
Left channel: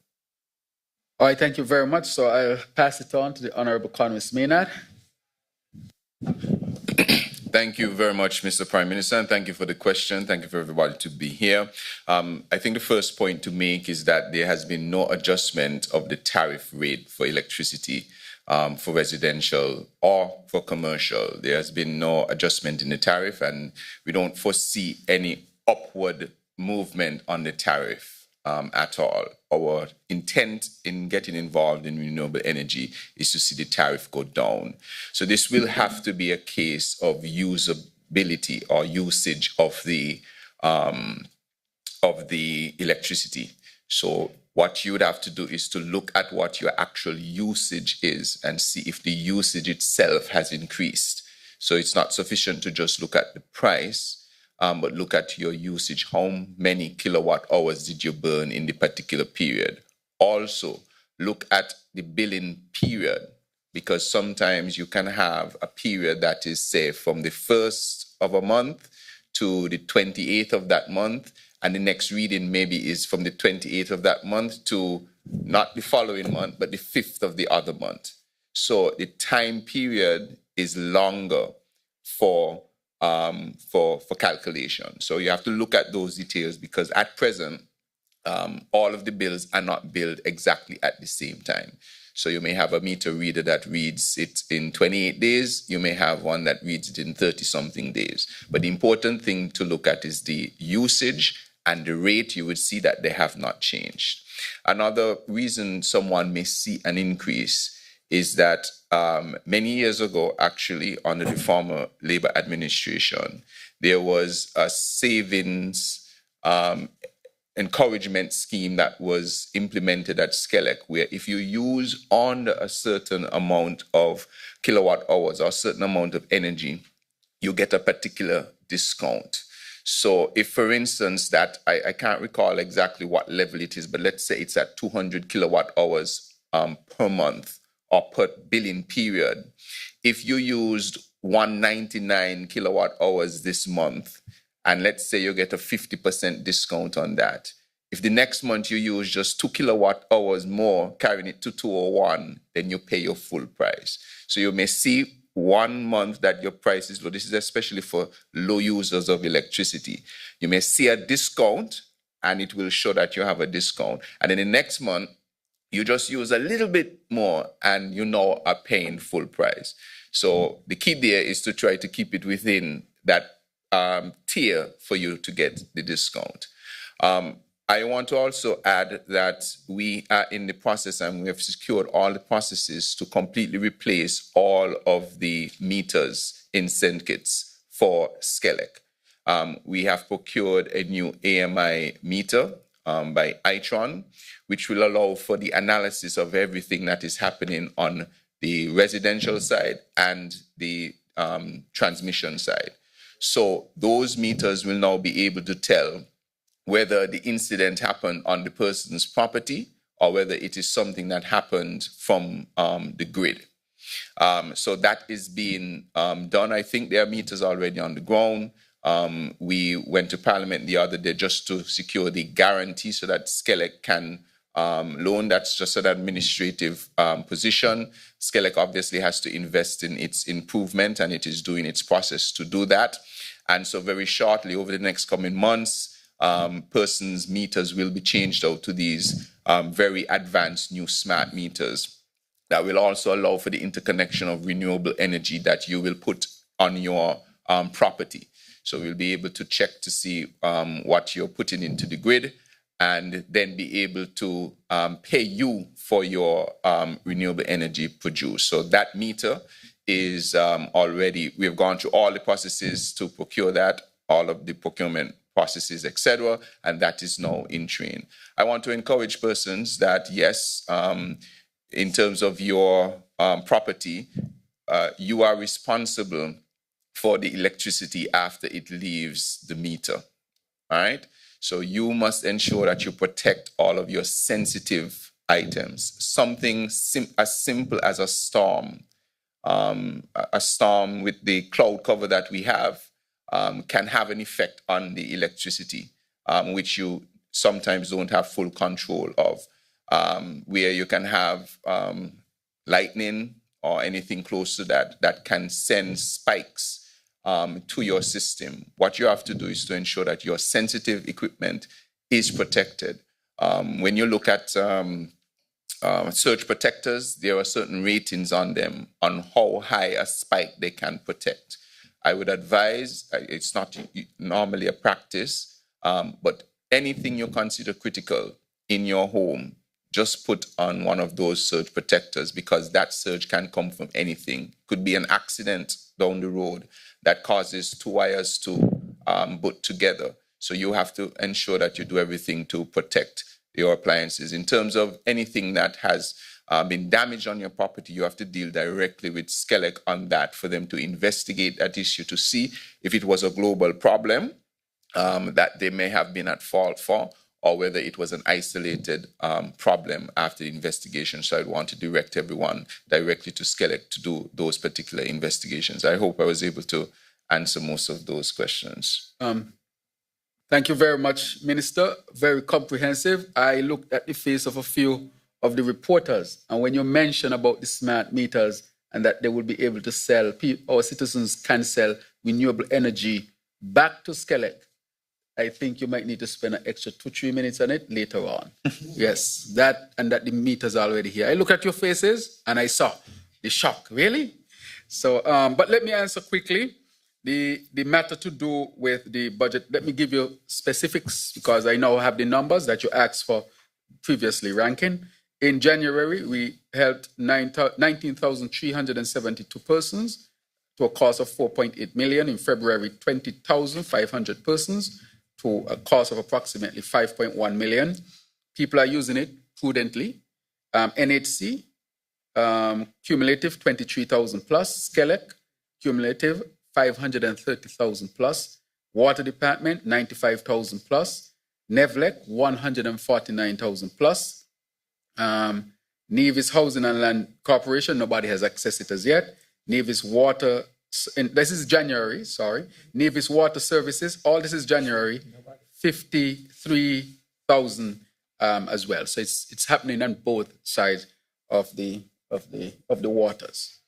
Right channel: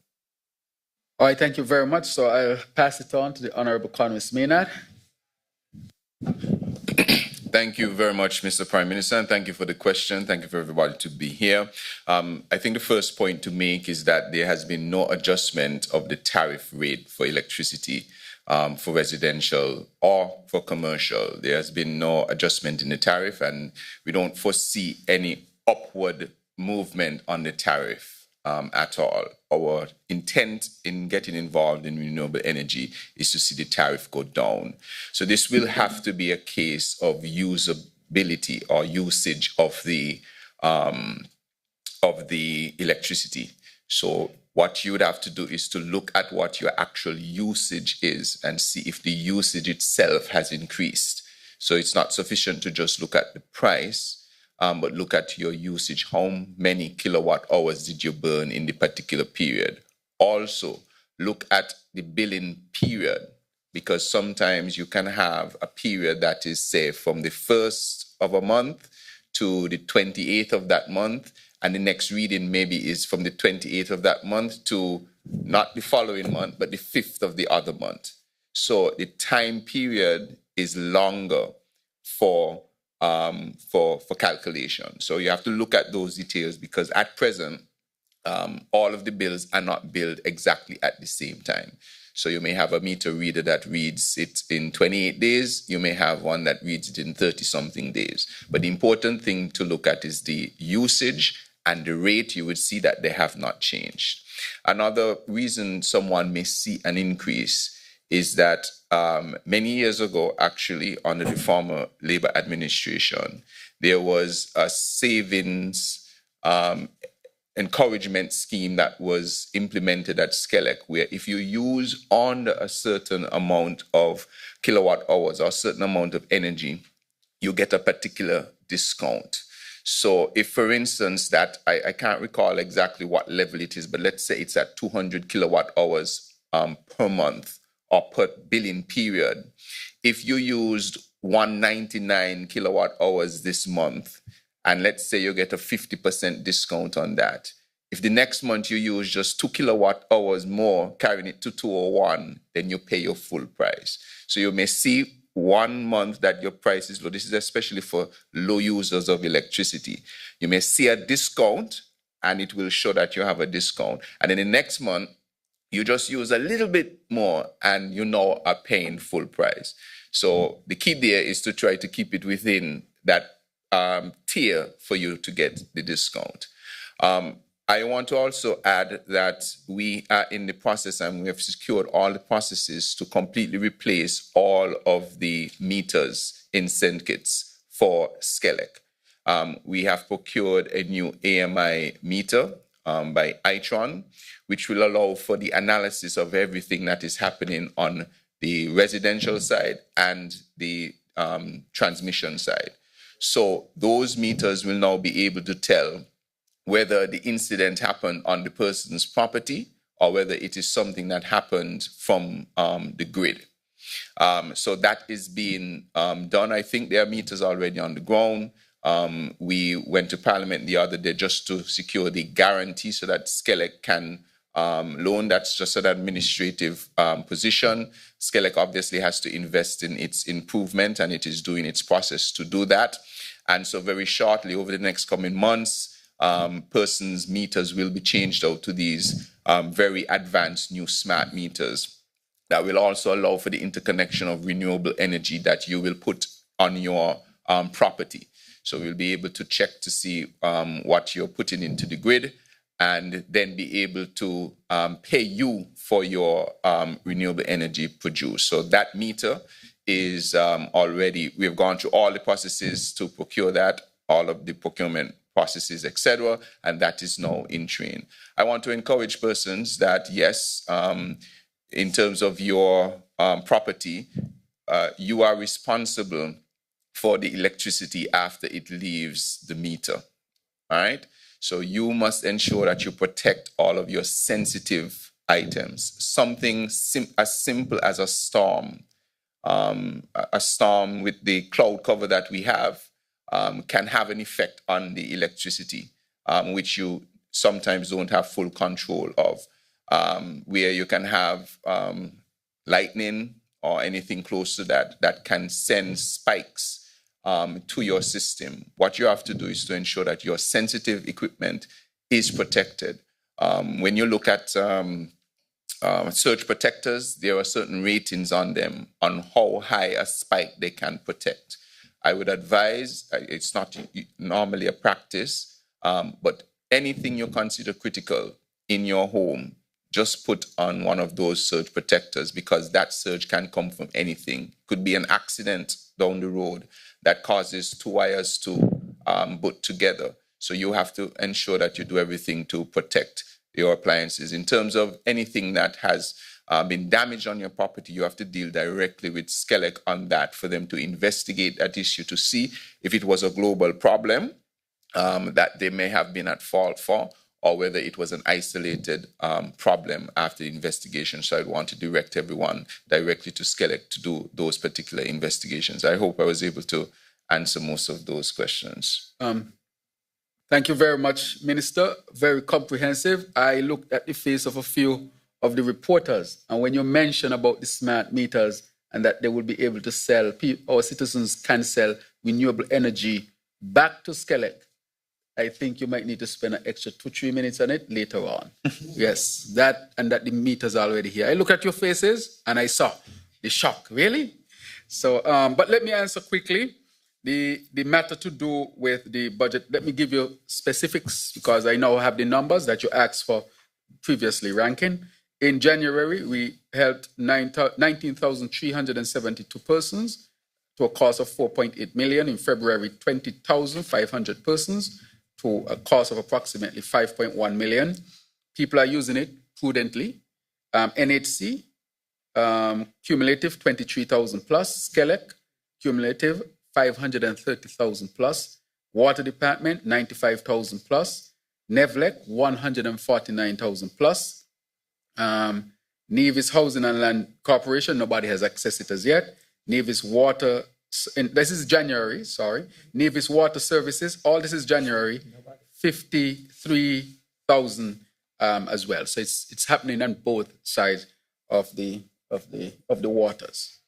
All right, thank you very much. So I'll pass it on to the Honorable Congress Maynard. Thank you very much, Mr. Prime Minister, and thank you for the question. Thank you for everybody to be here. I think the first point to make is that there has been no adjustment of the tariff rate for electricity for residential or for commercial. There has been no adjustment in the tariff, and we don't foresee any upward movement on the tariff at all. Our intent in getting involved in renewable energy is to see the tariff go down. So this will have to be a case of usability or usage of the electricity. So what you would have to do is to look at what your actual usage is and see if the usage itself has increased. So it's not sufficient to just look at the price, but look at your usage. How many kilowatt hours did you burn in the particular period? Also, look at the billing period, because sometimes you can have a period that is, say, from the 1st of a month to the 28th of that month, and the next reading maybe is from the 28th of that month to not the following month, but the 5th of the other month. So the time period is longer for calculation. So you have to look at those details, because at present, all of the bills are not billed exactly at the same time. So you may have a meter reader that reads it in 28 days. You may have one that reads it in 30-something days. But the important thing to look at is the usage and the rate. You would see that they have not changed. Another reason someone may see an increase is that many years ago, actually, under the former Labour administration, there was a savings encouragement scheme that was implemented at Skelec, where if you use under a certain amount of kilowatt hours or a certain amount of energy, you get a particular discount. So if, for instance, that I can't recall exactly what level it is, but let's say it's at 200 kilowatt hours per month or per billing period. If you used 199 kilowatt hours this month, and let's say you get a 50% discount on that. If the next month you use just 2 kilowatt hours more, carrying it to 201, then you pay your full price. So you may see 1 month that your price is low. This is especially for low users of electricity. You may see a discount, and it will show that you have a discount. And then the next month, you just use a little bit more, and you now are paying full price. So the key there is to try to keep it within that tier for you to get the discount. I want to also add that we are in the process, and we have secured all the processes to completely replace all of the meters in St. Kitts for Skelec. We have procured a new AMI meter by Itron, which will allow for the analysis of everything that is happening on the residential side and the transmission side. So those meters will now be able to tell whether the incident happened on the person's property or whether it is something that happened from the grid. So that is being done. I think there are meters already on the ground. We went to Parliament the other day just to secure the guarantee so that Skelec can loan. That's just an administrative position. Skelec obviously has to invest in its improvement, and it is doing its process to do that. And so very shortly, over the next coming months, persons' meters will be changed out to these very advanced new smart meters that will also allow for the interconnection of renewable energy that you will put on your property. So we'll be able to check to see what you're putting into the grid, and then be able to pay you for your renewable energy produced. So that meter is already, we've gone through all the processes to procure that, all of the procurement processes, etc., and that is now in train. I want to encourage persons that, yes, in terms of your property, you are responsible for the electricity after it leaves the meter, all right? So you must ensure that you protect all of your sensitive items. Something as simple as a storm with the cloud cover that we have can have an effect on the electricity, which you sometimes don't have full control of, where you can have lightning or anything close to that that can send spikes to your system. What you have to do is to ensure that your sensitive equipment is protected. When you look at surge protectors, there are certain ratings on them on how high a spike they can protect. I would advise, it's not normally a practice, but anything you consider critical in your home, just put on one of those surge protectors, because that surge can come from anything. Could be an accident down the road that causes two wires to butt together. So you have to ensure that you do everything to protect your appliances. In terms of anything that has been damaged on your property, you have to deal directly with Skelec on that for them to investigate that issue to see if it was a global problem that they may have been at fault for, or whether it was an isolated problem after the investigation. So I want to direct everyone directly to Skelec to do those particular investigations. I hope I was able to answer most of those questions. Thank you very much, Minister. Very comprehensive. I looked at the face of a few of the reporters. And when you mention about the smart meters and that they will be able to sell, our citizens can sell renewable energy back to Skelec, I think you might need to spend an extra 2-3 minutes on it later on. Yes, that and that the meters are already here. I look at your faces and I saw the shock. Really? So, but let me answer quickly the matter to do with the budget. Let me give you specifics because I now have the numbers that you asked for previously, Rankin. In January, we helped 19,372 persons to a cost of 4.8 million. In February, 20,500 persons to a cost of approximately 5.1 million. People are using it prudently. NHC, cumulative 23,000 plus. Skelec, cumulative 530,000 plus. Water Department, 95,000 plus. Nevlec, 149,000 plus. Nevis Housing and Land Corporation, nobody has accessed it as yet. Nevis Water, this is January, sorry. Nevis Water Services, all this is January, 53,000 as well. So it's happening on both sides of the waters.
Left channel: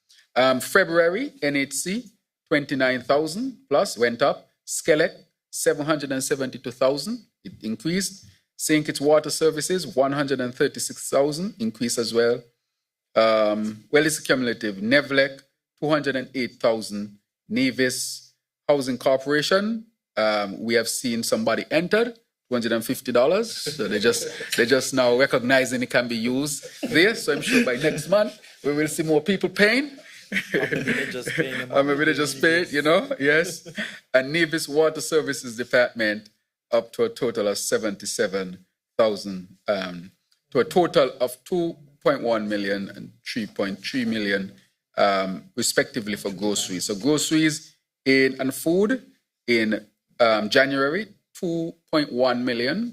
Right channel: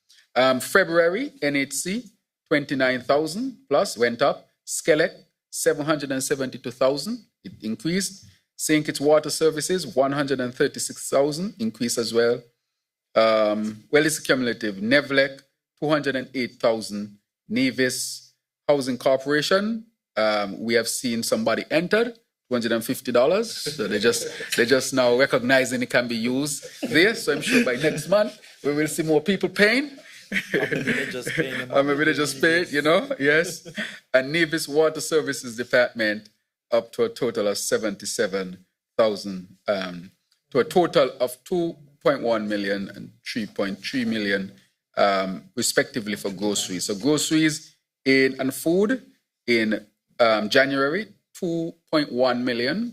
February, NHC, 29,000 plus, went up. Skelec, 772,000, it increased. St. Kitts Water Services, 136,000, increase as well. Well, it's cumulative. Nevlec, 208,000. Nevis Housing Corporation, we have seen somebody entered, $250. So they just now recognizing it can be used there. So I'm sure by next month we will see more people paying. Maybe they just pay, you know, yes. And Nevis Water Services Department up to a total of 77,000, to a total of 2.1 million and 3.3 million, respectively for groceries. So groceries and food in January, 2.1 million,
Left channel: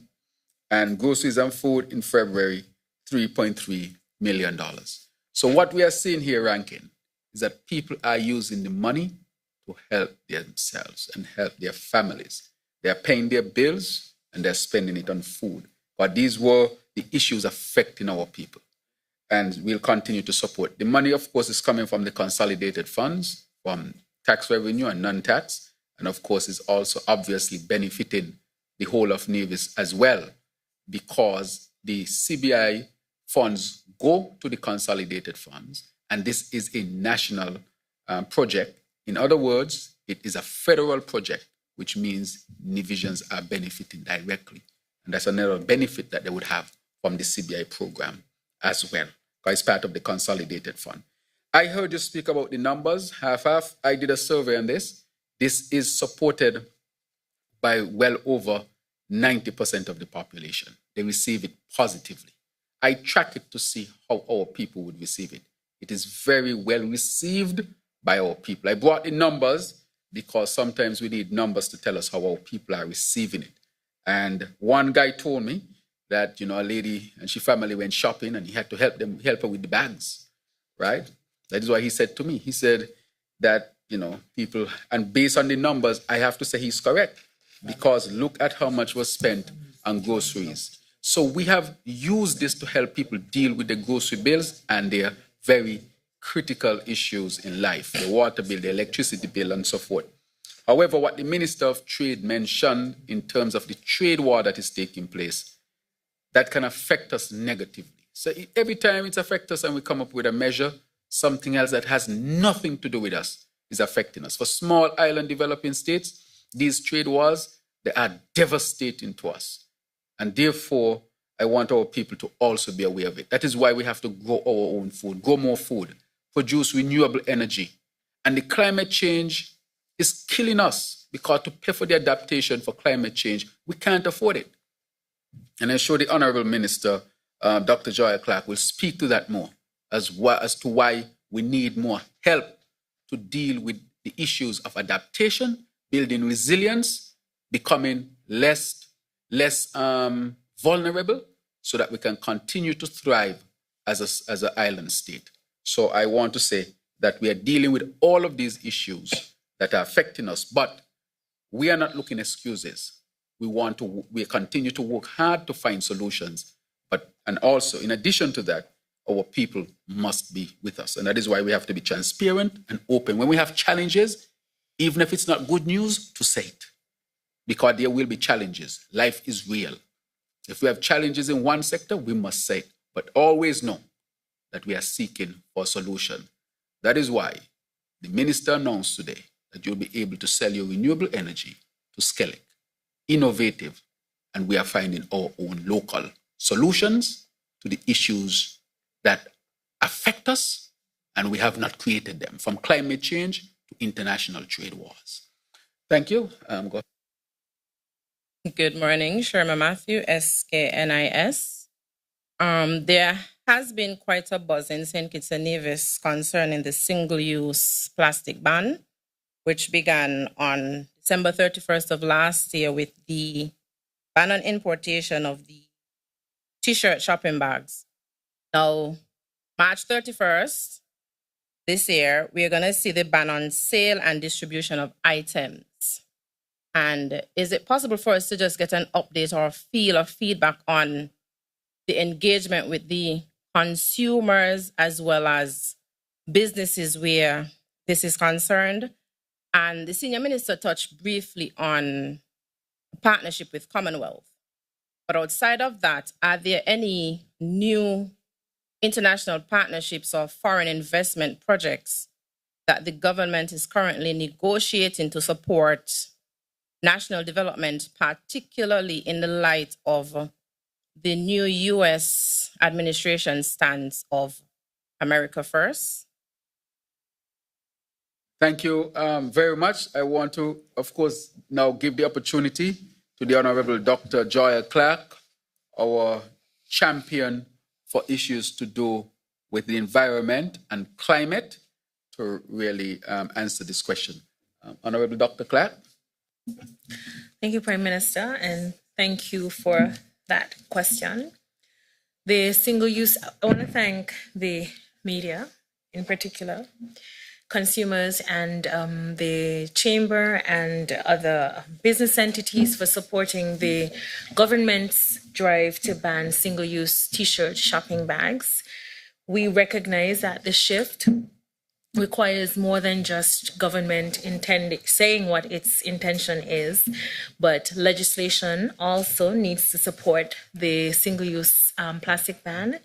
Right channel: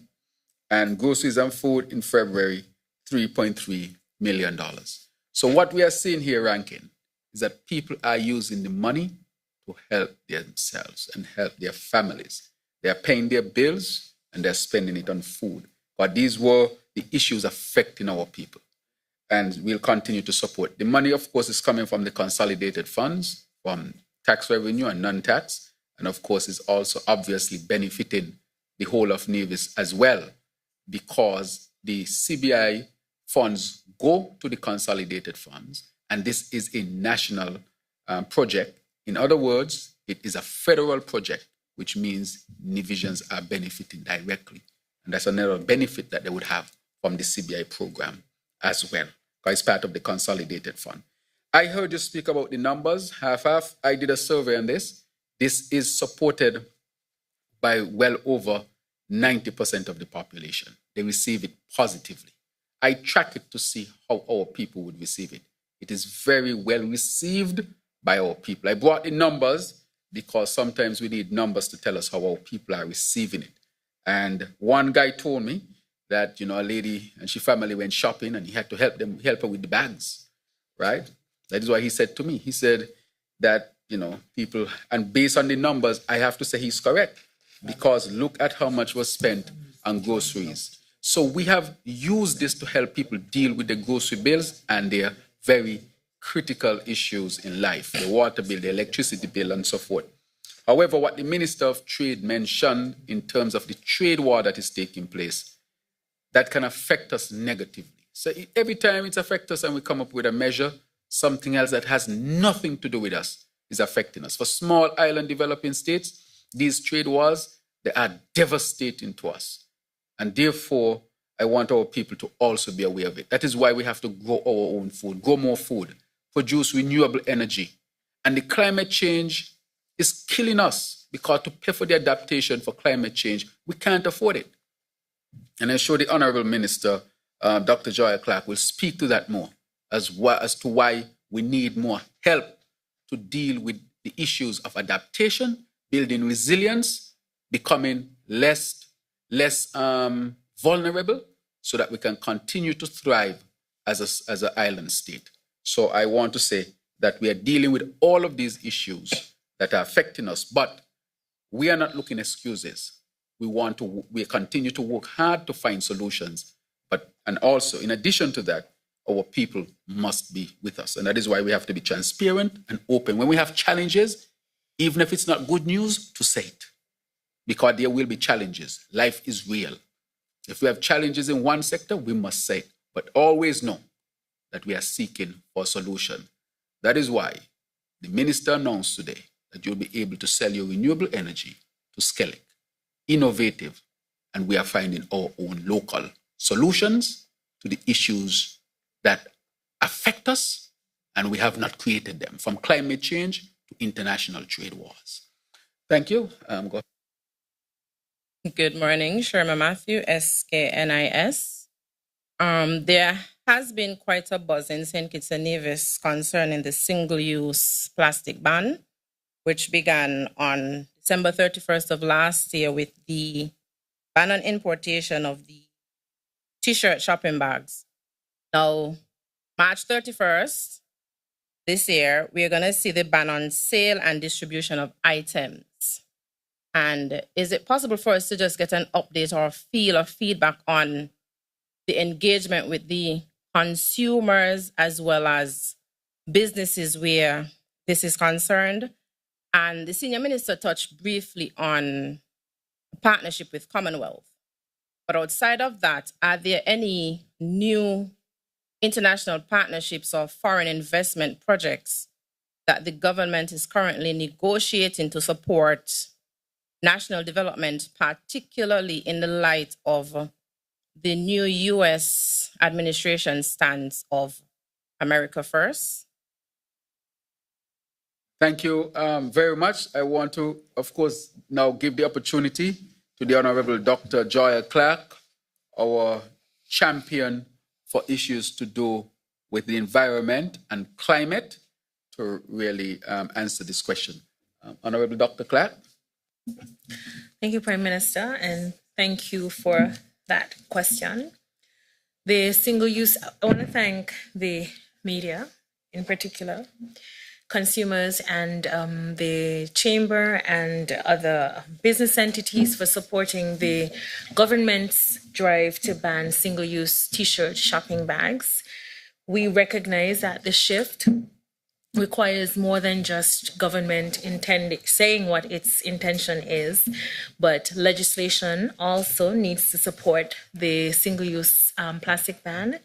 and groceries and food in February, $3.3 million. So what we are seeing here, Rankin, is that people are using the money to help themselves and help their families. They are paying their bills and they're spending it on food. But these were the issues affecting our people. And we'll continue to support. The money, of course, is coming from the consolidated funds, from tax revenue and non-tax. And of course, is also obviously benefiting the whole of Nevis as well, because the CBI funds go to the consolidated funds. And this is a national project. In other words, it is a federal project, which means Nevisians are benefiting directly. And that's another benefit that they would have from the CBI program as well, because it's part of the consolidated fund. I heard you speak about the numbers, half-half. I did a survey on this. This is supported by well over 90% of the population. They receive it positively. I track it to see how our people would receive it. It is very well received by our people. I brought the numbers because sometimes we need numbers to tell us how our people are receiving it. And one guy told me that, you know, a lady and she family went shopping and he had to help her with the bags, right? That is why he said to me, he said that, you know, people, and based on the numbers, I have to say he's correct, because look at how much was spent on groceries. So we have used this to help people deal with the grocery bills and their very critical issues in life, the water bill, the electricity bill, and so forth. However, what the Minister of Trade mentioned in terms of the trade war that is taking place, that can affect us negatively. So every time it affects us and we come up with a measure, something else that has nothing to do with us is affecting us. For small island developing states, these trade wars, they are devastating to us. And therefore, I want our people to also be aware of it. That is why we have to grow our own food, grow more food, produce renewable energy. And the climate change is killing us, because to pay for the adaptation for climate change, we can't afford it. And I'm sure the Honorable Minister, Dr. Joy Clark, will speak to that more as to why we need more help to deal with the issues of adaptation, building resilience, becoming less vulnerable, so that we can continue to thrive as an island state. So I want to say that we are dealing with all of these issues that are affecting us, but we are not looking at excuses. We continue to work hard to find solutions. But And also, in addition to that, our people must be with us. And that is why we have to be transparent and open. When we have challenges, even if it's not good news, to say it. Because there will be challenges. Life is real. If we have challenges in one sector, we must say it. But always know that we are seeking for a solution. That is why the minister announced today that you'll be able to sell your renewable energy to Skellig. Innovative. And we are finding our own local solutions to the issues that affect us, and we have not created them, from climate change to international trade wars. Thank you. Good morning, Sherma Matthew, SKNIS. There has been quite a buzz in St. Kitts and Nevis concerning the single-use plastic ban, which began on December 31st of last year with the ban on importation of the T-shirt shopping bags. Now, March 31st this year, we are going to see the ban on sale and distribution of items. And is it possible for us to just get an update or feel or feedback on the engagement with the consumers as well as businesses where this is concerned? And the senior minister touched briefly on a partnership with Commonwealth. But outside of that, are there any new international partnerships or foreign investment projects that the government is currently negotiating to support national development, particularly in the light of the new U.S. administration stance of America First? Thank you very much. I want to, of course, now give the opportunity to the Honorable Dr. Joya Clark, our champion for issues to do with the environment and climate, to really answer this question. Honorable Dr. Clark. Thank you, Prime Minister, and thank you for that question. The single use, I want to thank the media in particular, consumers and the chamber and other business entities for supporting the government's drive to ban single-use T-shirt shopping bags. We recognize that the shift requires more than just government saying what its intention is, but legislation also needs to support the single-use plastic ban.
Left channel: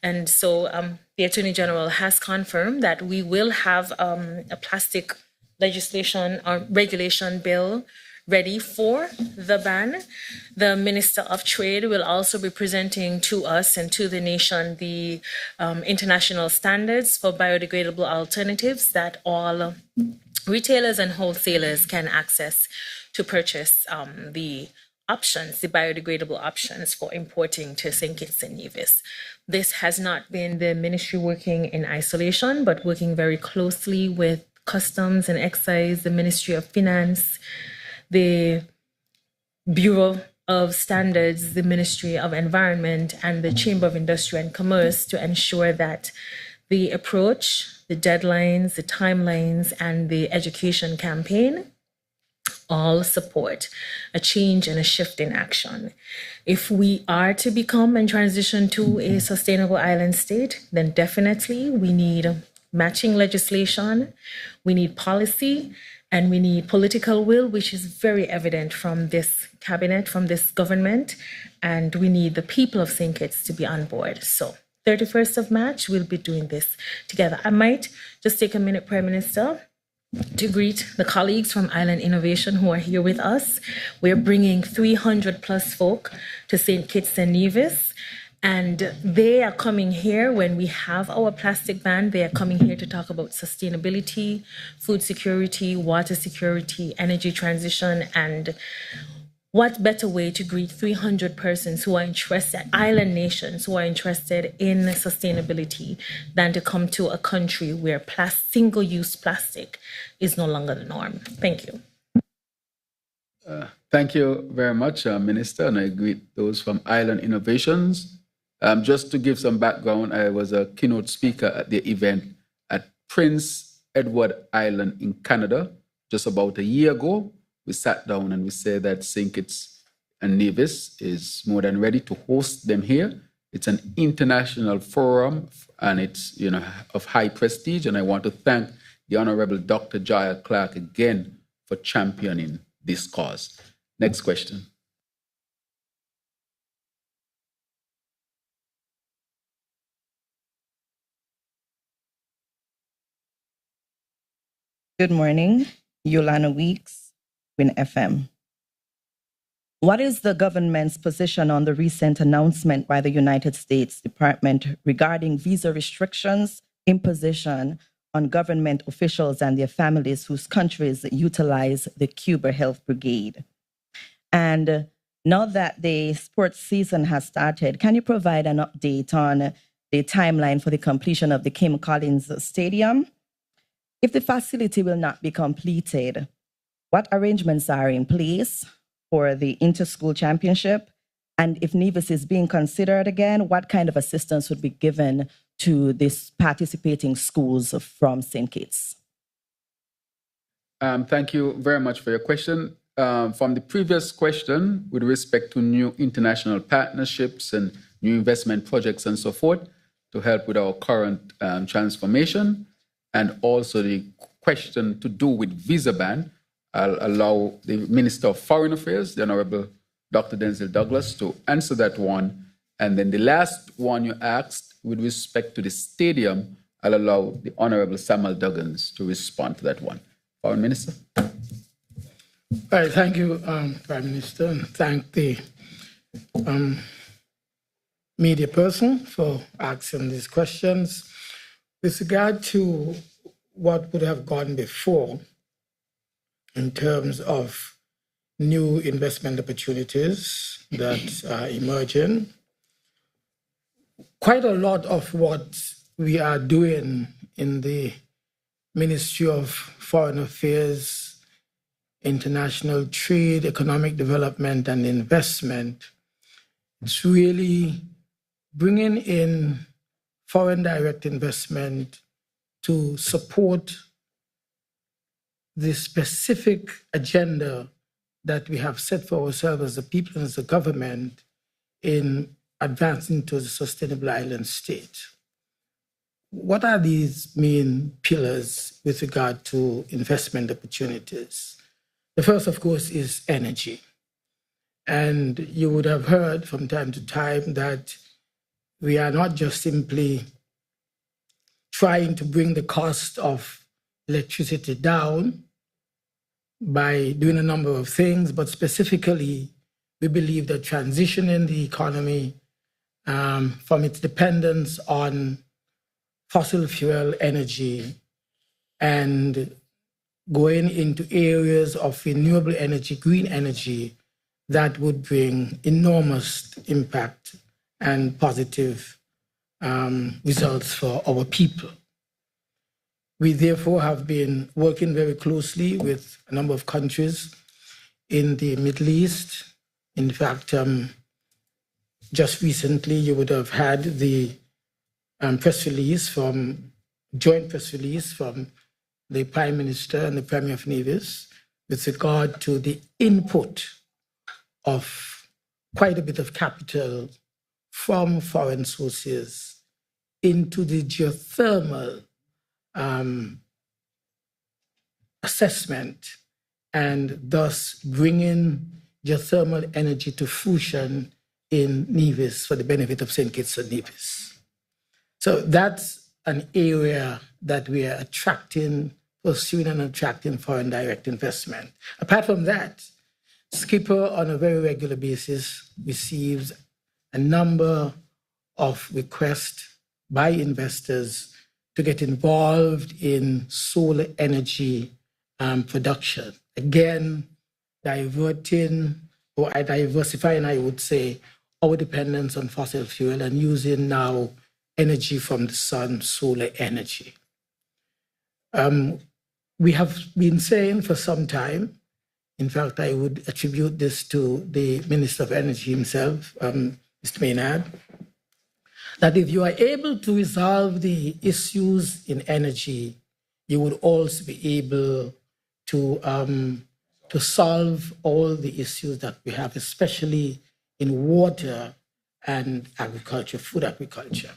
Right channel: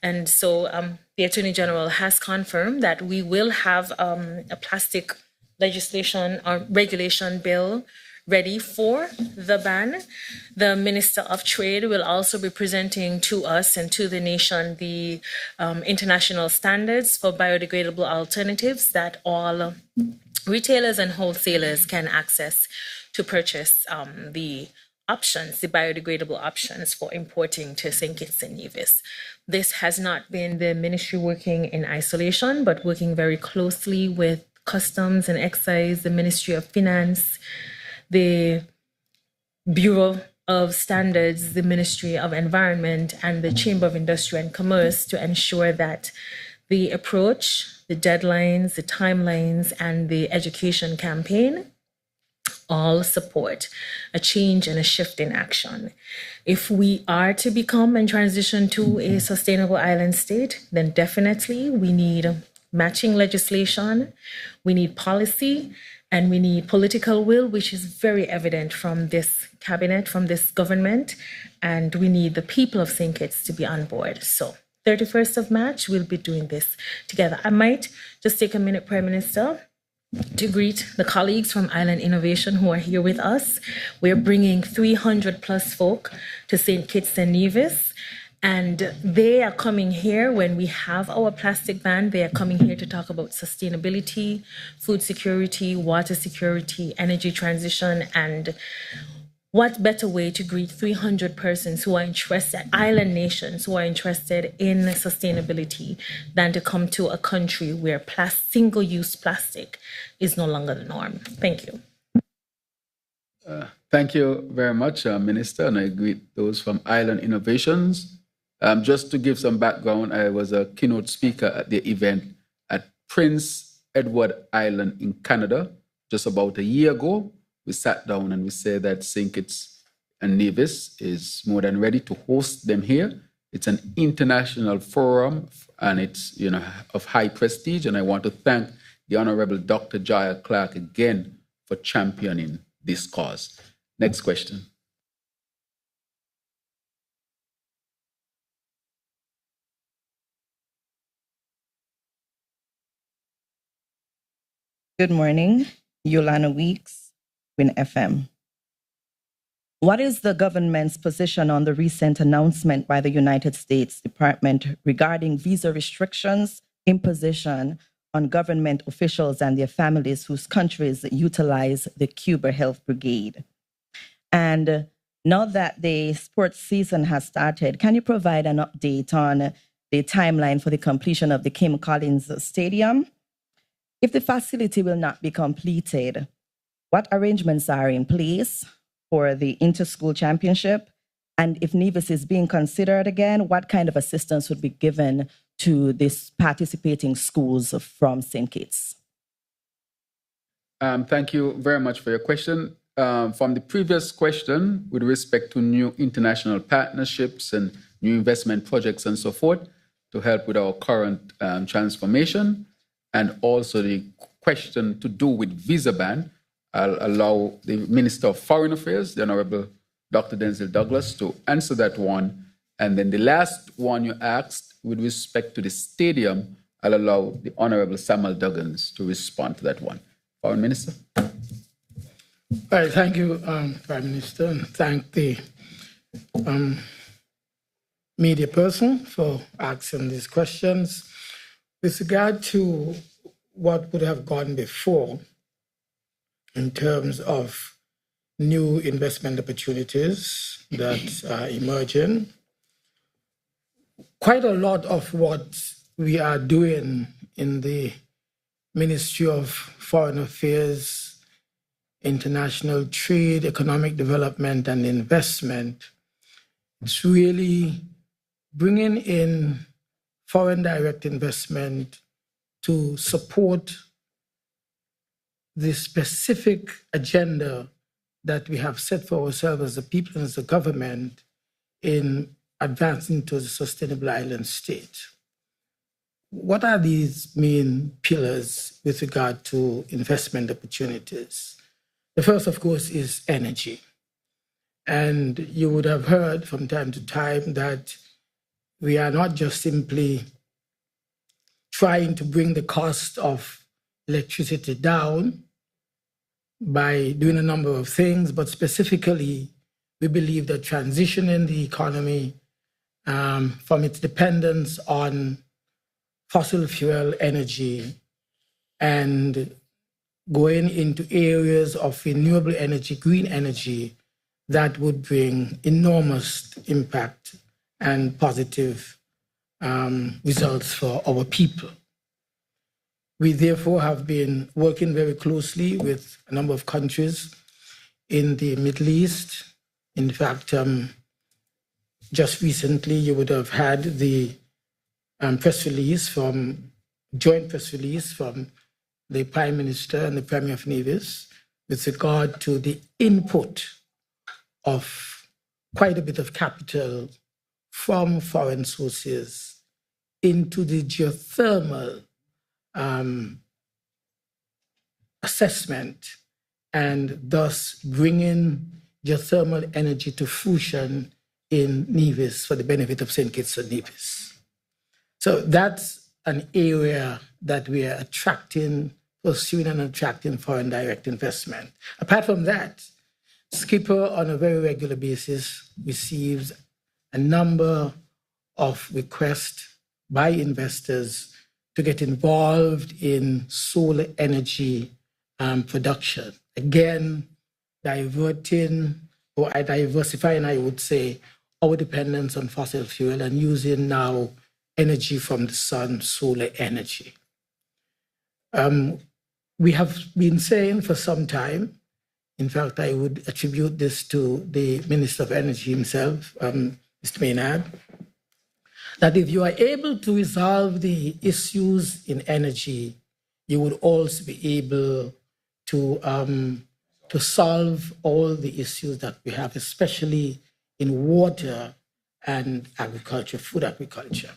And so the Attorney General has confirmed that we will have a plastic legislation or regulation bill ready for the ban. The Minister of Trade will also be presenting to us and to the nation the international standards for biodegradable alternatives that all retailers and wholesalers can access to purchase the biodegradable options for importing to St. Kitts and Nevis. This has not been the ministry working in isolation, but working very closely with Customs and Excise, the Ministry of Finance, the Bureau of Standards, the Ministry of Environment, and the Chamber of Industry and Commerce to ensure that the approach, the deadlines, the timelines, and the education campaign all support a change and a shift in action. If we are to become and transition to a sustainable island state, then definitely we need matching legislation, we need policy, and we need political will, which is very evident from this cabinet, from this government, and we need the people of St. Kitts to be on board. So 31st of March, we'll be doing this together. I might just take a minute, Prime Minister, to greet the colleagues from Island Innovation who are here with us. We're bringing 300 plus folk to St. Kitts and Nevis, and they are coming here when we have our plastic ban. They are coming here to talk about sustainability, food security, water security, energy transition, and what better way to greet 300 persons who are interested, island nations who are interested in sustainability, than to come to a country where single-use plastic is no longer the norm. Thank you. Thank you very much, Minister, and I greet those from Island Innovations. Just to give some background, I was a keynote speaker at the event at Prince Edward Island in Canada just about a year ago. We sat down and we said that St. Kitts and Nevis is more than ready to host them here. It's an international forum, and it's of high prestige. And I want to thank the Honorable Dr. Jaya Clark again for championing this cause. Next question. Good morning, Yolanda Weeks, Win FM. What is the government's position on the recent announcement by the United States Department regarding visa restrictions, imposition on government officials and their families whose countries utilize the Cuba Health Brigade? And now that the sports season has started, can you provide an update on the timeline for the completion of the Kim Collins Stadium? If the facility will not be completed, what arrangements are in place for the inter-school championship? And if Nevis is being considered again, what kind of assistance would be given to these participating schools from St. Kitts? Thank you very much for your question. From the previous question, with respect to new international partnerships and new investment projects and so forth, to help with our current transformation, and also the question to do with visa ban, I'll allow the Minister of Foreign Affairs, the Honorable Dr. Denzel Douglas, to answer that one. And then the last one you asked, with respect to the stadium, I'll allow the Honorable Samuel Duggins to respond to that one. Foreign Minister. All right, thank you, Prime Minister, and thank the media person for asking these questions. With regard to what would have gone before in terms of new investment opportunities that are emerging, quite a lot of what we are doing in the Ministry of Foreign Affairs, International Trade, Economic Development and Investment, it's really bringing in foreign direct investment to support the specific agenda that we have set for ourselves as the people and as the government in advancing to the sustainable island state. What are these main pillars with regard to investment opportunities? The first, of course, is energy. And you would have heard from time to time that we are not just simply trying to bring the cost of electricity down by doing a number of things, but specifically, we believe that transitioning the economy from its dependence on fossil fuel energy and going into areas of renewable energy, green energy, that would bring enormous impact and positive results for our people. We therefore have been working very closely with a number of countries in the Middle East. In fact, just recently you would have had the joint press release from the Prime Minister and the Premier of Nevis with regard to the input of quite a bit of capital from foreign sources into the geothermal assessment, and thus bringing geothermal energy to fruition in Nevis for the benefit of St. Kitts and Nevis. So that's an area that we are pursuing and attracting foreign direct investment. Apart from that, Skipper on a very regular basis receives a number of requests by investors to get involved in solar energy production. Again, diversifying, I would say, our dependence on fossil fuel and using now energy from the sun, solar energy. We have been saying for some time, in fact, I would attribute this to the Minister of Energy himself, Mr. Maynard, that if you are able to resolve the issues in energy, you would also be able to solve all the issues that we have, especially in water and agriculture, food agriculture.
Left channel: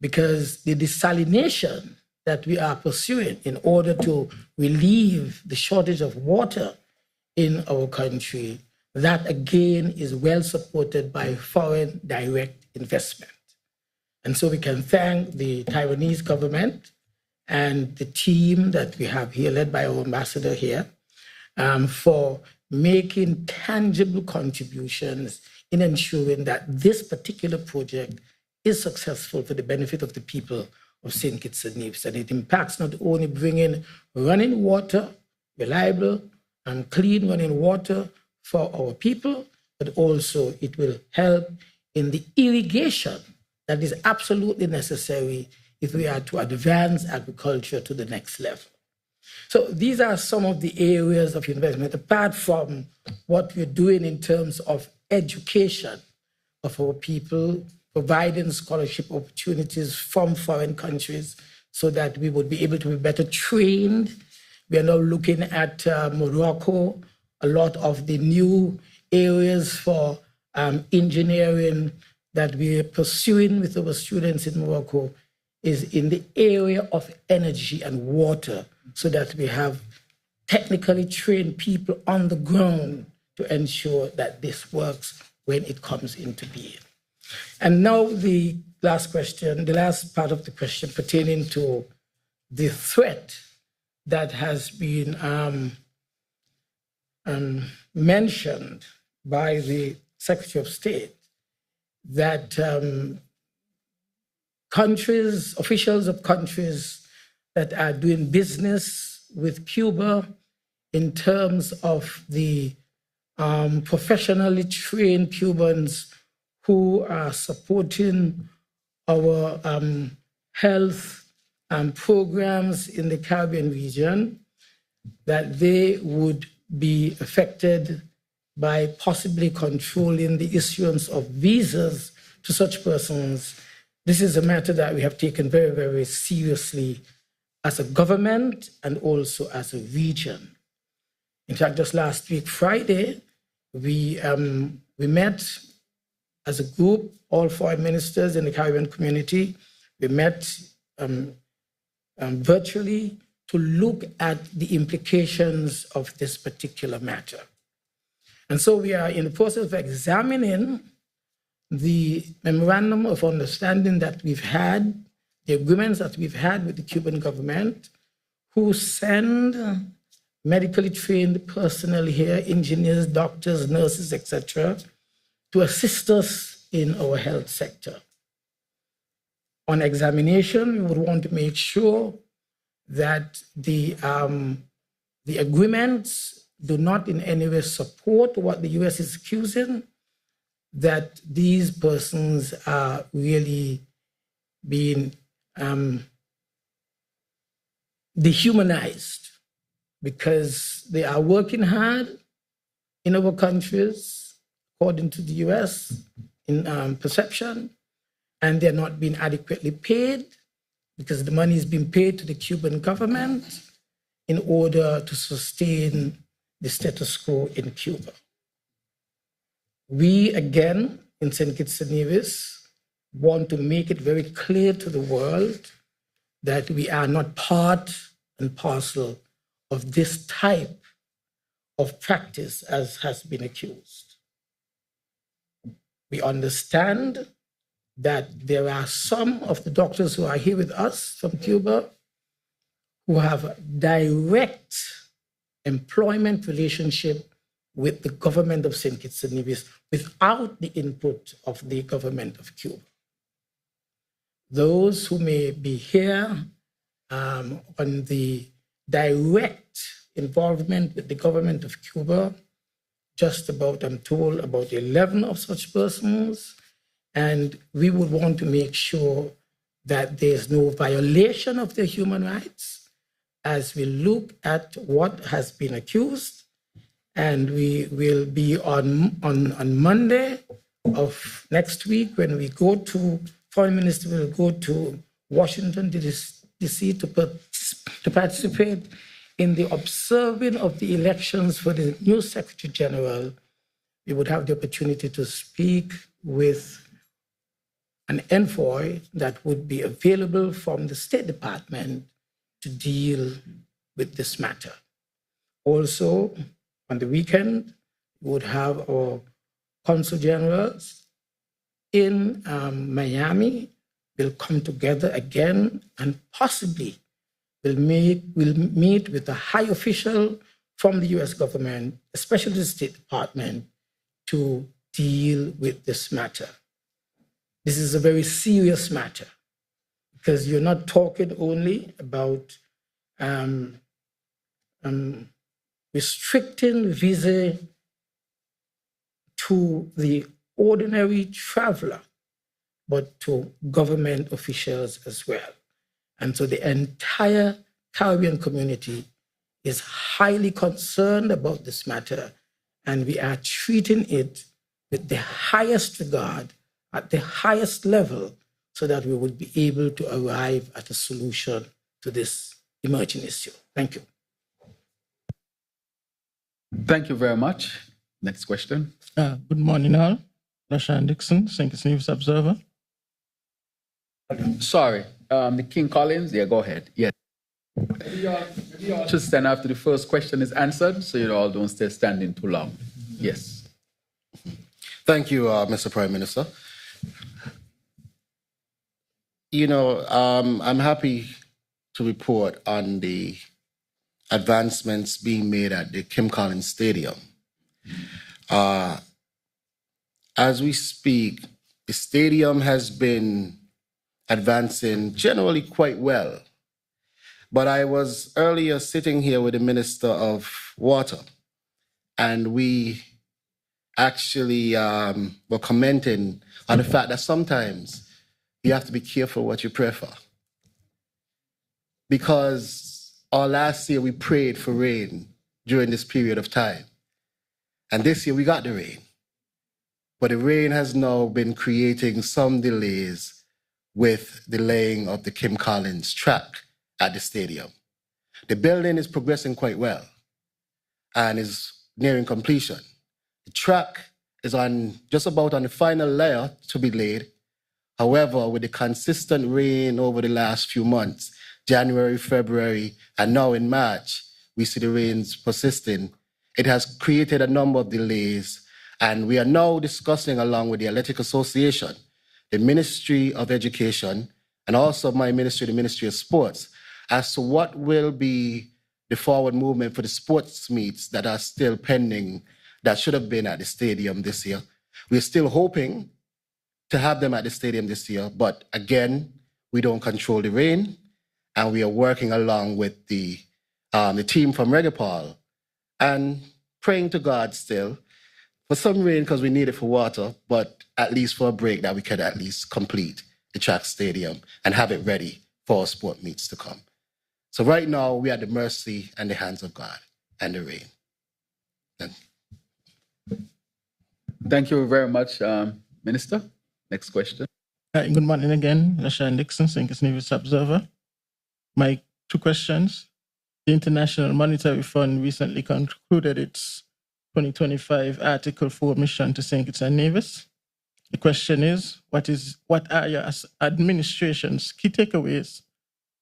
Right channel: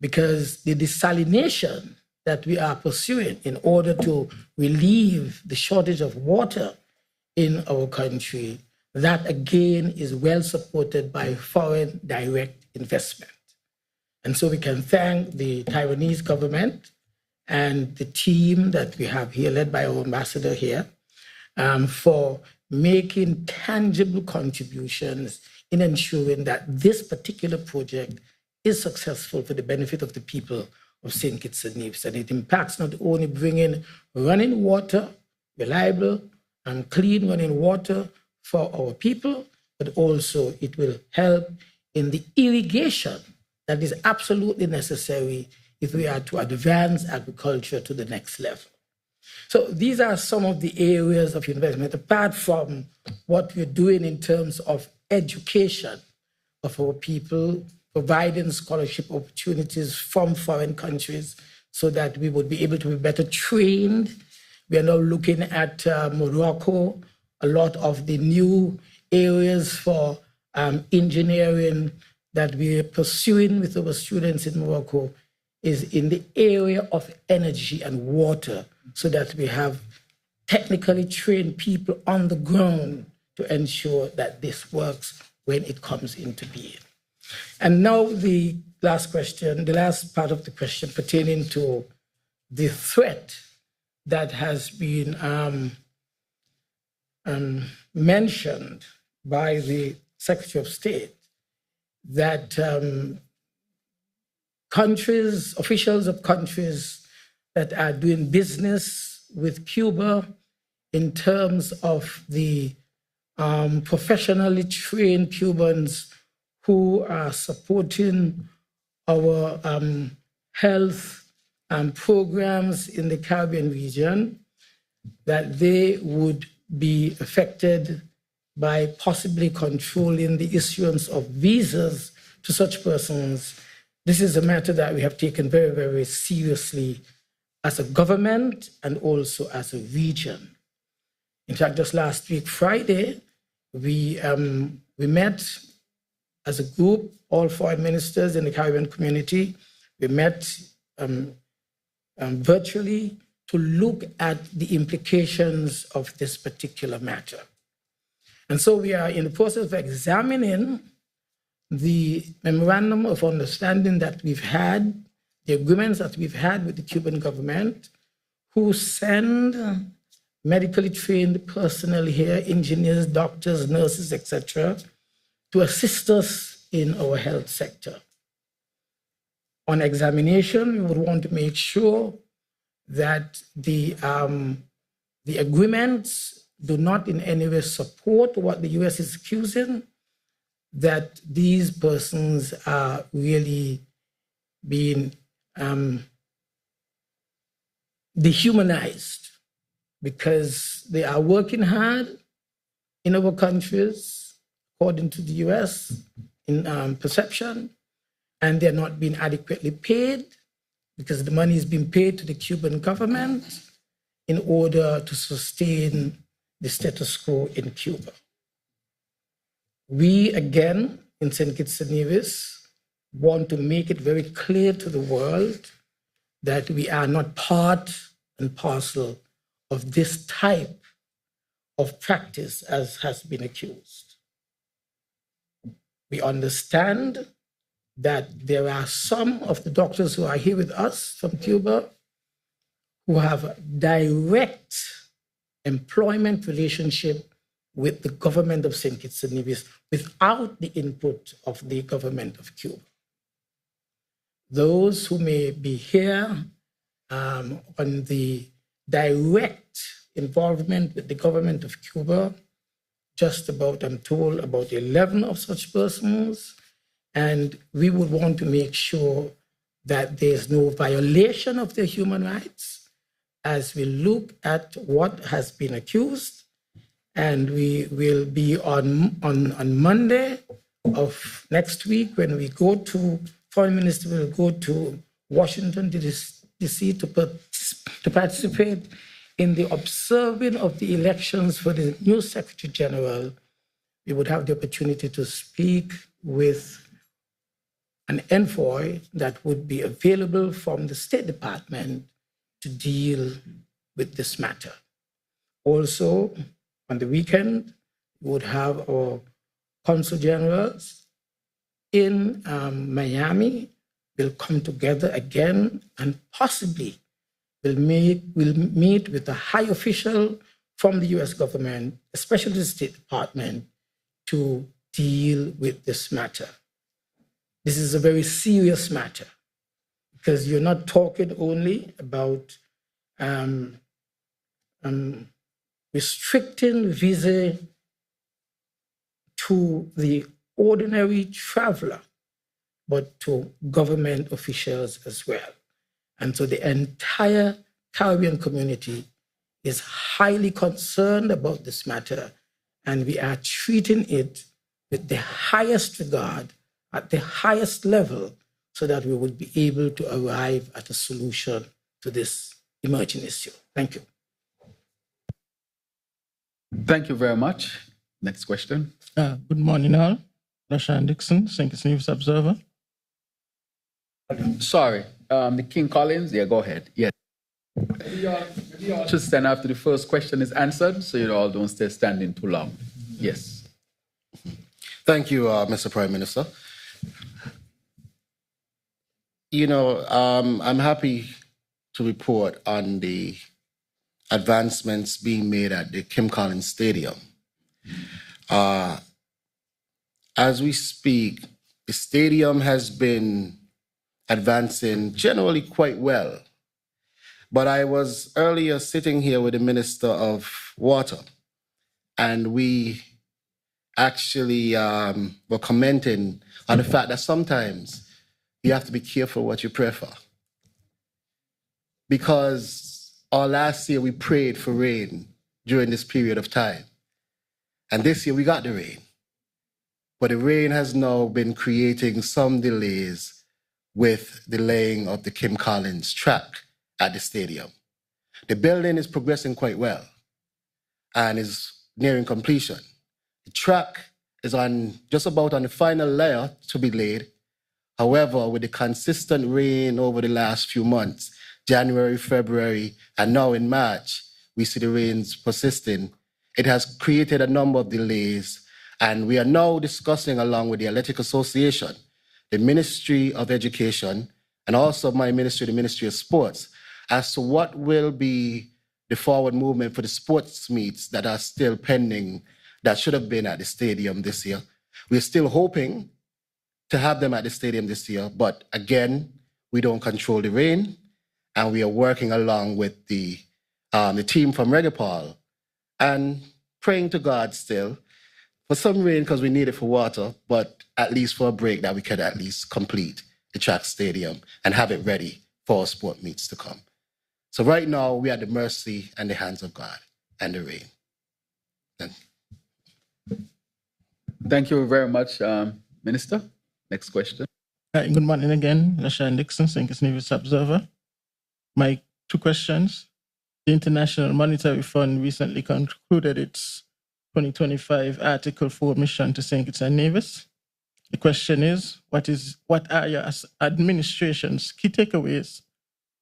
Because the desalination that we are pursuing in order to relieve the shortage of water in our country, that again is well supported by foreign direct investment. And so we can thank the Taiwanese government and the team that we have here, led by our ambassador here, for making tangible contributions in ensuring that this particular project is successful for the benefit of the people of St. Kitts and Nevis. And it impacts not only bringing running water, reliable and clean running water for our people, but also it will help in the irrigation that is absolutely necessary if we are to advance agriculture to the next level. So these are some of the areas of investment, apart from what we're doing in terms of education of our people, providing scholarship opportunities from foreign countries so that we would be able to be better trained. We are now looking at Morocco, a lot of the new areas for engineering that we are pursuing with our students in Morocco is in the area of energy and water, so that we have technically trained people on the ground to ensure that this works when it comes into being. And now the last question, the last part of the question pertaining to the threat that has been mentioned by the Secretary of State, that countries, officials of countries that are doing business with Cuba in terms of the professionally trained Cubans who are supporting our health programs in the Caribbean region, that they would be affected by possibly controlling the issuance of visas to such persons. This is a matter that we have taken very, very seriously as a government and also as a region. In fact, just last week, Friday, we met as a group, all foreign ministers in the Caribbean community. We met virtually to look at the implications of this particular matter. And so we are in the process of examining the memorandum of understanding that we've had, the agreements that we've had with the Cuban government, who send medically trained personnel here, engineers, doctors, nurses, etc., to assist us in our health sector. On examination, we would want to make sure that the agreements do not in any way support what the US is accusing, that these persons are really being dehumanized because they are working hard in our countries, according to the US, in perception, and they're not being adequately paid because the money is being paid to the Cuban government in order to sustain the status quo in Cuba. We, again, in St. Kitts and Nevis, want to make it very clear to the world that we are not part and parcel of this type of practice as has been accused. We understand that there are some of the doctors who are here with us from Cuba who have a direct employment relationship with the government of St. Kitts and Nevis without the input of the government of Cuba. Those who may be here on the direct involvement with the government of Cuba, just about, I'm told, about 11 of such persons, and we would want to make sure that there's no violation of their human rights as we look at what has been accused. And we will be on Monday of next week when we go to, Foreign Minister will go to Washington, D.C. to participate in the observing of the elections for the new Secretary General. We would have the opportunity to speak with an envoy that would be available from the State Department to deal with this matter. Also, on the weekend, we would have our consul generals in Miami. They'll come together again and possibly will meet with a high official from the US government, especially the State Department, to deal with this matter. This is a very serious matter because you're not talking only about restricting visa to the ordinary traveler, but to government officials as well. And so the entire Caribbean community is highly concerned about this matter, and we are treating it with the highest regard, at the highest level, so that we would be able to arrive at a solution to this emerging issue. Thank you. Thank you very much. Next question. Good morning, all. Rashan Dixon, St. Kitts Nevis Observer. Sorry, the King Collins. Yeah, go ahead. Yeah. Just stand after the first question is answered, so you all don't stay standing too long. Yes. Thank you, Mr. Prime Minister. You know, I'm happy to report on the advancements being made at the Kim Collins Stadium. As we speak, the stadium has been advancing generally quite well. But I was earlier sitting here with the Minister of Water, and we actually were commenting on the fact that sometimes you have to be careful what you pray for. Because last year we prayed for rain during this period of time. And this year we got the rain. But the rain has now been creating some delays with the laying of the Kim Collins track at the stadium. The building is progressing quite well and is nearing completion. The track is just about on the final layer to be laid. However, with the consistent rain over the last few months, January, February, and now in March, we see the rains persisting. It has created a number of delays, and we are now discussing along with the Athletic Association, the Ministry of Education, and also my ministry, the Ministry of Sports, as to what will be the forward movement for the sports meets that are still pending, that should have been at the stadium this year. We're still hoping to have them at the stadium this year, but again, we don't control the rain, and we are working along with the team from Regapol and praying to God still for some rain because we need it for water, but at least for a break that we could at least complete the track stadium and have it ready for our sport meets to come. So right now, we are at the mercy and the hands of God and the rain. Thank you very much, Minister. Next question. Good morning again, Rashan Dixon, St. Kitts Nevis Observer. My two questions. The International Monetary Fund recently concluded its 2025 Article 4 mission to St. Kitts and Nevis. The question is, what are your administration's key takeaways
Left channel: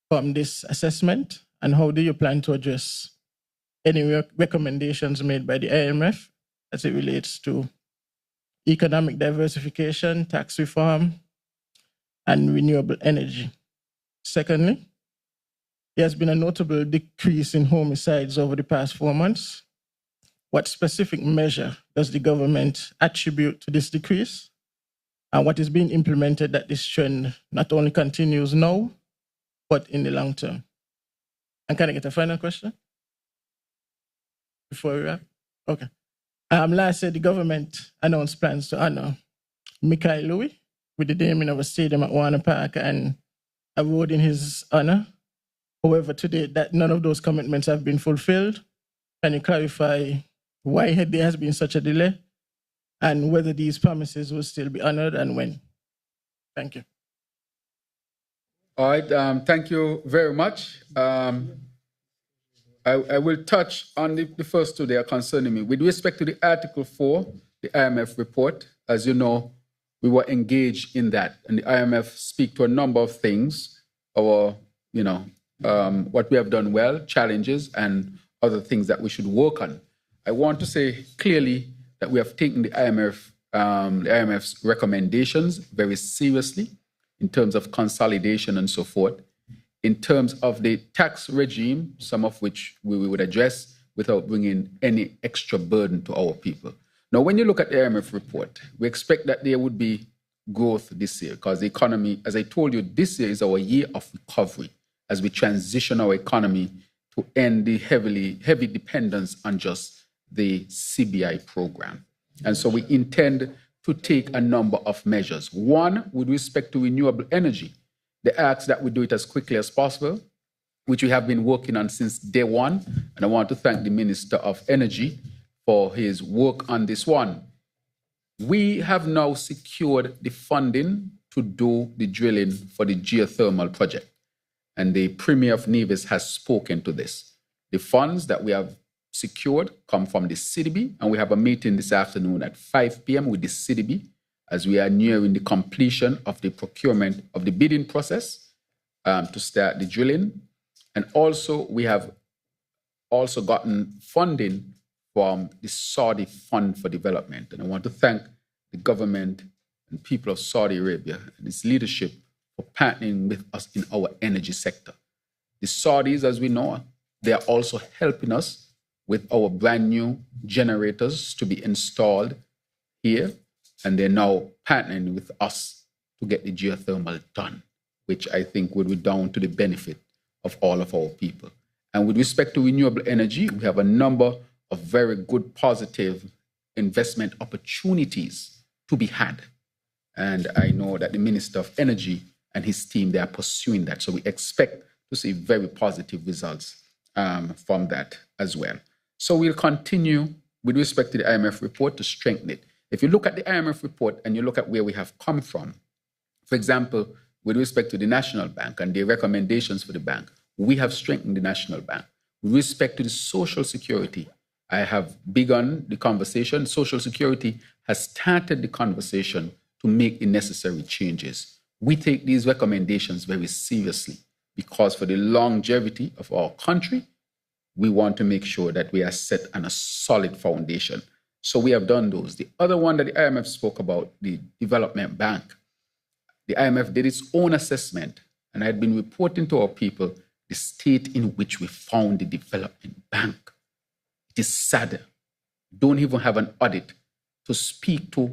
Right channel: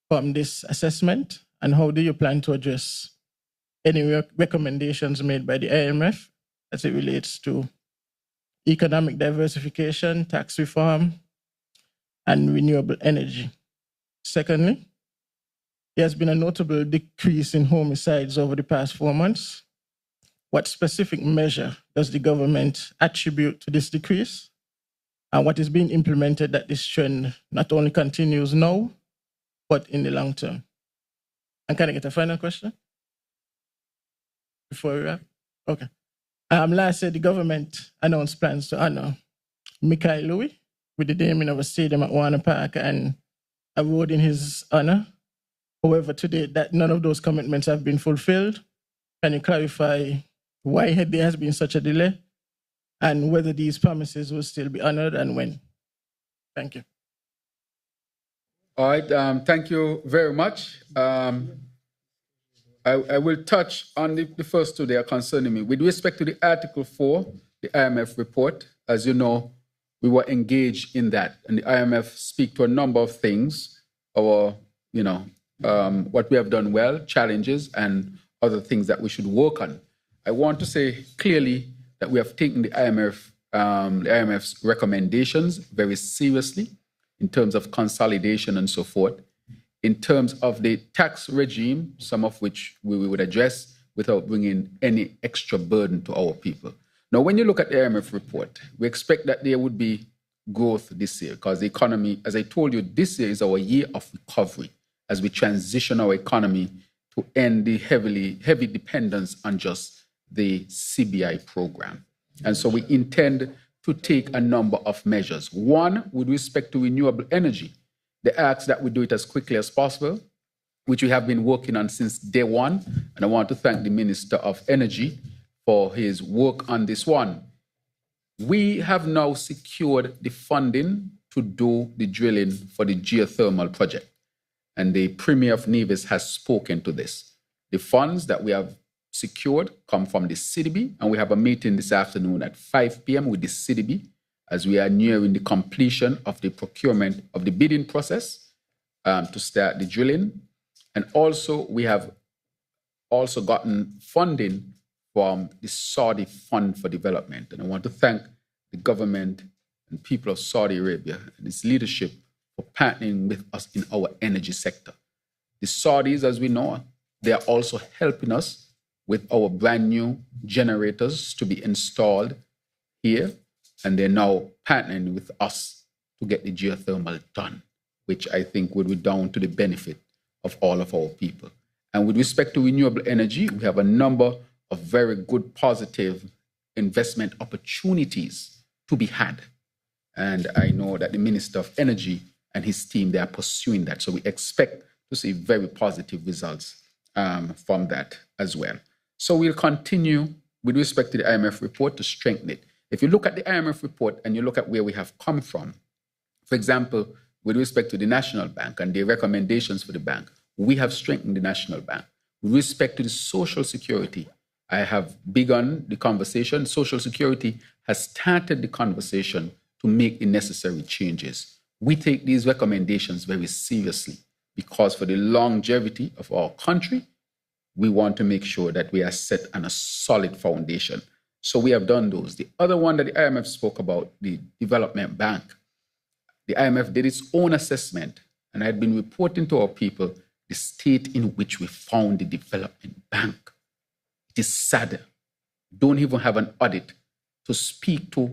from this assessment, and how do you plan to address any recommendations made by the IMF as it relates to economic diversification, tax reform, and renewable energy? Secondly, there has been a notable decrease in homicides over the past 4 months. What specific measure does the government attribute to this decrease? And what is being implemented that this trend not only continues now, but in the long term? And can I get a final question before we wrap? Okay. Last year, the government announced plans to honor Mikhail Louis with the naming of a stadium at Warner Park and a road in his honor. However, today, that none of those commitments have been fulfilled. Can you clarify why there has been such a delay and whether these promises will still be honored and when? Thank you. All right, thank you very much. I will touch on the first two that are concerning me. With respect to the Article 4, the IMF report, as you know, we were engaged in that, and the IMF speak to a number of things, our, what we have done well, challenges, and other things that we should work on. I want to say clearly that we have taken the IMF's recommendations very seriously in terms of consolidation and so forth. In terms of the tax regime, some of which we would address without bringing any extra burden to our people. Now, when you look at the IMF report, we expect that there would be growth this year because the economy, as I told you, this year is our year of recovery as we transition our economy to end the heavy dependence on just the CBI program. And so we intend to take a number of measures. One, with respect to renewable energy, they ask that we do it as quickly as possible, which we have been working on since day one. And I want to thank the Minister of Energy for his work on this one. We have now secured the funding to do the drilling for the geothermal project. And the Premier of Nevis has spoken to this. The funds that we have secured come from the CDB, and we have a meeting this afternoon at 5 p.m. with the CDB as we are nearing the completion of the procurement of the bidding process to start the drilling. And also, we have also gotten funding from the Saudi Fund for Development. And I want to thank the government and people of Saudi Arabia and its leadership for partnering with us in our energy sector. The Saudis, as we know, they are also helping us with our brand new generators to be installed here. And they're now partnering with us to get the geothermal done, which I think will be down to the benefit of all of our people. And with respect to renewable energy, we have a number of very good, positive investment opportunities to be had. And I know that the Minister of Energy and his team, they are pursuing that. So we expect to see very positive results from that as well. So we'll continue with respect to the IMF report to strengthen it. If you look at the IMF report and you look at where we have come from, for example, with respect to the National Bank and the recommendations for the bank, we have strengthened the National Bank. With respect to the Social Security, I have begun the conversation. Social Security has started the conversation to make the necessary changes. We take these recommendations very seriously because for the longevity of our country, we want to make sure that we are set on a solid foundation. So we have done those. The other one that the IMF spoke about, the Development Bank, the IMF did its own assessment, and I had been reporting to our people the state in which we found the Development Bank. It is sad. Don't even have an audit to speak to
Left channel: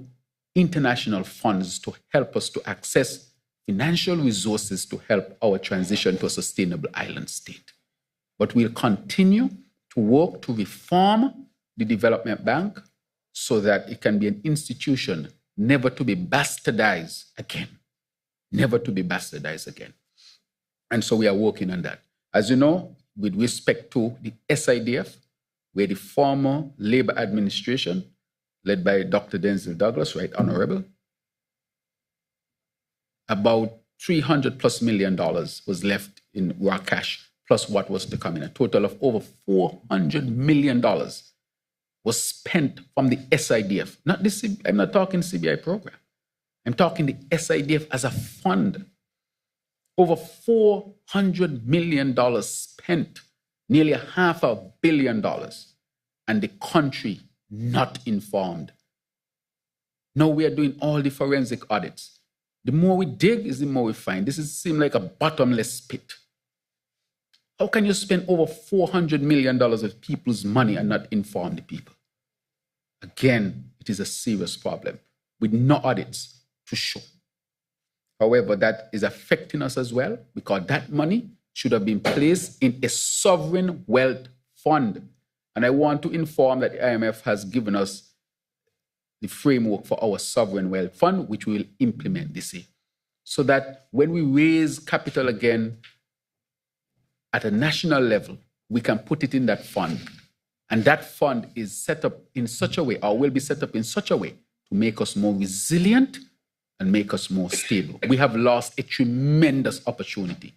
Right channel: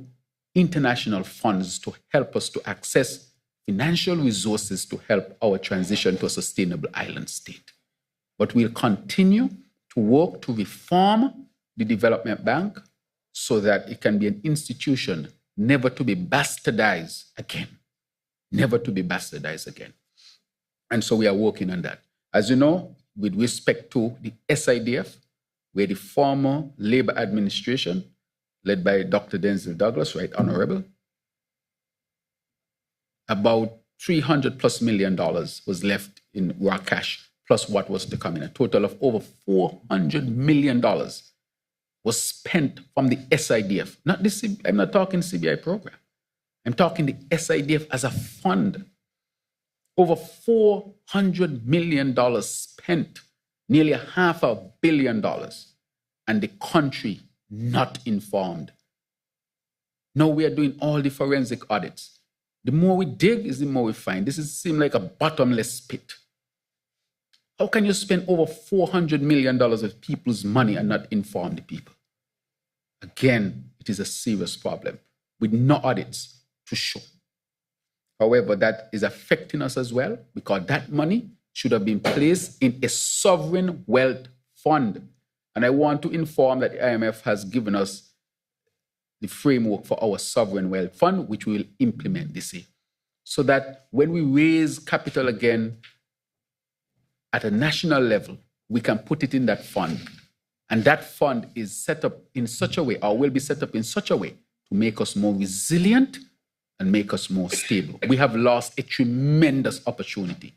international funds to help us to access financial resources to help our transition to a sustainable island state. But we'll continue to work to reform the Development Bank so that it can be an institution never to be bastardized again. Never to be bastardized again. And so we are working on that. As you know, with respect to the SIDF, where the former Labour administration, led by Dr. Denzel Douglas, Right Honorable, about $300+ million was left in raw cash, plus what was to come in. A total of over $400 million was spent from the SIDF. I'm not talking CBI program. I'm talking the SIDF as a fund. Over $400 million spent, nearly $500 million, and the country not informed. Now we are doing all the forensic audits. The more we dig is the more we find. This seems like a bottomless pit. How can you spend over $400 million of people's money and not inform the people? Again, it is a serious problem with no audits to show. However, that is affecting us as well because that money should have been placed in a sovereign wealth fund. And I want to inform that the IMF has given us the framework for our sovereign wealth fund, which we will implement this year. So that when we raise capital again at a national level, we can put it in that fund. And that fund is set up in such a way, or will be set up in such a way, to make us more resilient and make us more stable. We have lost a tremendous opportunity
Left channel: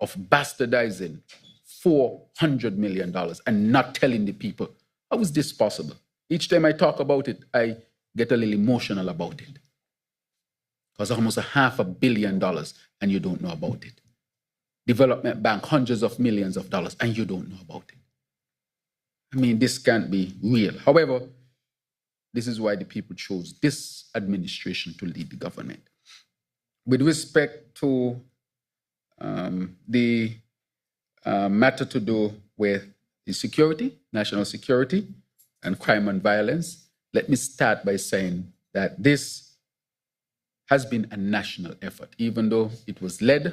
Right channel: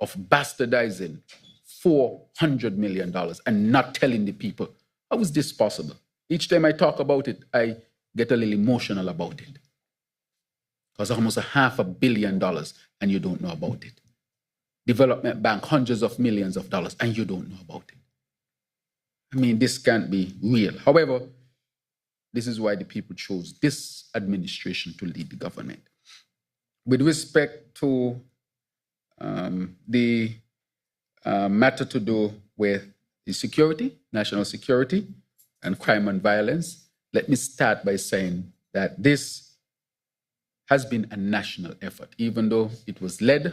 of bastardizing $400 million and not telling the people. How is this possible? Each time I talk about it, I get a little emotional about it. was almost $500 million and you don't know about it. Development Bank, hundreds of millions of dollars, and you don't know about it. I mean, this can't be real. However, this is why the people chose this administration to lead the government. With respect to the matter to do with the security, national security, and crime and violence, let me start by saying that this has been a national effort, even though it was led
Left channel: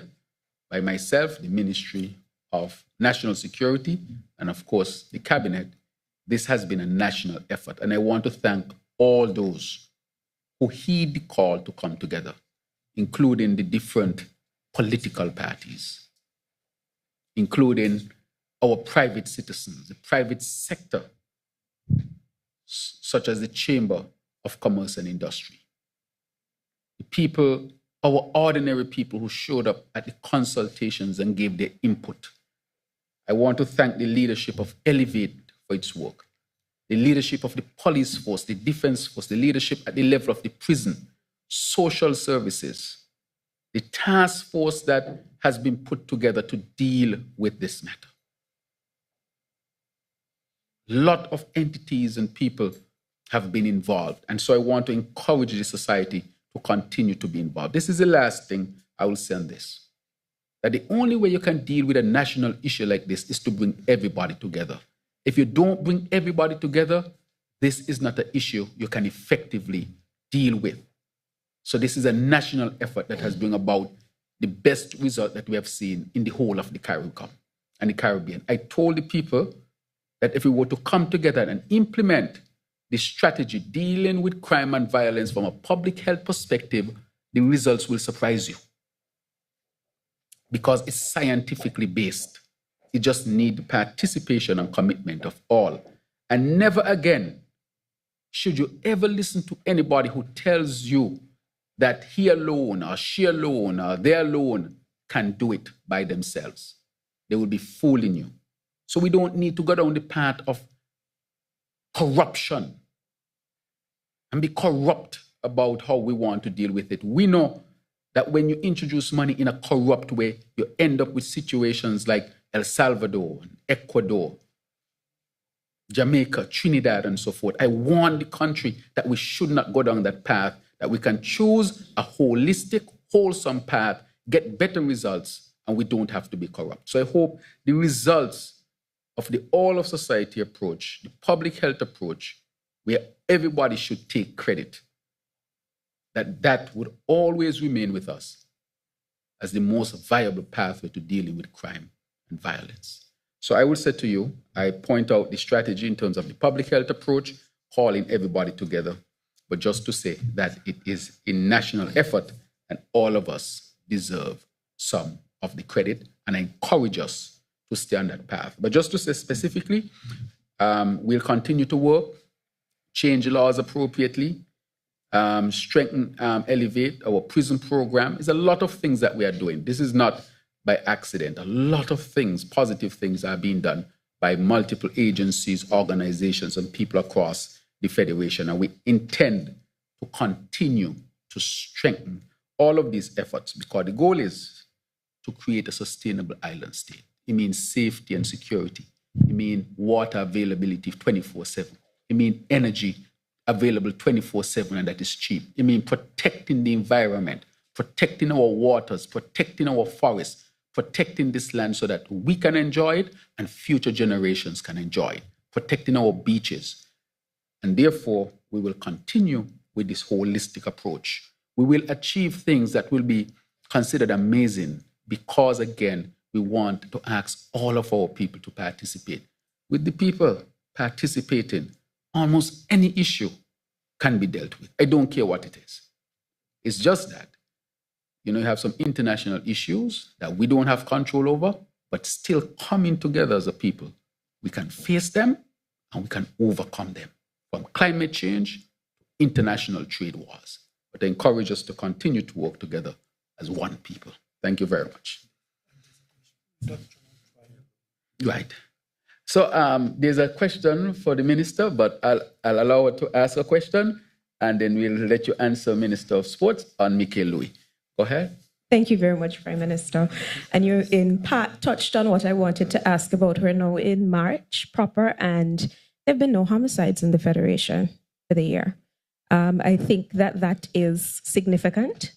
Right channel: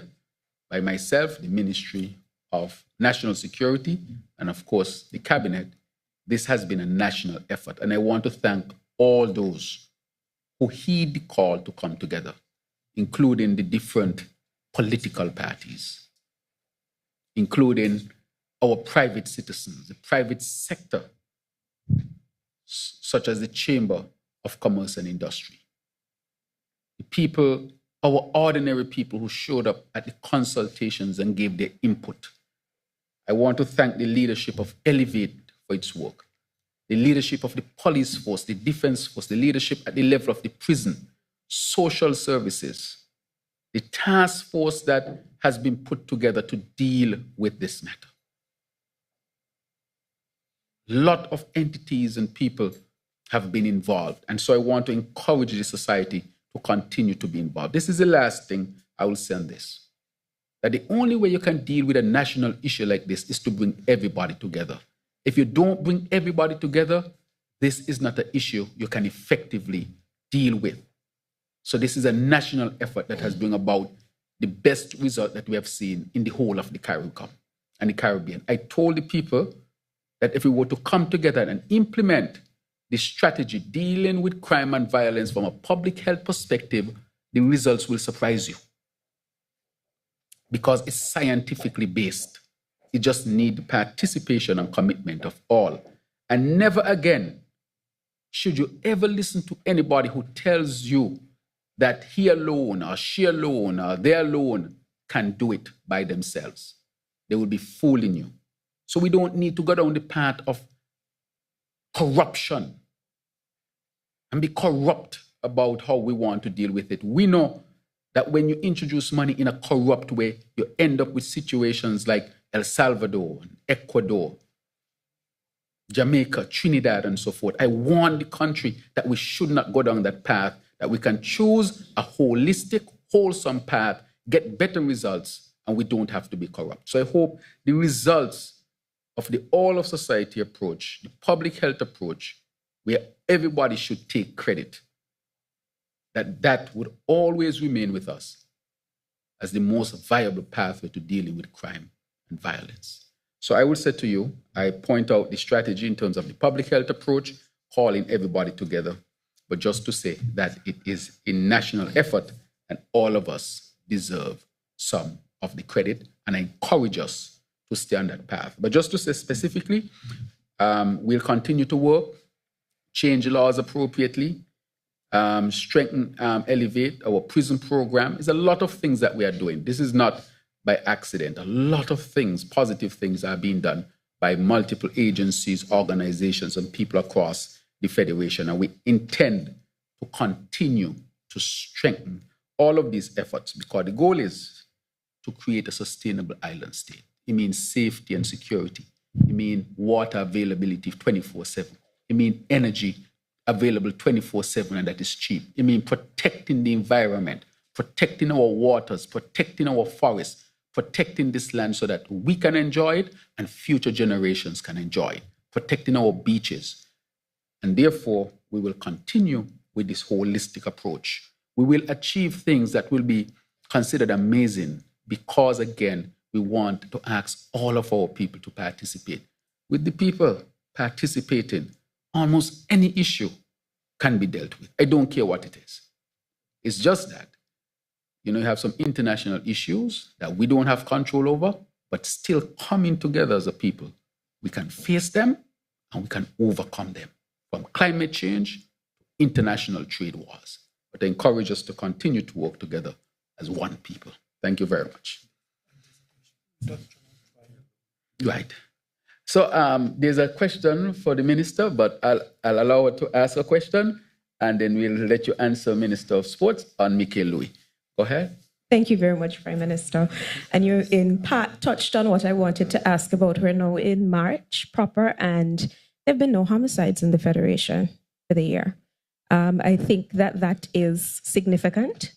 by myself, the Ministry of National Security, and of course, the Cabinet. This has been a national effort, and I want to thank all those who heed the call to come together, including the different political parties, including our private citizens, the private sector, such as the Chamber of Commerce and Industry, the people, our ordinary people who showed up at the consultations and gave their input. I want to thank the leadership of Elevate for its work, the leadership of the police force, the defense force, the leadership at the level of the prison, social services, the task force that has been put together to deal with this matter. A lot of entities and people have been involved, and so I want to encourage the society to continue to be involved. This is the last thing I will say on this, that the only way you can deal with a national issue like this is to bring everybody together. If you don't bring everybody together, this is not an issue you can effectively deal with. So this is a national effort that has brought about the best result that we have seen in the whole of the Caribbean and the Caribbean. I told the people that if we were to come together and implement the strategy dealing with crime and violence from a public health perspective, the results will surprise you, because it's scientifically based. You just need the participation and commitment of all. And never again should you ever listen to anybody who tells you that he alone or she alone or they alone can do it by themselves. They will be fooling you. So we don't need to go down the path of corruption and be corrupt about how we want to deal with it. We know that when you introduce money in a corrupt way, you end up with situations like El Salvador, Ecuador, Jamaica, Trinidad, and so forth. I warn the country that we should not go down that path, that we can choose a holistic, wholesome path, get better results, and we don't have to be corrupt. So I hope the results of the all of society approach, the public health approach, where everybody should take credit, that would always remain with us as the most viable pathway to dealing with crime and violence. So I will say to you, I point out the strategy in terms of the public health approach, calling everybody together, but just to say that it is a national effort and all of us deserve some of the credit, and I encourage us to stay on that path. But just to say specifically, we'll continue to work, change laws appropriately, strengthen, elevate our prison program. There's a lot of things that we are doing. This is not by accident. A lot of things, positive things are being done by multiple agencies, organizations, and people across the Federation. And we intend to continue to strengthen all of these efforts, because the goal is to create a sustainable island state. It means safety and security. It means water availability 24/7. It means energy available 24/7, and that is cheap. It means protecting the environment, protecting our waters, protecting our forests, protecting this land so that we can enjoy it and future generations can enjoy it, protecting our beaches. And therefore, we will continue with this holistic approach. We will achieve things that will be considered amazing because, again, we want to ask all of our people to participate. With the people participating, almost any issue can be dealt with. I don't care what it is. It's just that, you have some international issues that we don't have control over, but still coming together as a people, we can face them and we can overcome them, from climate change to international trade wars. But I encourage us to continue to work together as one people. Thank you very much. Right. So there's a question for the minister, but I'll allow her to ask a question. and then we'll let you answer Minister of Sports on Michael Louis. Go ahead. Thank you very much, Prime Minister. And you in part touched on what I wanted to ask about. We're now in March proper, and there have been no homicides in the Federation for the year. I think that is significant.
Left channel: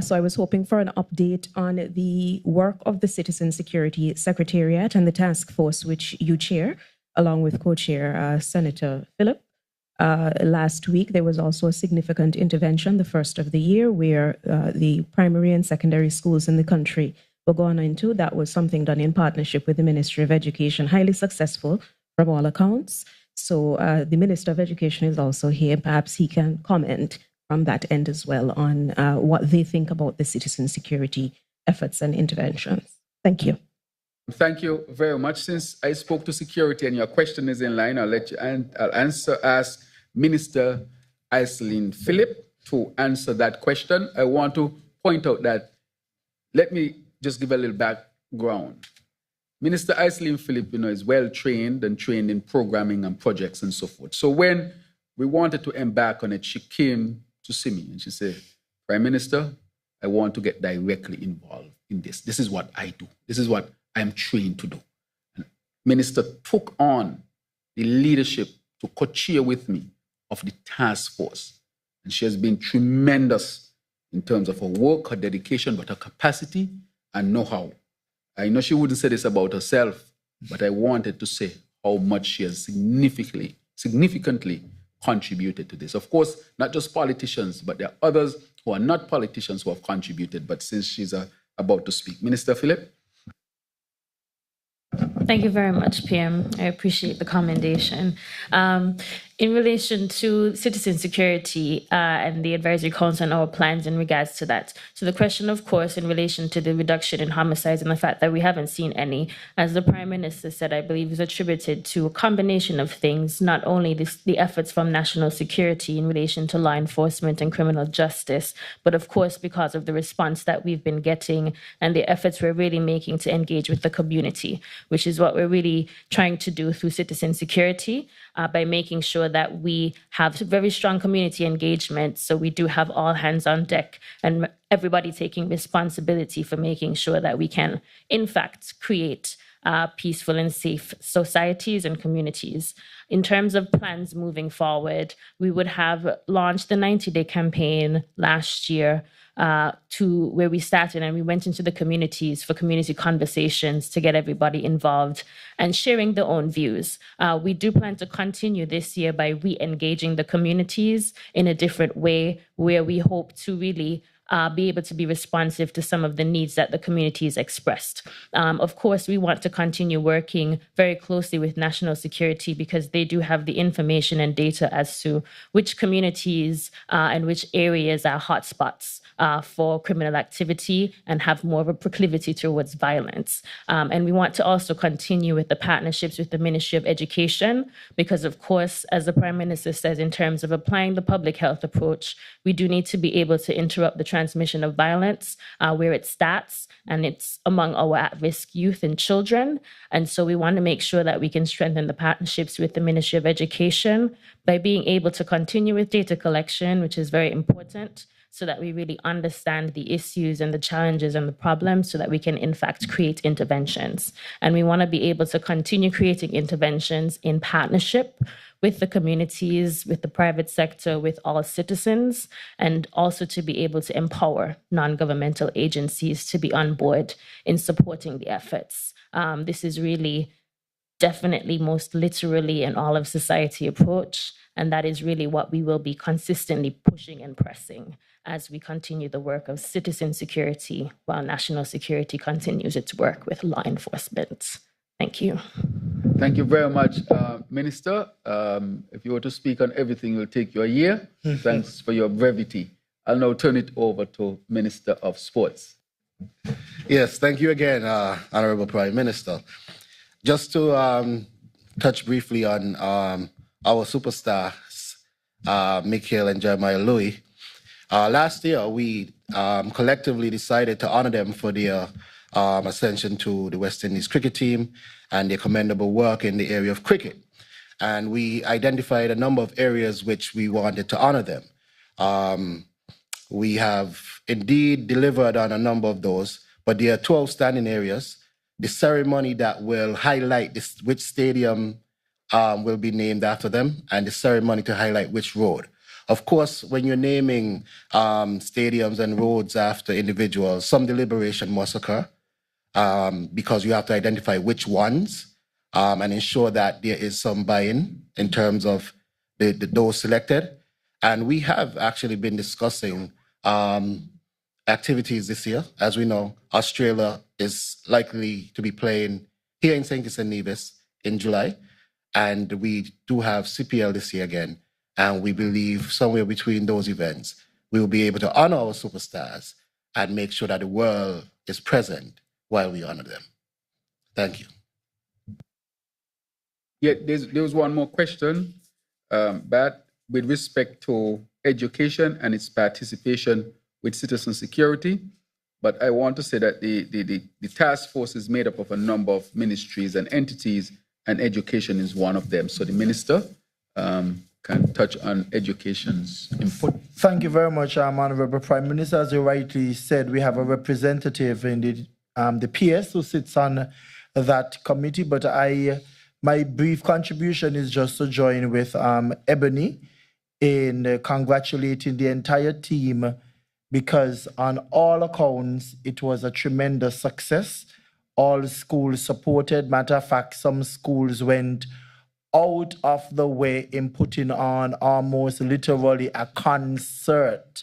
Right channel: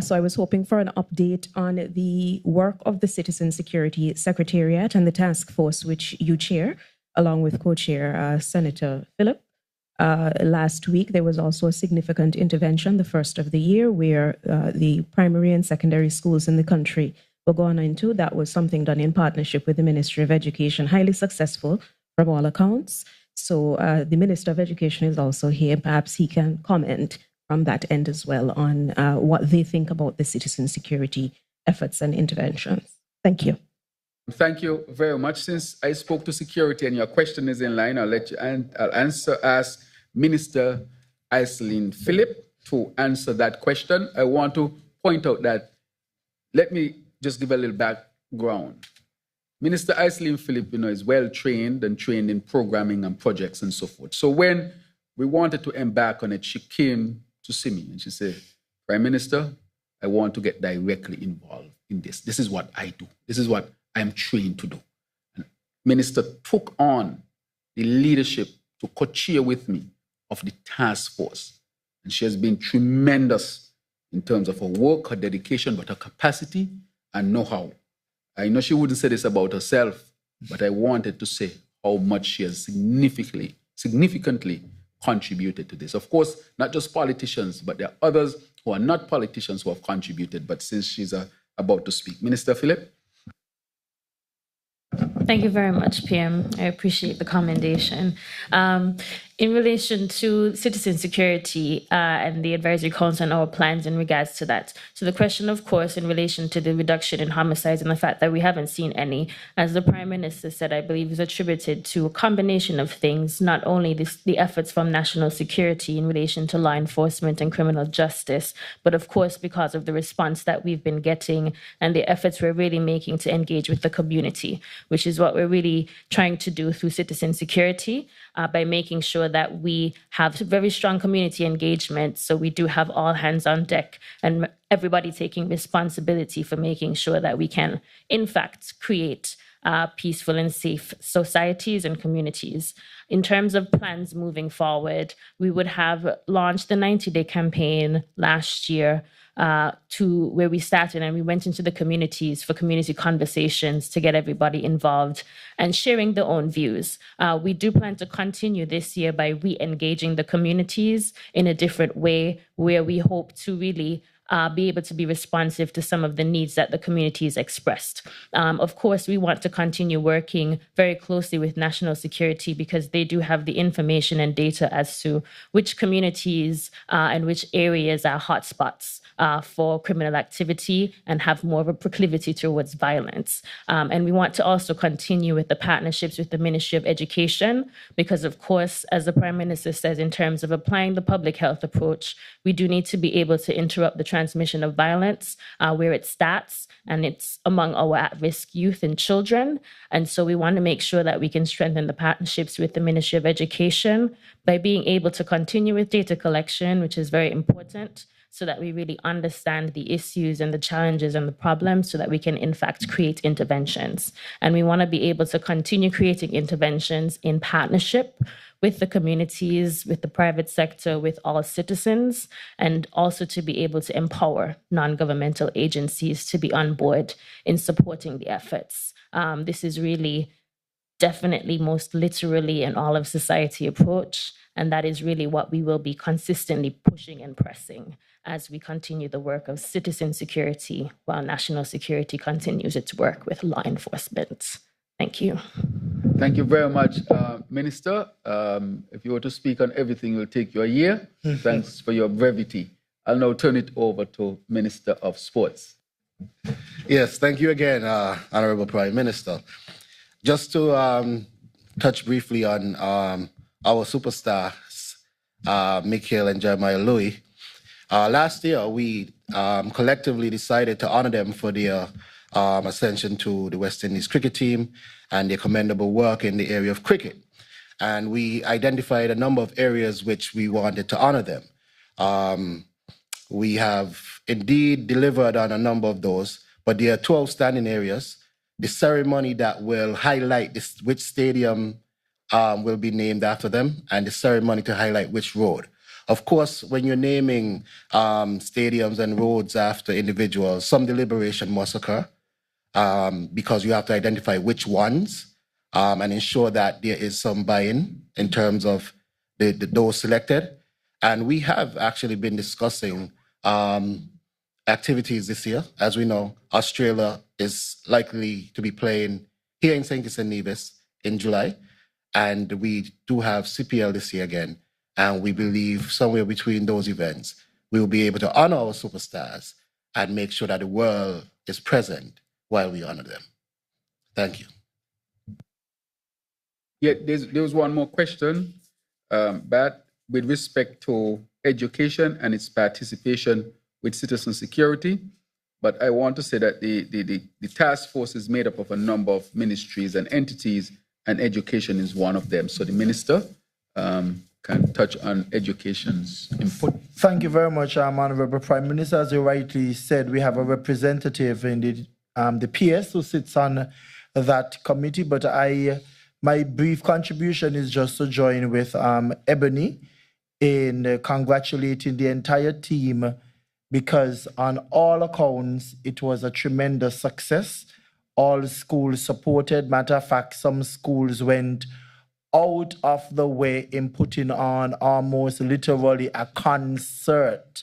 So I was hoping for an update on the work of the Citizen Security Secretariat and the task force which you chair, along with co-chair Senator Phillip. Last week, there was also a significant intervention, the first of the year, where the primary and secondary schools in the country were gone into. That was something done in partnership with the Ministry of Education, highly successful from all accounts. So the Minister of Education is also here. Perhaps he can comment from that end as well on what they think about the citizen security efforts and interventions. Thank you. Thank you very much. Since I spoke to security and your question is in line, I'll ask Minister Iselin Phillip to answer that question. I want to point out that, let me just give a little background. Minister Iselin Phillip, is well trained and trained in programming and projects and so forth. So when we wanted to embark on it, she came to see me and she said, Prime Minister, I want to get directly involved in this. This is what I do. This is what I'm trained to do. And Minister took on the leadership to co-chair with me of the task force. And she has been tremendous in terms of her work, her dedication, but her capacity and know-how. I know she wouldn't say this about herself, but I wanted to say how much she has significantly contributed to this. Of course, not just politicians, but there are others who are not politicians who have contributed. But since she's about to speak, Minister Phillip. Thank you very much, PM. I appreciate the commendation. In relation to citizen security and the Advisory Council and our plans in regards to that. So the question, of course, in relation to the reduction in homicides and the fact that we haven't seen any, as the Prime Minister said, I believe is attributed to a combination of things, not only the efforts from national security in relation to law enforcement and criminal justice, but of course, because of the response that we've been getting and the efforts we're really making to engage with the community, which is what we're really trying to do through citizen security. By making sure that we have very strong community engagement. So we do have all hands on deck and everybody taking responsibility for making sure that we can, in fact, create peaceful and safe societies and communities. In terms of plans moving forward, we would have launched the 90-day campaign last year to where we started, and we went into the communities for community conversations to get everybody involved and sharing their own views. We do plan to continue this year by re-engaging the communities in a different way, where we hope to really be able to be responsive to some of the needs that the communities expressed. Of course, we want to continue working very closely with national security because they do have the information and data as to which communities and which areas are hotspots for criminal activity and have more of a proclivity towards violence. And we want to also continue with the partnerships with the Ministry of Education because, of course, as the Prime Minister says, in terms of applying the public health approach, we do need to be able to interrupt the transmission of violence where it starts, and it's among our at-risk youth and children. And so we want to make sure that we can strengthen the partnerships with the Ministry of Education by being able to continue with data collection, which is very important, so that we really understand the issues and the challenges and the problems so that we can, in fact, create interventions. And we want to be able to continue creating interventions in partnership with the communities, with the private sector, with all citizens, and also to be able to empower non-governmental agencies to be on board in supporting the efforts. This is really definitely most literally an all of society approach, and that is really what we will be consistently pushing and pressing as we continue the work of citizen security while national security continues its work with law enforcement. Thank you. Thank you very much, Minister. If you were to speak on everything, it will take you a year. Thanks for your brevity. I'll now turn it over to Minister of Sports. Yes, thank you again, Honorable Prime Minister. Just to touch briefly on our superstars, Michael and Jeremiah Louis. Last year, we collectively decided to honor them for their ascension to the West Indies cricket team and their commendable work in the area of cricket. and we identified a number of areas which we wanted to honor them. We have indeed delivered on a number of those, but there are 2 outstanding areas. The ceremony that will highlight which stadium will be named after them, and the ceremony to highlight which road. Of course, when you're naming stadiums and roads after individuals, some deliberation must occur because you have to identify which ones and ensure that there is some buy-in in terms of those selected. And we have actually been discussing activities this year. As we know, Australia is likely to be playing here in St. Kitts and Nevis in July. And we do have CPL this year again. And we believe somewhere between those events, we will be able to honor our superstars and make sure that the world is present while we honor them. Thank you. Yeah, there was one more question, but with respect to education and its participation with citizen security. But I want to say that the task force is made up of a number of ministries and entities, and education is one of them. So the minister can touch on education's input. Thank you very much, Honorable Prime Minister. As you rightly said, we have a representative in the PS who sits on that committee, but my brief contribution is just to join with Ebony in congratulating the entire team, because on all accounts, it was a tremendous success. All schools supported. Matter of fact, some schools went out of the way in putting on almost literally a concert.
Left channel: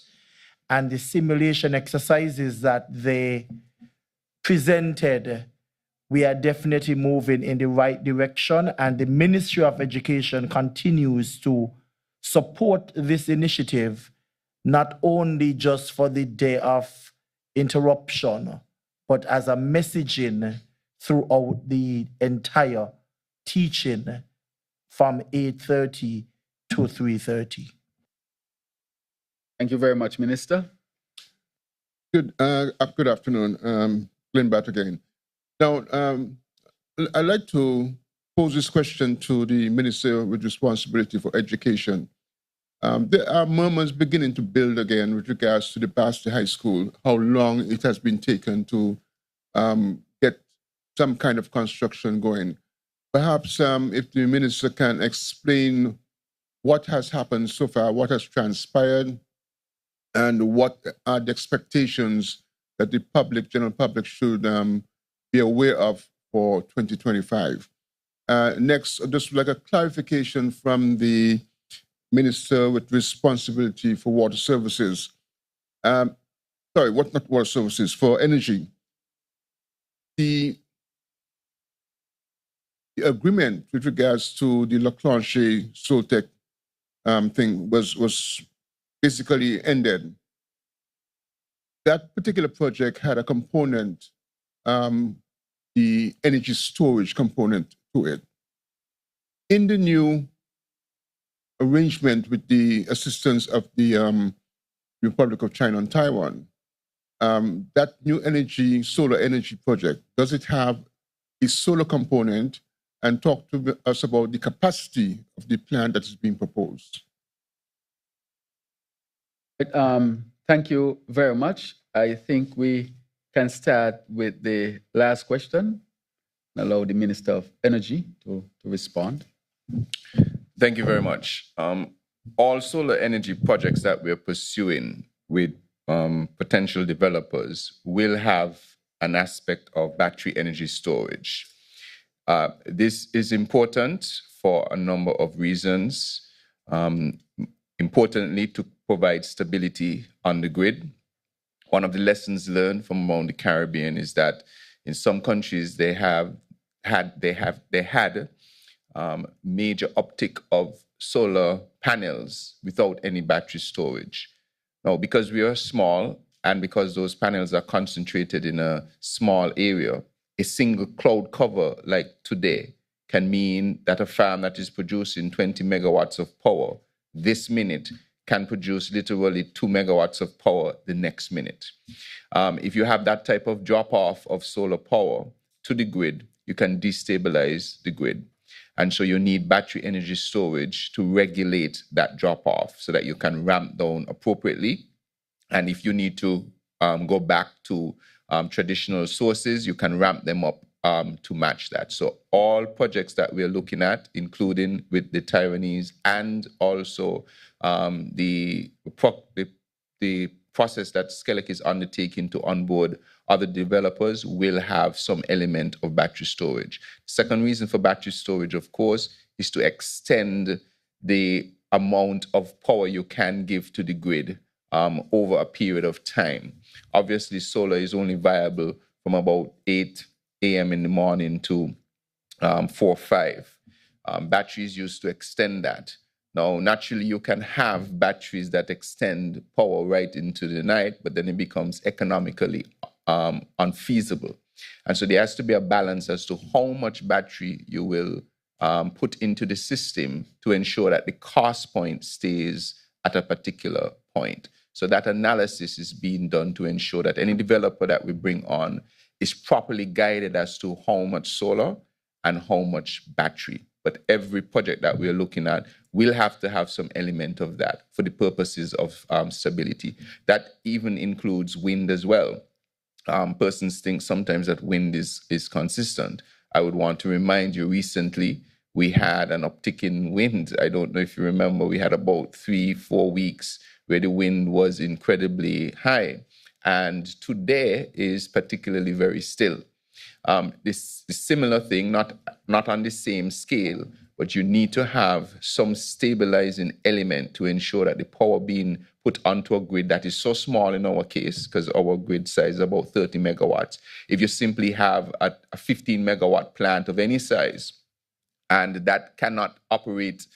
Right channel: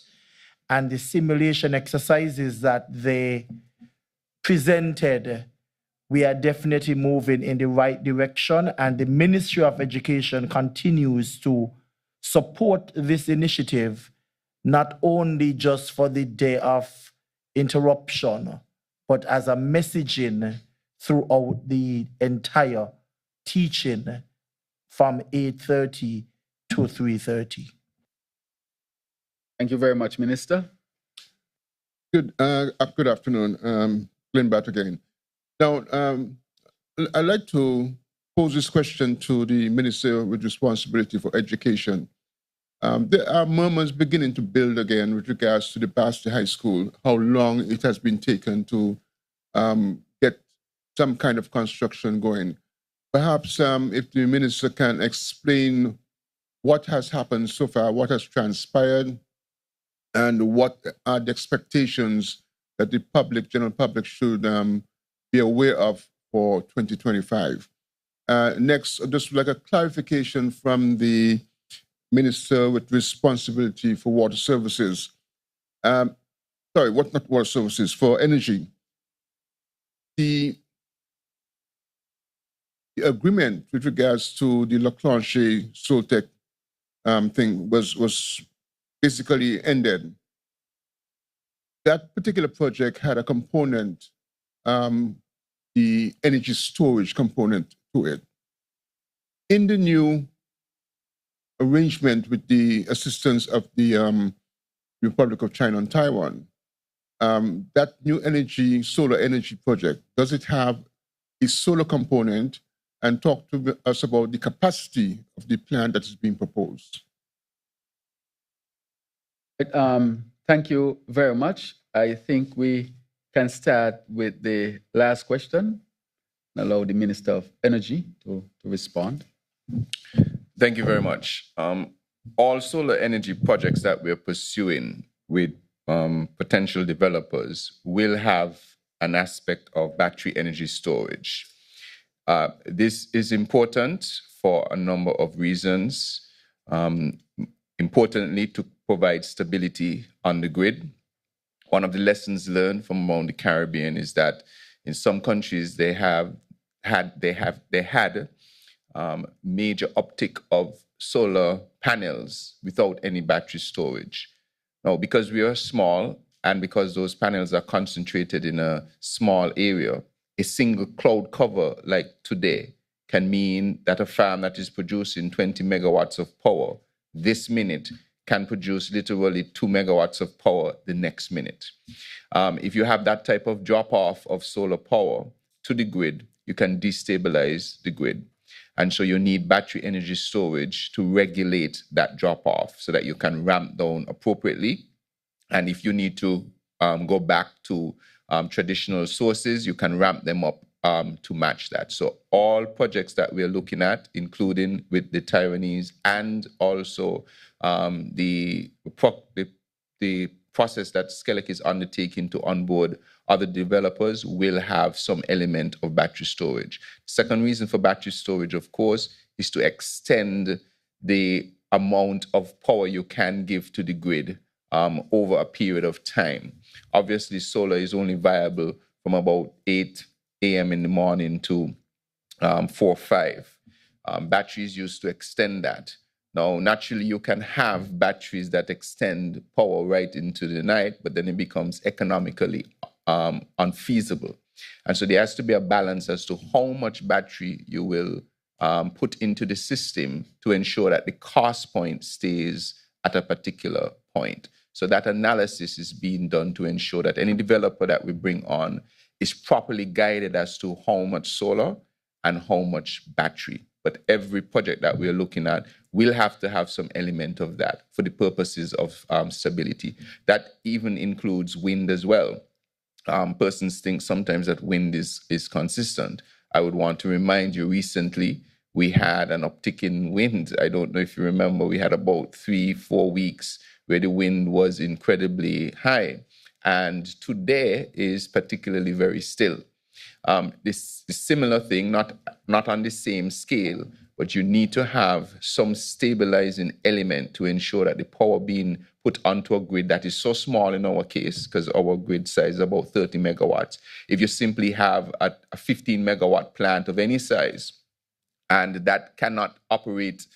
And the simulation exercises that they presented, we are definitely moving in the right direction. And the Ministry of Education continues to support this initiative, not only just for the day of interruption, but as a messaging throughout the entire teaching from 8:30 to 3:30. Thank you very much, Minister. Good afternoon. Glenn Batt again. Now, I'd like to pose this question to the Minister with responsibility for education. There are murmurs beginning to build again with regards to the Basti High School, how long it has been taken to get some kind of construction going. Perhaps if the Minister can explain what has happened so far, what has transpired, and what are the expectations that the general public should be aware of for 2025. Next, just like a clarification from the Minister with responsibility for water services. Not water services, for energy. The agreement with regards to the La Clanche Soltec thing was basically ended. That particular project had a component, the energy storage component to it. In the new arrangement with the assistance of the Republic of China and Taiwan, that new solar energy project, does it have a solar component? And talk to us about the capacity of the plant that is being proposed. Thank you very much. I think we can start with the last question and allow the Minister of Energy to respond. Thank you very much. All solar energy projects that we're pursuing with potential developers will have an aspect of battery energy storage. This is important for a number of reasons. Importantly, to provide stability on the grid. One of the lessons learned from around the Caribbean is that in some countries they had major uptick of solar panels without any battery storage. Now, because we are small and because those panels are concentrated in a small area, a single cloud cover like today can mean that a farm that is producing 20 megawatts of power this minute can produce literally 2 megawatts of power the next minute. If you have that type of drop off of solar power to the grid, you can destabilize the grid. And so you need battery energy storage to regulate that drop off so that you can ramp down appropriately. And if you need to go back to traditional sources, you can ramp them up to match that. So all projects that we're looking at, including with the Taiwanese and also the process that Skelec is undertaking to onboard other developers, will have some element of battery storage. Second reason for battery storage, of course, is to extend the amount of power you can give to the grid over a period of time. Obviously, solar is only viable from about 8 a.m. in the morning to 4 or 5. Batteries used to extend that. Now, naturally, you can have batteries that extend power right into the night, but then it becomes economically unfeasible. And so there has to be a balance as to how much battery you will put into the system to ensure that the cost point stays at a particular point. So that analysis is being done to ensure that any developer that we bring on is properly guided as to how much solar and how much battery. But every project that we're looking at will have to have some element of that for the purposes of stability. That even includes wind as well. Persons think sometimes that wind is consistent. I would want to remind you, recently we had an uptick in wind. I don't know if you remember, we had about 3-4 weeks where the wind was incredibly high. And today is particularly very still. This similar thing, not on the same scale, but you need to have some stabilizing element to ensure that the power being put onto a grid that is so small in our case, because our grid size is about 30 megawatts. If you simply have a 15 megawatt plant of any size, and that cannot operate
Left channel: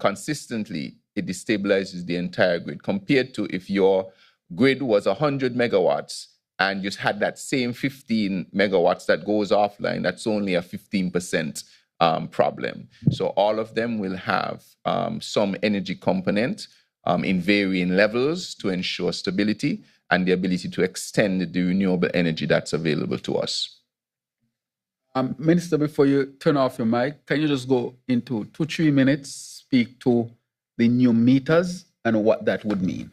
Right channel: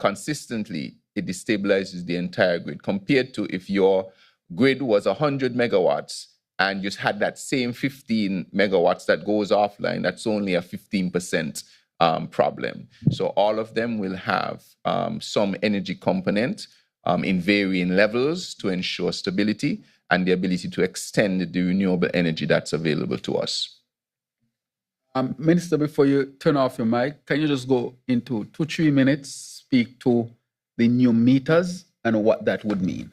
consistently, it destabilizes the entire grid, compared to if your grid was 100 megawatts and you had that same 15 megawatts that goes offline. That's only a 15% problem. So all of them will have some energy component in varying levels to ensure stability and the ability to extend the renewable energy that's available to us. Minister, before you turn off your mic, can you just go into 2-3 minutes, speak to the new meters and what that would mean?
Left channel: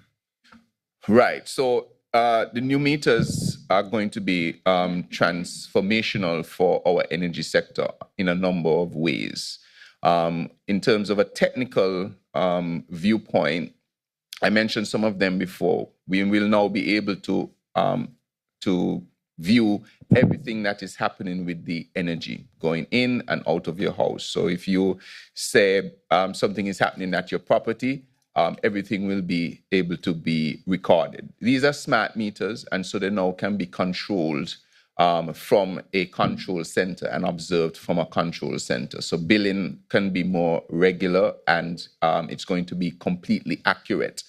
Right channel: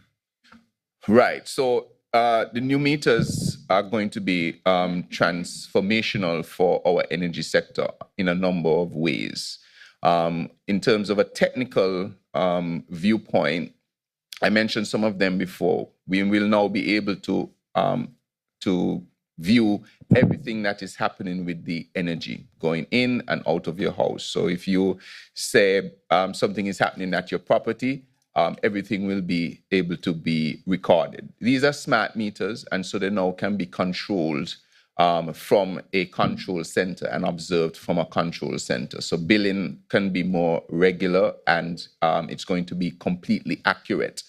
Right. So the new meters are going to be transformational for our energy sector in a number of ways. In terms of a technical viewpoint, I mentioned some of them before. We will now be able to view everything that is happening with the energy going in and out of your house. So if you say something is happening at your property, everything will be able to be recorded. These are smart meters, and so they now can be controlled from a control center and observed from a control center. So billing can be more regular, and it's going to be completely accurate.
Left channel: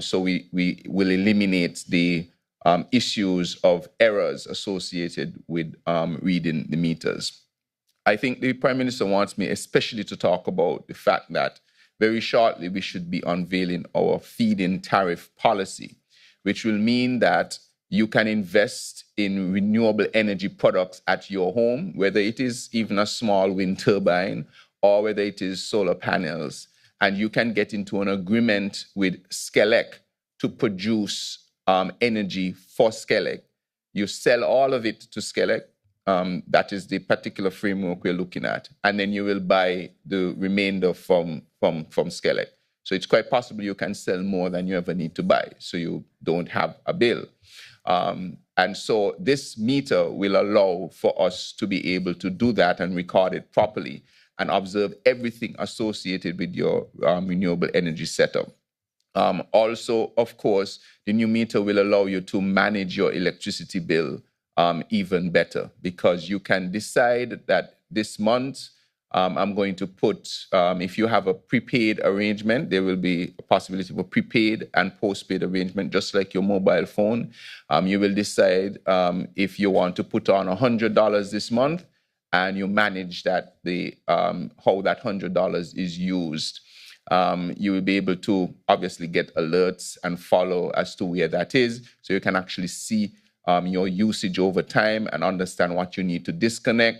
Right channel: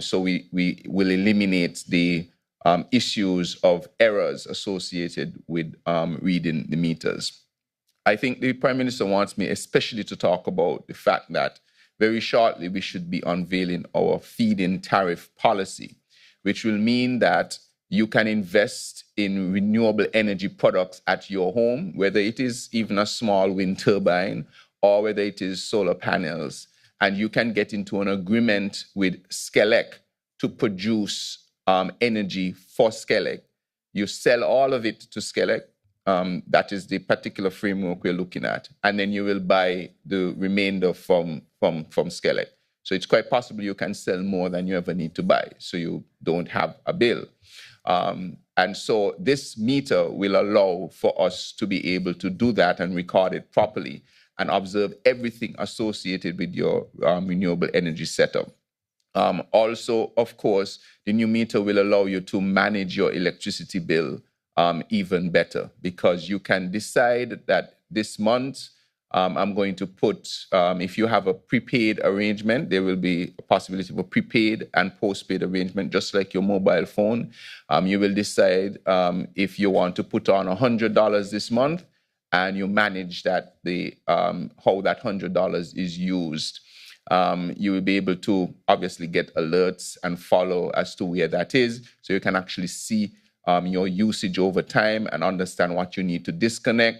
So we will eliminate the issues of errors associated with reading the meters. I think the Prime Minister wants me especially to talk about the fact that very shortly we should be unveiling our feed-in tariff policy, which will mean that you can invest in renewable energy products at your home, whether it is even a small wind turbine or whether it is solar panels, and you can get into an agreement with Skelec to produce energy for Skelec. You sell all of it to Skelec. That is the particular framework we're looking at. And then you will buy the remainder from Skelec. So it's quite possible you can sell more than you ever need to buy, so you don't have a bill. And so this meter will allow for us to be able to do that and record it properly and observe everything associated with your renewable energy setup. Also, of course, the new meter will allow you to manage your electricity bill even better, because you can decide that this month I'm going to put, if you have a prepaid arrangement, there will be a possibility of a prepaid and postpaid arrangement, just like your mobile phone. You will decide if you want to put on $100 this month, and you manage that how that $100 is used. You will be able to obviously get alerts and follow as to where that is, so you can actually see your usage over time and understand what you need to disconnect,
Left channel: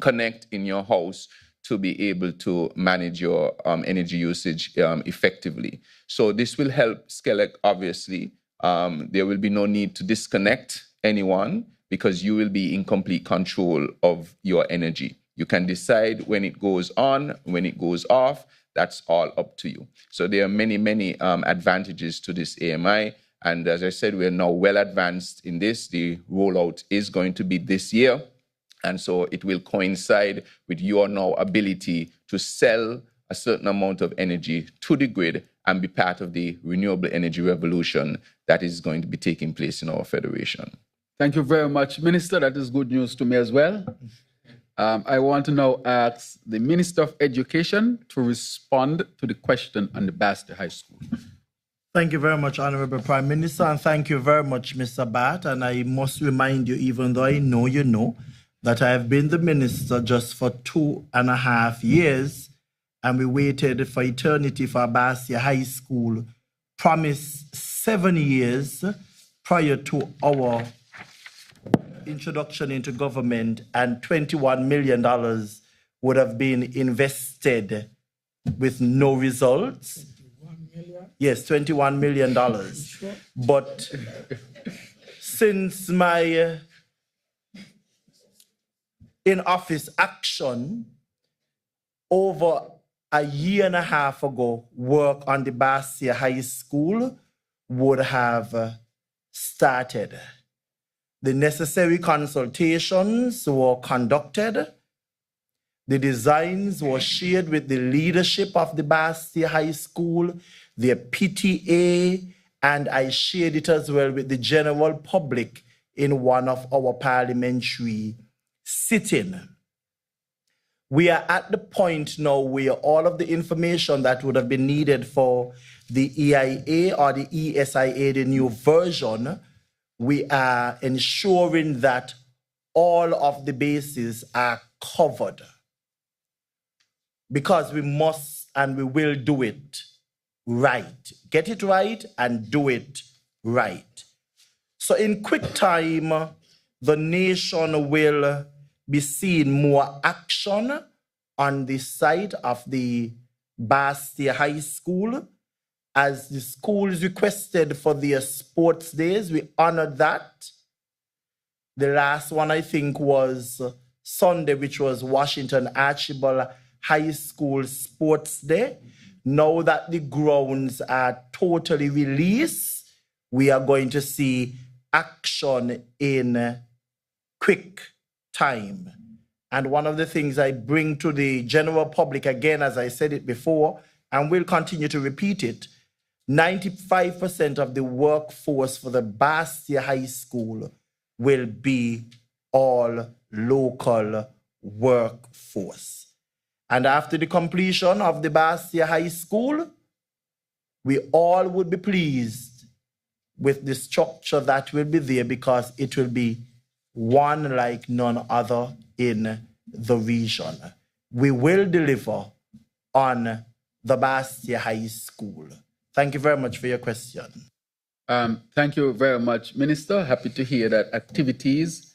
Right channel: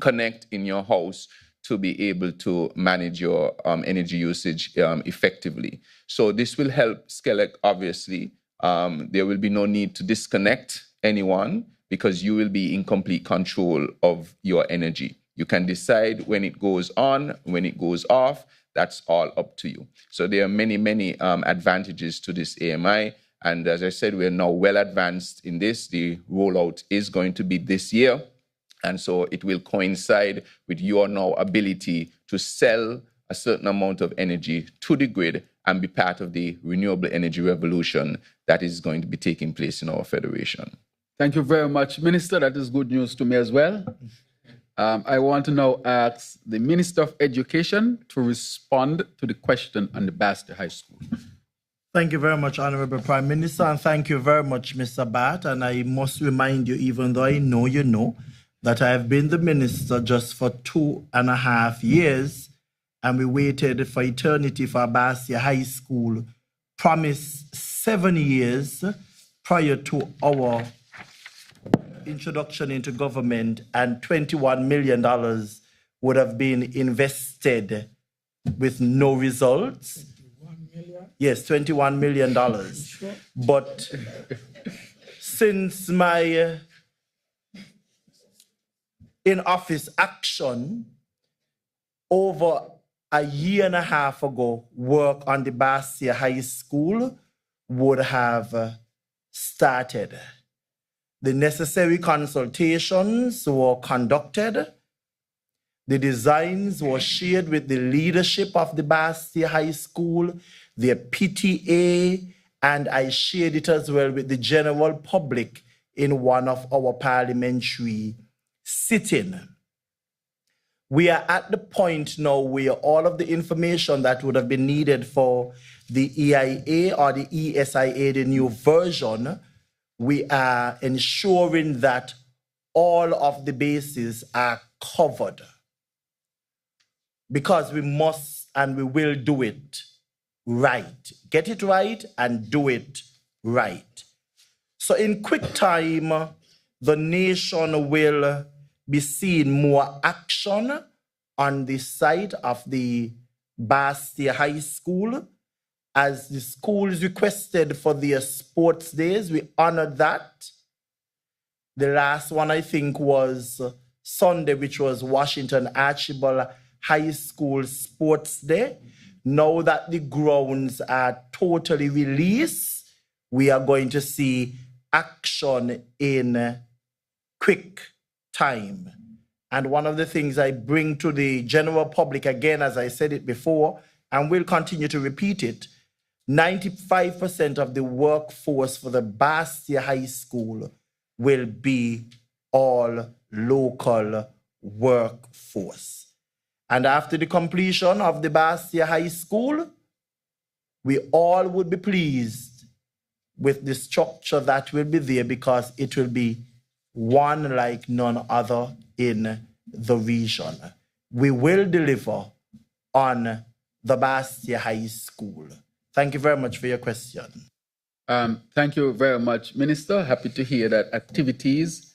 connect in your house to be able to manage your energy usage effectively. So this will help Skelec, obviously. There will be no need to disconnect anyone because you will be in complete control of your energy. You can decide when it goes on, when it goes off. That's all up to you. So there are many, many advantages to this AMI. And as I said, we're now well advanced in this. The rollout is going to be this year. And so it will coincide with your now ability to sell a certain amount of energy to the grid and be part of the renewable energy revolution that is going to be taking place in our federation. Thank you very much, Minister. That is good news to me as well. I want to now ask the Minister of Education to respond to the question on the Basti High School. Thank you very much, Honorable Prime Minister, and thank you very much, Mr. Bat. And I must remind you, even though I know you know, that I have been the minister just for 2.5 years, and we waited for eternity for Basti High School, promised 7 years prior to our introduction into government, and $21 million would have been invested with no results. Yes, $21 million. But since my in-office action, over a year and a half ago, work on the Bastia High School would have started. The necessary consultations were conducted. The designs were shared with the leadership of the Bastia High School, their PTA, and I shared it as well with the general public in one of our parliamentary sittings. We are at the point now where all of the information that would have been needed for the EIA or the ESIA, the new version, we are ensuring that all of the bases are covered, because we must and we will do it right. Get it right and do it right. So in quick time, the nation will be seeing more action on the site of the Bastia High School. As the schools requested for their sports days, we honored that. The last one, I think, was Sunday, which was Washington Archibald High School Sports Day. Now that the grounds are totally released, we are going to see action in quick time. And one of the things I bring to the general public, again, as I said it before, and will continue to repeat it, 95% of the workforce for the Bastia High School will be all local workforce. And after the completion of the Bastia High School, we all would be pleased with the structure that will be there, because it will be one like none other in the region. We will deliver on the Bastia High School. Thank you very much for your question. Thank you very much, Minister. Happy to hear that activities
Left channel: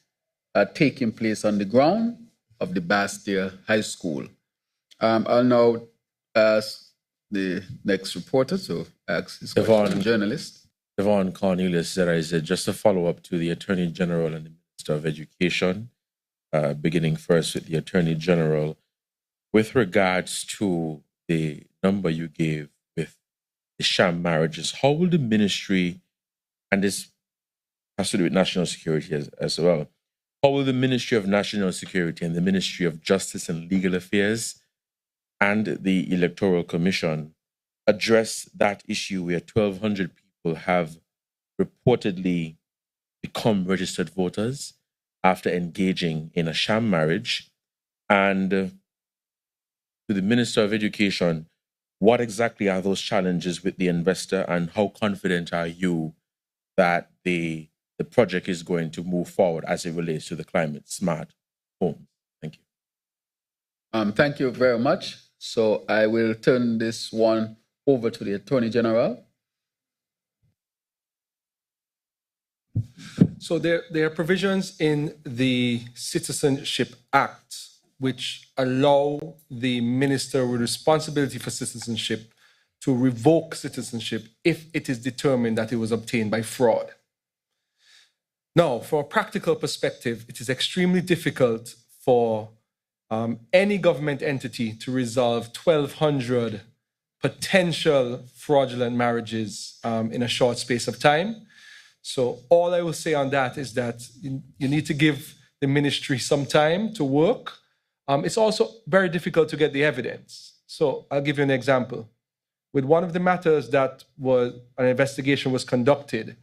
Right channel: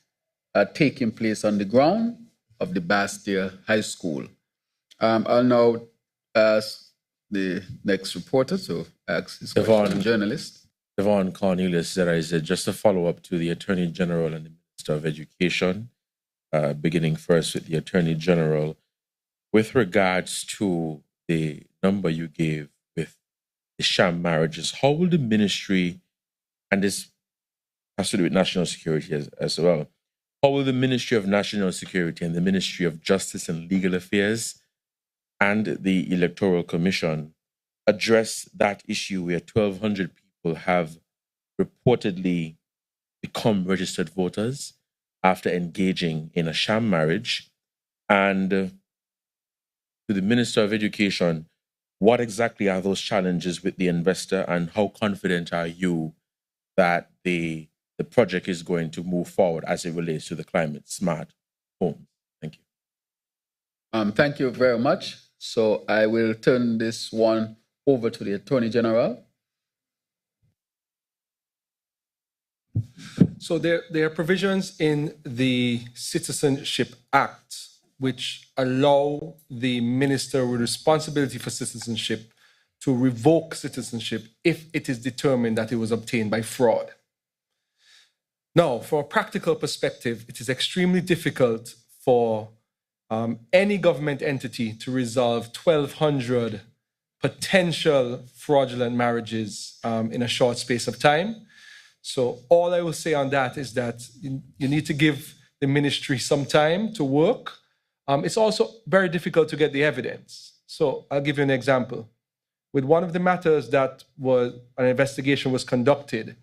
are taking place on the ground of the Bastia High School. I'll now ask the next reporter to ask his question, journalist. Devon Cornelius, there is just a follow-up to the Attorney General and the Minister of Education, beginning first with the Attorney General. With regards to the number you gave with the sham marriages, how will the ministry, and this has to do with national security as well, how will the Ministry of National Security and the Ministry of Justice and Legal Affairs and the Electoral Commission address that issue where 1,200 people have reportedly become registered voters after engaging in a sham marriage? And to the Minister of Education, what exactly are those challenges with the investor, and how confident are you that the project is going to move forward as it relates to the climate smart home? Thank you. Thank you very much. So I will turn this one over to the Attorney General. So there are provisions in the Citizenship Act which allow the minister with responsibility for citizenship to revoke citizenship if it is determined that it was obtained by fraud. Now, from a practical perspective, it is extremely difficult for any government entity to resolve 1,200 potential fraudulent marriages in a short space of time. So all I will say on that is that you need to give the ministry some time to work. It's also very difficult to get the evidence. So I'll give you an example. With one of the matters that was an investigation was conducted,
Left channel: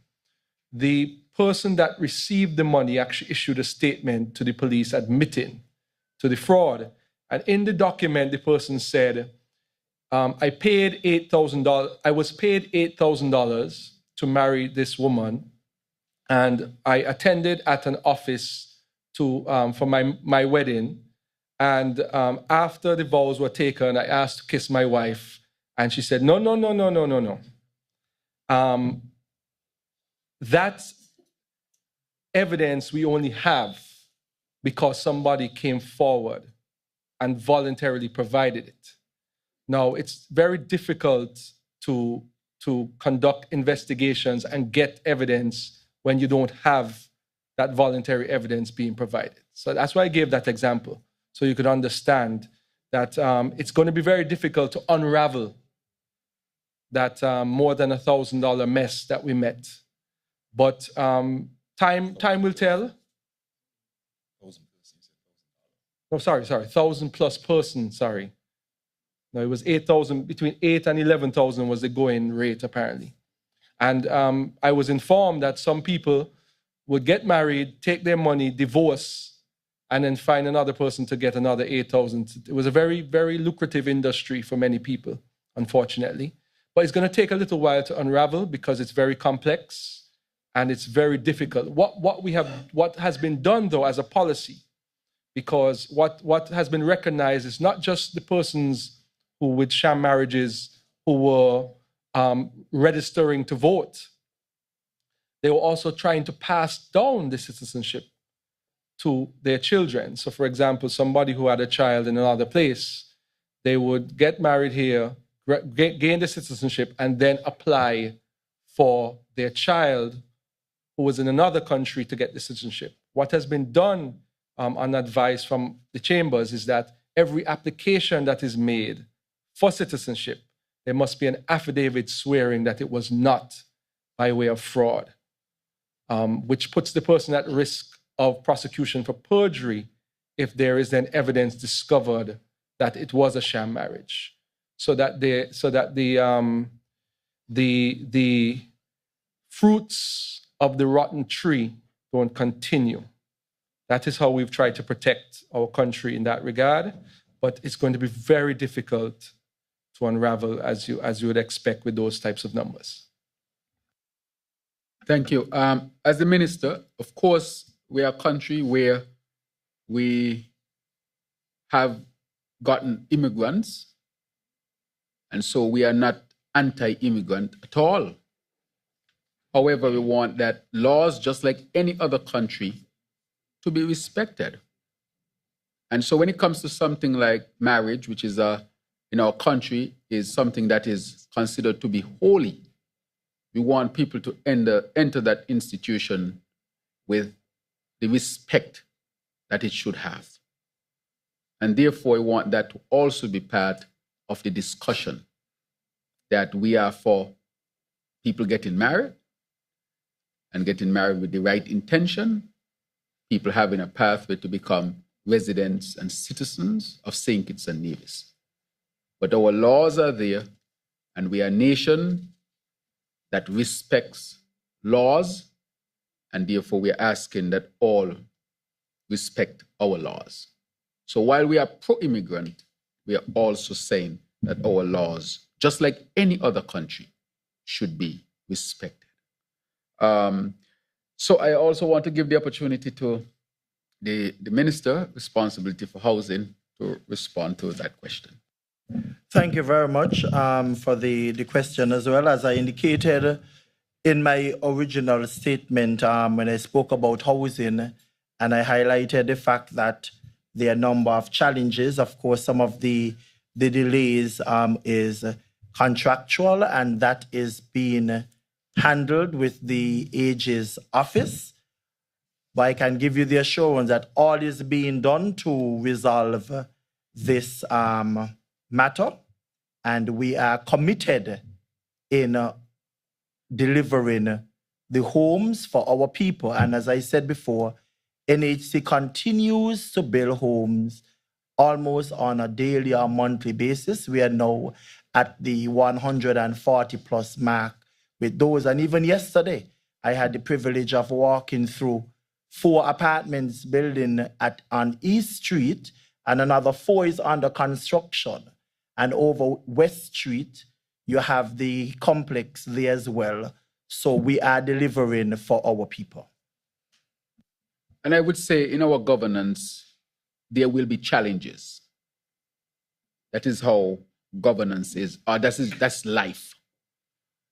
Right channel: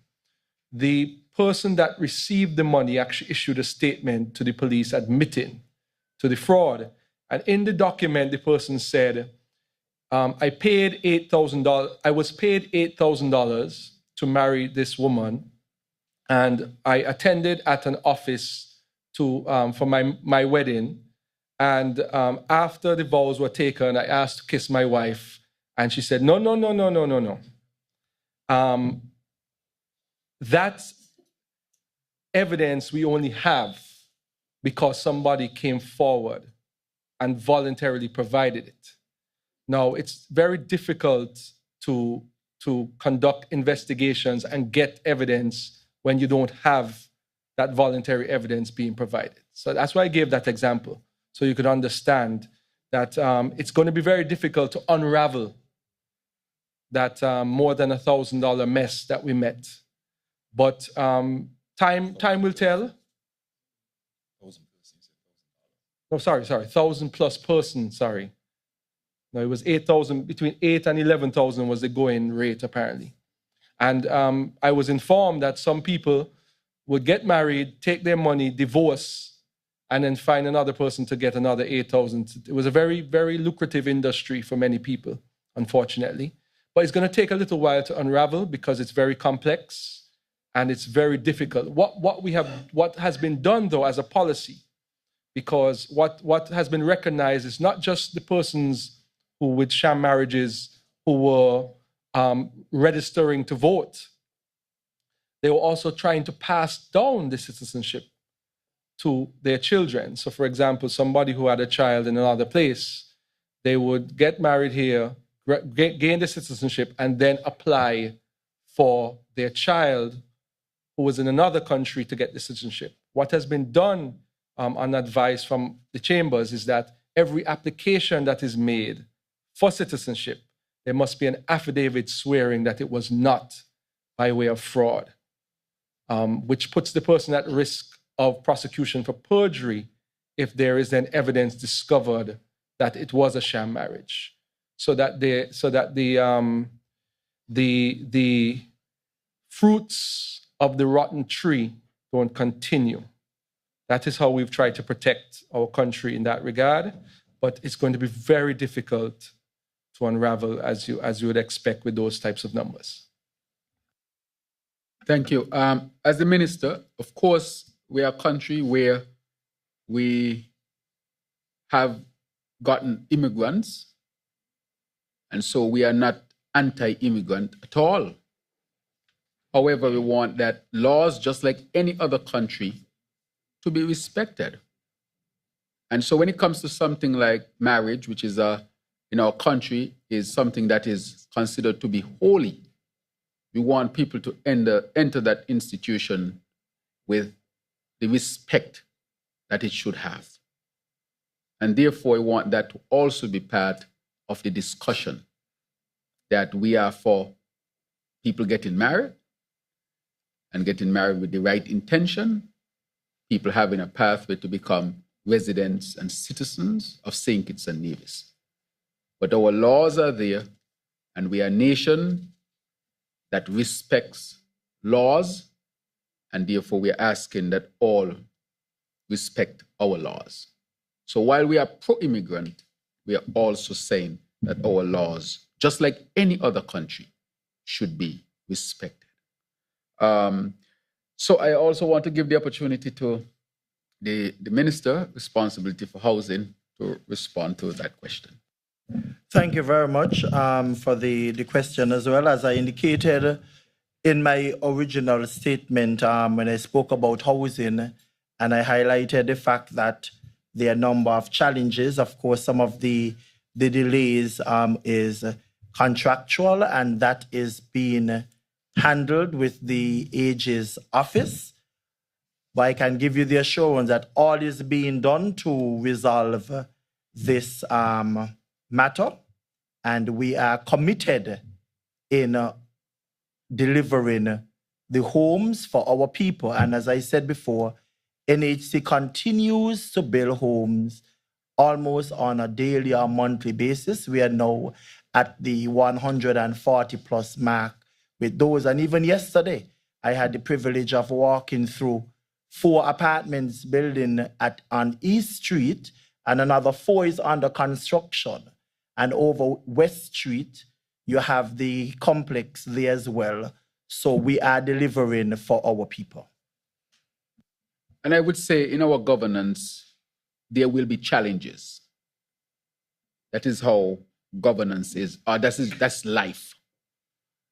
the person that received the money actually issued a statement to the police admitting to the fraud. And in the document, the person said, I paid $8,000. I was paid $8,000 to marry this woman, and I attended at an office for my wedding. And after the vows were taken, I asked to kiss my wife, and she said, no. That's evidence we only have because somebody came forward and voluntarily provided it. Now, it's very difficult to conduct investigations and get evidence when you don't have that voluntary evidence being provided. So that's why I gave that example, so you could understand that it's going to be very difficult to unravel that more than $1,000 mess that we met. But time will tell. No, sorry, 1,000 plus persons, sorry. No, it was 8,000, between 8 and 11,000 was the going rate, apparently. And I was informed that some people would get married, take their money, divorce, and then find another person to get another 8,000. It was a very, very lucrative industry for many people, unfortunately. But it's going to take a little while to unravel because it's very complex and it's very difficult. What has been done, though, as a policy, because what has been recognized is not just the persons who with sham marriages who were registering to vote. They were also trying to pass down the citizenship to their children. So for example, somebody who had a child in another place, they would get married here, gain the citizenship, and then apply for their child who was in another country to get the citizenship. What has been done on advice from the chambers is that every application that is made for citizenship, there must be an affidavit swearing that it was not by way of fraud, which puts the person at risk of prosecution for perjury if there is then evidence discovered that it was a sham marriage, so that the fruits of the rotten tree don't continue. That is how we've tried to protect our country in that regard, but it's going to be very difficult to unravel as you would expect with those types of numbers. Thank you. As the minister, of course, we are a country where we have gotten immigrants, and so we are not anti-immigrant at all. However, we want that laws, just like any other country, to be respected. And so when it comes to something like marriage, which is in our country is something that is considered to be holy, we want people to enter that institution with the respect that it should have. And therefore, we want that to also be part of the discussion, that we are for people getting married and getting married with the right intention, people having a pathway to become residents and citizens of St. Kitts and Nevis. But our laws are there, and we are a nation that respects laws, and therefore we are asking that all respect our laws. So while we are pro-immigrant, we are also saying that our laws, just like any other country, should be respected. So I also want to give the opportunity to the Minister responsibility for housing to respond to that question. Thank you very much for the question as well. As I indicated in my original statement when I spoke about housing, and I highlighted the fact that There are a number of challenges. Of course, some of the delays is contractual, and that is being handled with the Ages Office. But I can give you the assurance that all is being done to resolve this matter, and we are committed in delivering the homes for our people. And as I said before, NHC continues to build homes almost on a daily or monthly basis. We are now at the 140 plus mark with those. And even yesterday, I had the privilege of walking through 4 apartments building on East Street, and another 4 is under construction. And over West Street, you have the complex there as well. So we are delivering for our people. And I would say in our governance, there will be challenges. That is how governance is, or that's life.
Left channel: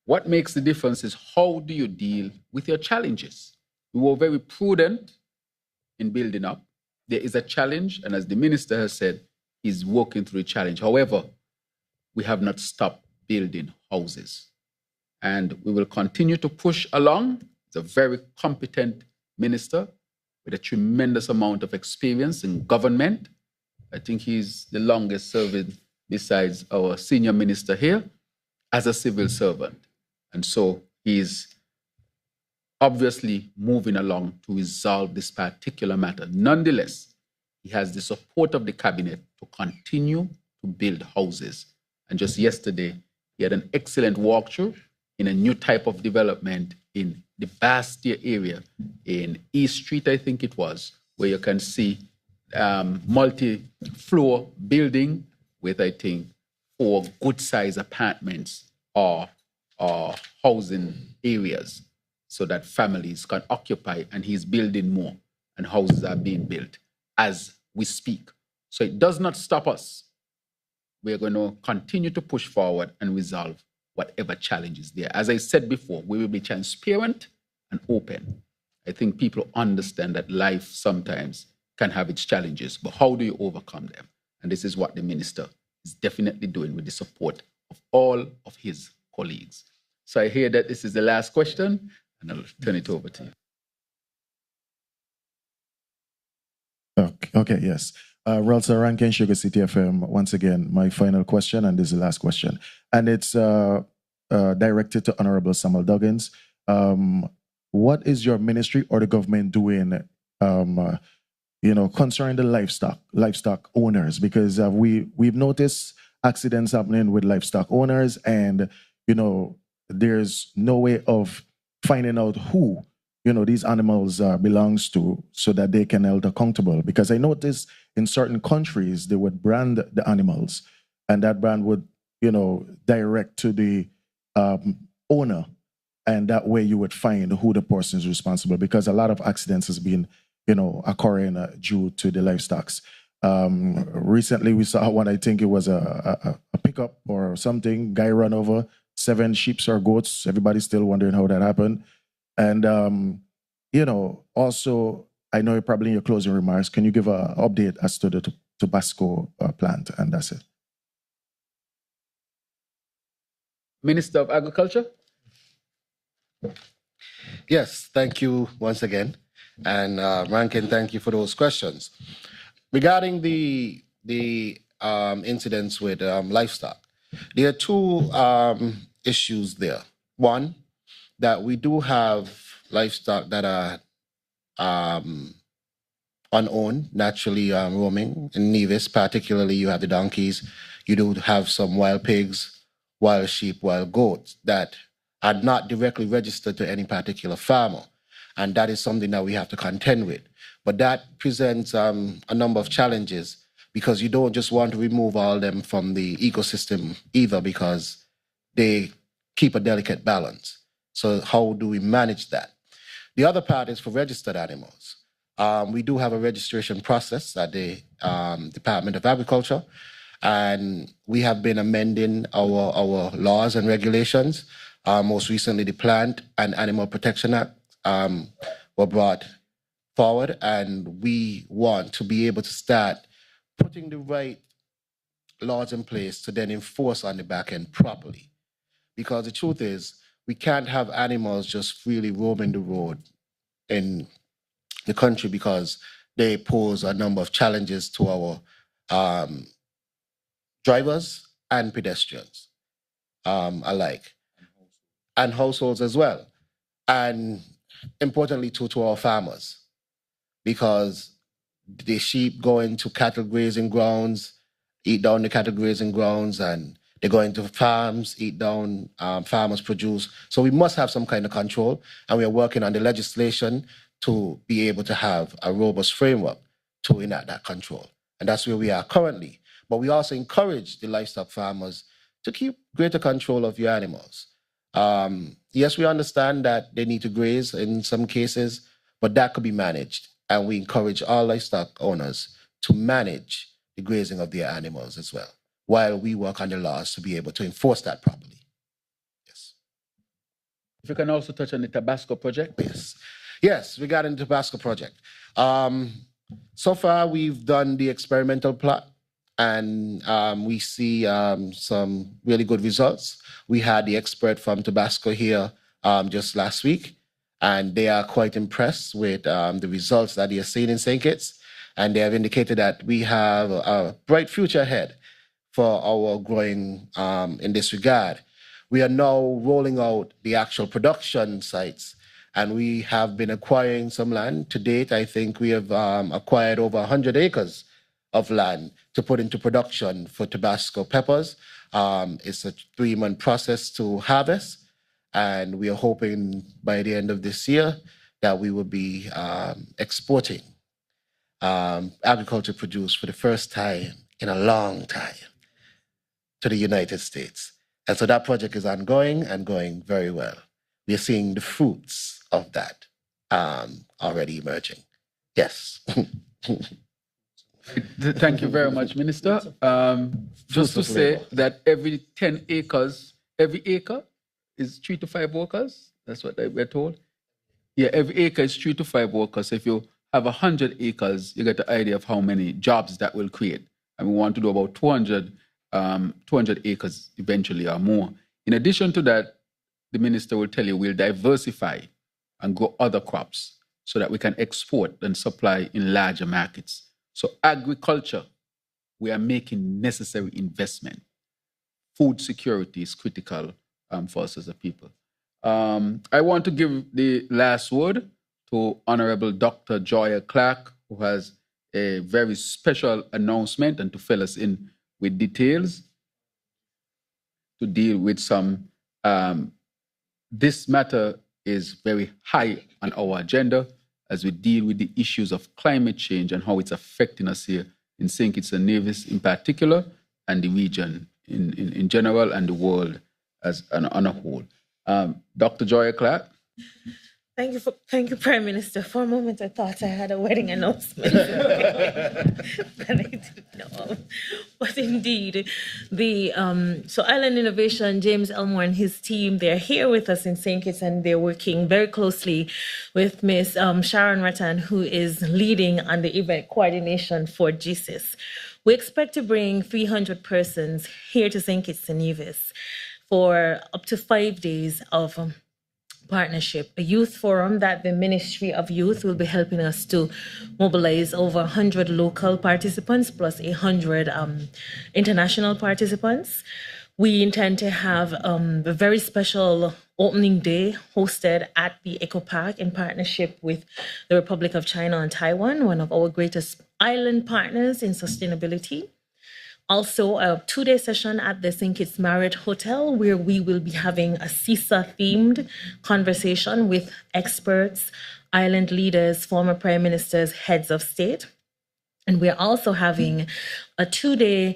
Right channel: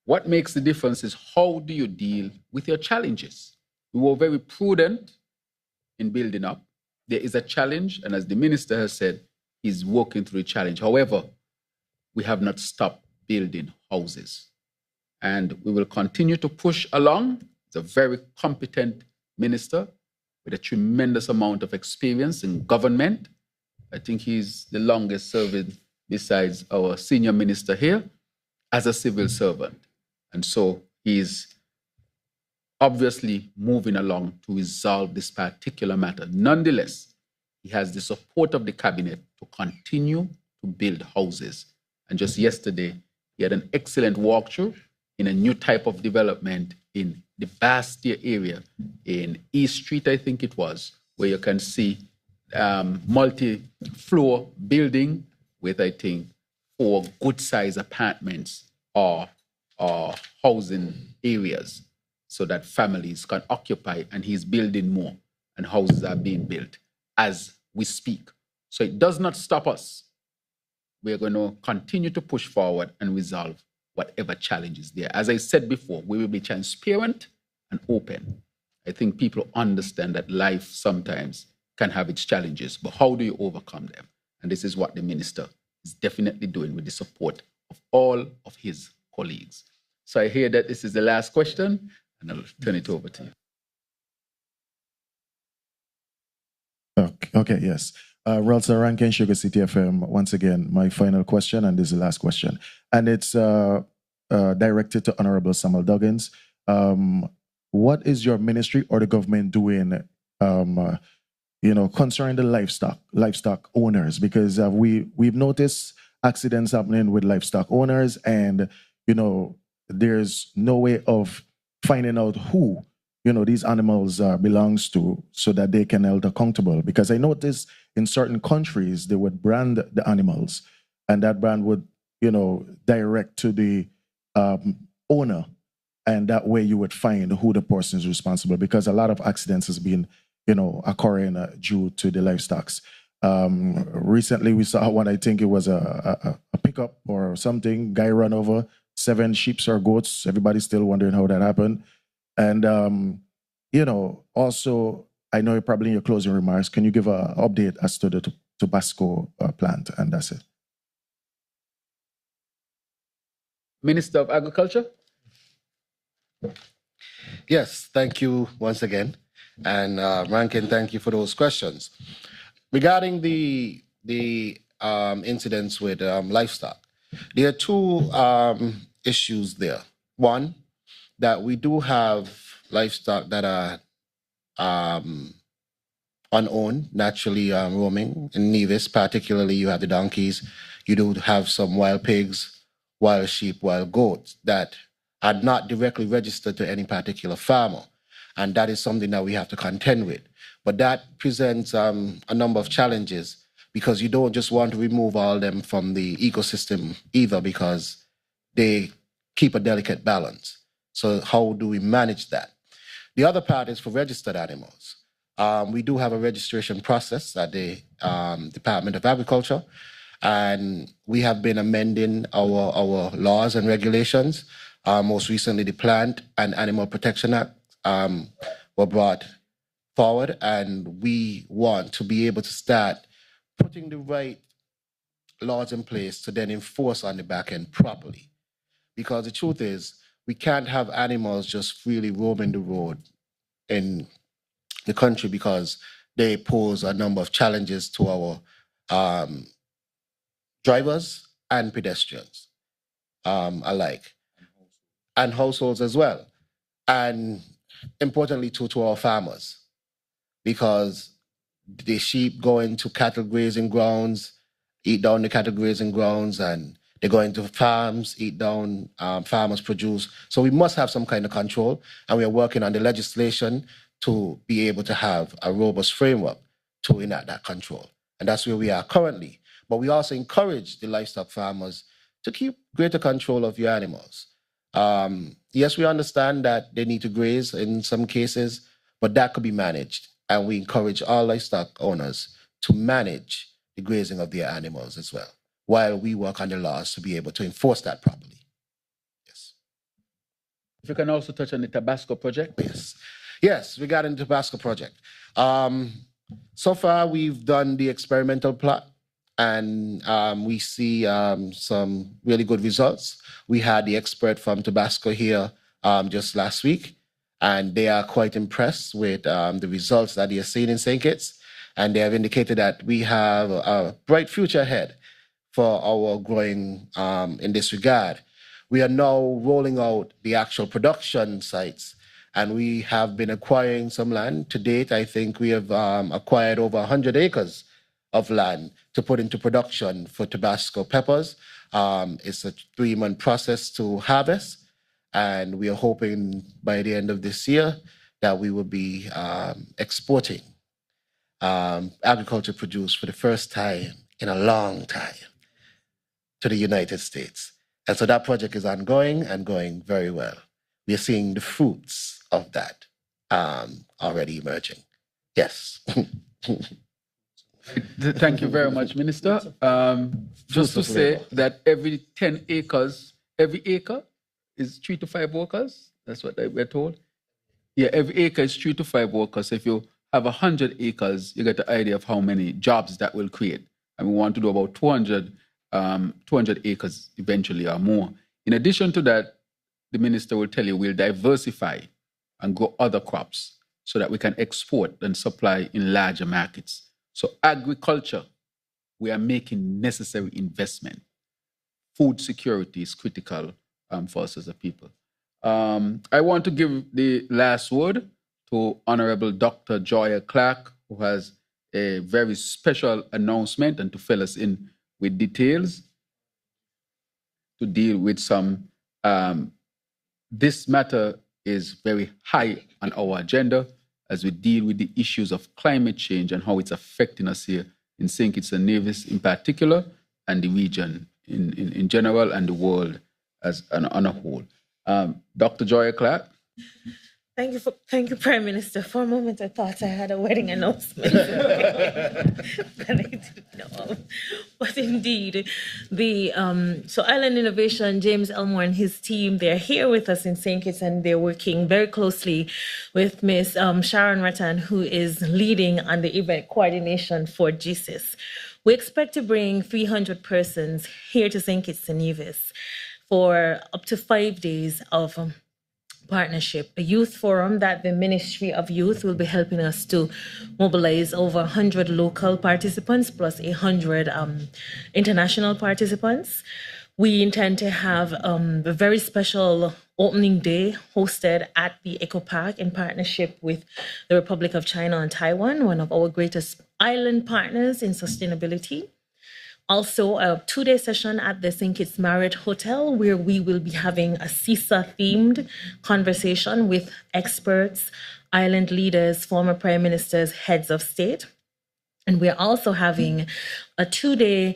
What makes the difference is how do you deal with your challenges? We were very prudent in building up. There is a challenge, and as the minister has said, he's working through a challenge. However, we have not stopped building houses. And we will continue to push along. He's a very competent minister with a tremendous amount of experience in government. I think he's the longest serving, besides our senior minister here, as a civil servant. And so he's obviously moving along to resolve this particular matter. Nonetheless, he has the support of the cabinet to continue to build houses. And just yesterday, he had an excellent walkthrough in a new type of development in the Bastia area in East Street, I think it was, where you can see multi-floor building with, I think, 4 good-sized apartments or housing areas so that families can occupy, and he's building more, and houses are being built as we speak. So it does not stop us. We're going to continue to push forward and resolve whatever challenge is there. As I said before, we will be transparent and open. I think people understand that life sometimes can have its challenges, but how do you overcome them? And this is what the minister is definitely doing with the support of all of his colleagues. So I hear that this is the last question, and I'll turn it over to you. Okay, yes. Relsa Rankin, Sugar City FM. Once again, my final question, and this is the last question. And it's directed to Honorable Samuel Duggins. What is your ministry or the government doing, concerning the livestock owners? Because we've noticed accidents happening with livestock owners, and, there's no way of finding out who these animals belongs to, so that they can held accountable. Because I noticed in certain countries, they would brand the animals, and that brand would, direct to the owner. And that way you would find who the person is responsible, because a lot of accidents has been, occurring due to the livestock. Recently we saw one, I think it was a pickup or something, guy run over 7 sheep or goats. Everybody's still wondering how that happened. And, also, I know probably in your closing remarks, can you give an update as to the Tabasco plant? And that's it. Minister of Agriculture? Yes, thank you once again. And Rankin, thank you for those questions. Regarding the incidents with livestock, there are 2 issues there. One, that we do have livestock that are unowned, naturally roaming. In Nevis, particularly, you have the donkeys. You do have some wild pigs, wild sheep, wild goats that are not directly registered to any particular farmer. And that is something that we have to contend with. But that presents a number of challenges, because you don't just want to remove all of them from the ecosystem either, because they keep a delicate balance. So how do we manage that? The other part is for registered animals. We do have a registration process at the Department of Agriculture, and we have been amending our laws and regulations. Most recently, the Plant and Animal Protection Act were brought forward, and we want to be able to start putting the right laws in place to then enforce on the back end properly. Because the truth is, we can't have animals just freely roaming the road in the country because they pose a number of challenges to our drivers and pedestrians alike, and households as well. And importantly, to our farmers, because the sheep go into cattle grazing grounds, eat down the cattle grazing grounds, and they go into farms, eat down farmers' produce. So we must have some kind of control, and we are working on the legislation to be able to have a robust framework to enact that control. And that's where we are currently. But we also encourage the livestock farmers to keep greater control of your animals. Yes, we understand that they need to graze in some cases, but that could be managed. And we encourage all livestock owners to manage the grazing of their animals as well, while we work on the laws to be able to enforce that properly. Yes. If you can also touch on the Tabasco project. Yes. Yes, regarding the Tabasco project. So far, we've done the experimental plot, and we see some really good results. We had the expert from Tabasco here just last week, and they are quite impressed with the results that they are seeing in St. Kitts, and they have indicated that we have a bright future ahead for our growing in this regard. We are now rolling out the actual production sites, and we have been acquiring some land. To date, I think we have acquired over 100 acres of land to put into production for Tabasco peppers. It's a 3-month process to harvest, and we are hoping by the end of this year that we will be exporting agriculture produce for the first time in a long time to the United States. And so that project is ongoing and going very well. We are seeing the fruits of that already emerging. Yes. Thank you very much, Minister. Just to say that every 10 acres, every acre is 3 to 5 workers. That's what we're told. Yeah, every acre is 3 to 5 workers. So if you have 100 acres, you get the idea of how many jobs that will create. And we want to do about 200 acres eventually or more. In addition to that, the minister will tell you we'll diversify and grow other crops so that we can export and supply in larger markets. So agriculture, we are making necessary investment. Food security is critical for us as a people. I want to give the last word to Honorable Dr. Joya Clark, who has a very special announcement and to fill us in with details to deal with some. This matter is very high on our agenda as we deal with the issues of climate change and how it's affecting us here in St. Kitts and Nevis in particular, and the region in general, and the world as on a whole. Dr. Joya Clark. Thank you, Prime Minister. For a moment, I thought I had a wedding announcement, but I didn't know. But indeed, so Island Innovation, James Elmore and his team, they're here with us in St. Kitts, and they're working very closely with Miss Sharon Rattan, who is leading on the event coordination for GSIS. We expect to bring 300 persons here to St. Kitts and Nevis for up to 5 days of partnership, a youth forum that the Ministry of Youth will be helping us to mobilize over 100 local participants plus 100 international participants. We intend to have a very special opening day hosted at the Eco Park in partnership with the Republic of China and Taiwan, one of our greatest island partners in sustainability. Also, a 2-day session at the St. Kitts Marriott Hotel, where we will be having a CISA-themed conversation with experts, island leaders, former prime ministers, heads of state. And we're also having a 2-day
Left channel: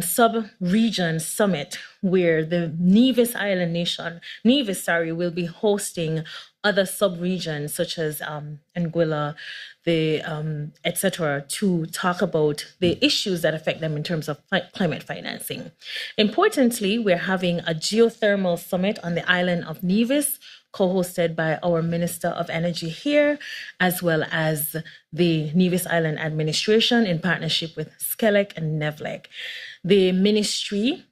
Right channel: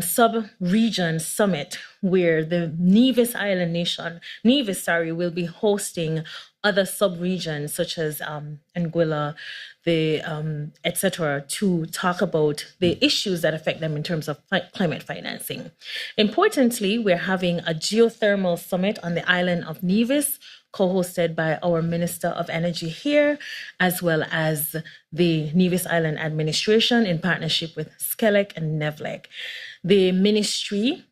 sub-region summit where the Nevis Island Nation, will be hosting other sub-regions such as Anguilla, the etc., to talk about the issues that affect them in terms of climate financing. Importantly, we're having a geothermal summit on the island of Nevis, co-hosted by our Minister of Energy here, as well as the Nevis Island Administration in partnership with Skelec and Nevlec. The ministry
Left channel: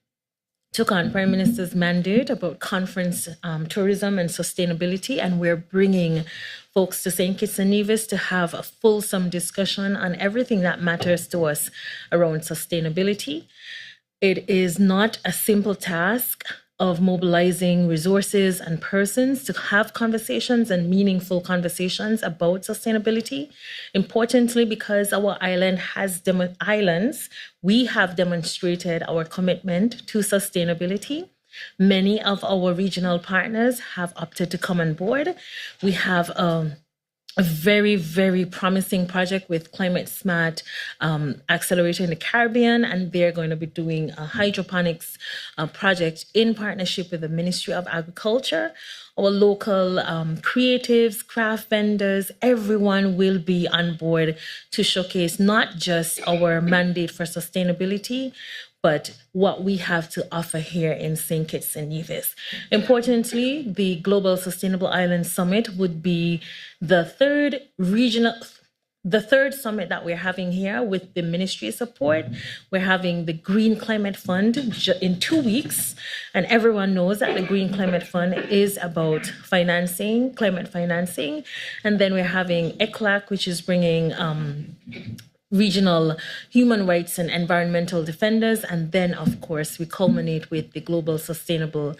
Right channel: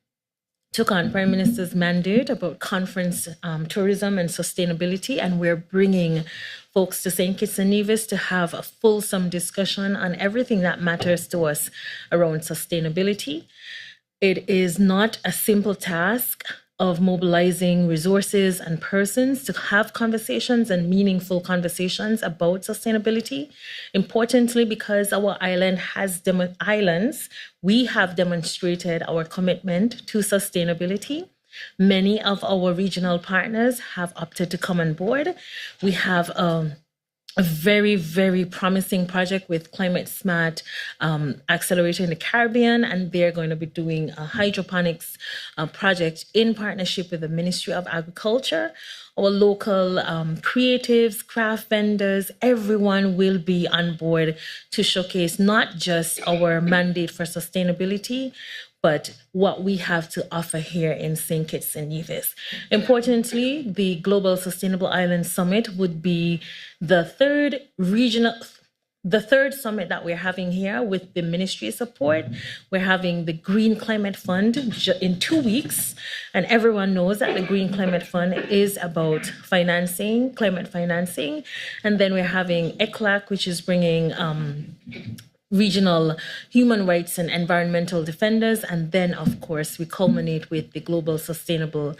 took on Prime Minister's mandate about conference tourism and sustainability, and we're bringing folks to St. Kitts and Nevis to have a fulsome discussion on everything that matters to us around sustainability. It is not a simple task of mobilizing resources and persons to have conversations and meaningful conversations about sustainability. Importantly, because our island has islands, we have demonstrated our commitment to sustainability. Many of our regional partners have opted to come on board. We have a very, very promising project with Climate Smart Accelerator in the Caribbean, and they're going to be doing a hydroponics project in partnership with the Ministry of Agriculture. Our local creatives, craft vendors, everyone will be on board to showcase not just our mandate for sustainability, but what we have to offer here in St. Kitts and Nevis. Importantly, the Global Sustainable Island Summit would be the third summit that we're having here with the ministry support. We're having the Green Climate Fund in 2 weeks, and everyone knows that the Green Climate Fund is about financing, climate financing. And then we're having ECLAC, which is bringing regional human rights and environmental defenders. And then, of course, we culminate with the Global Sustainable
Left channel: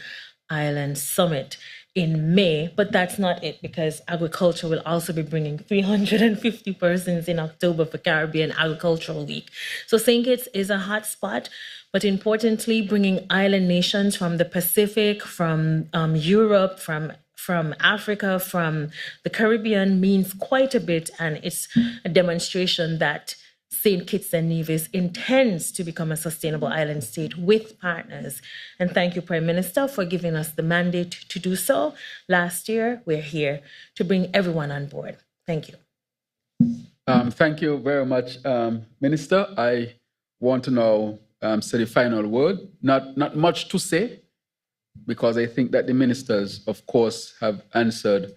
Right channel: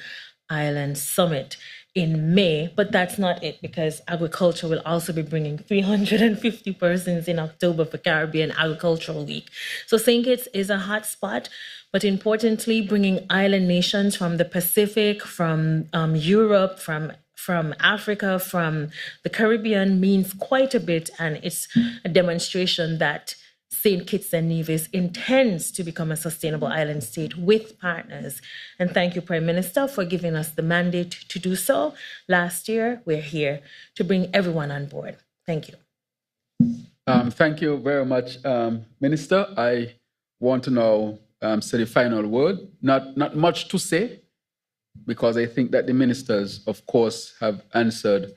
Island Summit in May. But that's not it, because agriculture will also be bringing 350 persons in October for Caribbean Agricultural Week. So St. Kitts is a hot spot, but importantly, bringing island nations from the Pacific, from Europe, from Africa, from the Caribbean means quite a bit, and it's a demonstration that St. Kitts and Nevis intends to become a sustainable island state with partners. And thank you, Prime Minister, for giving us the mandate to do so. Last year, we're here to bring everyone on board. Thank you. Thank you very much, Minister. I want to now say the final word. Not much to say, because I think that the ministers, of course, have answered,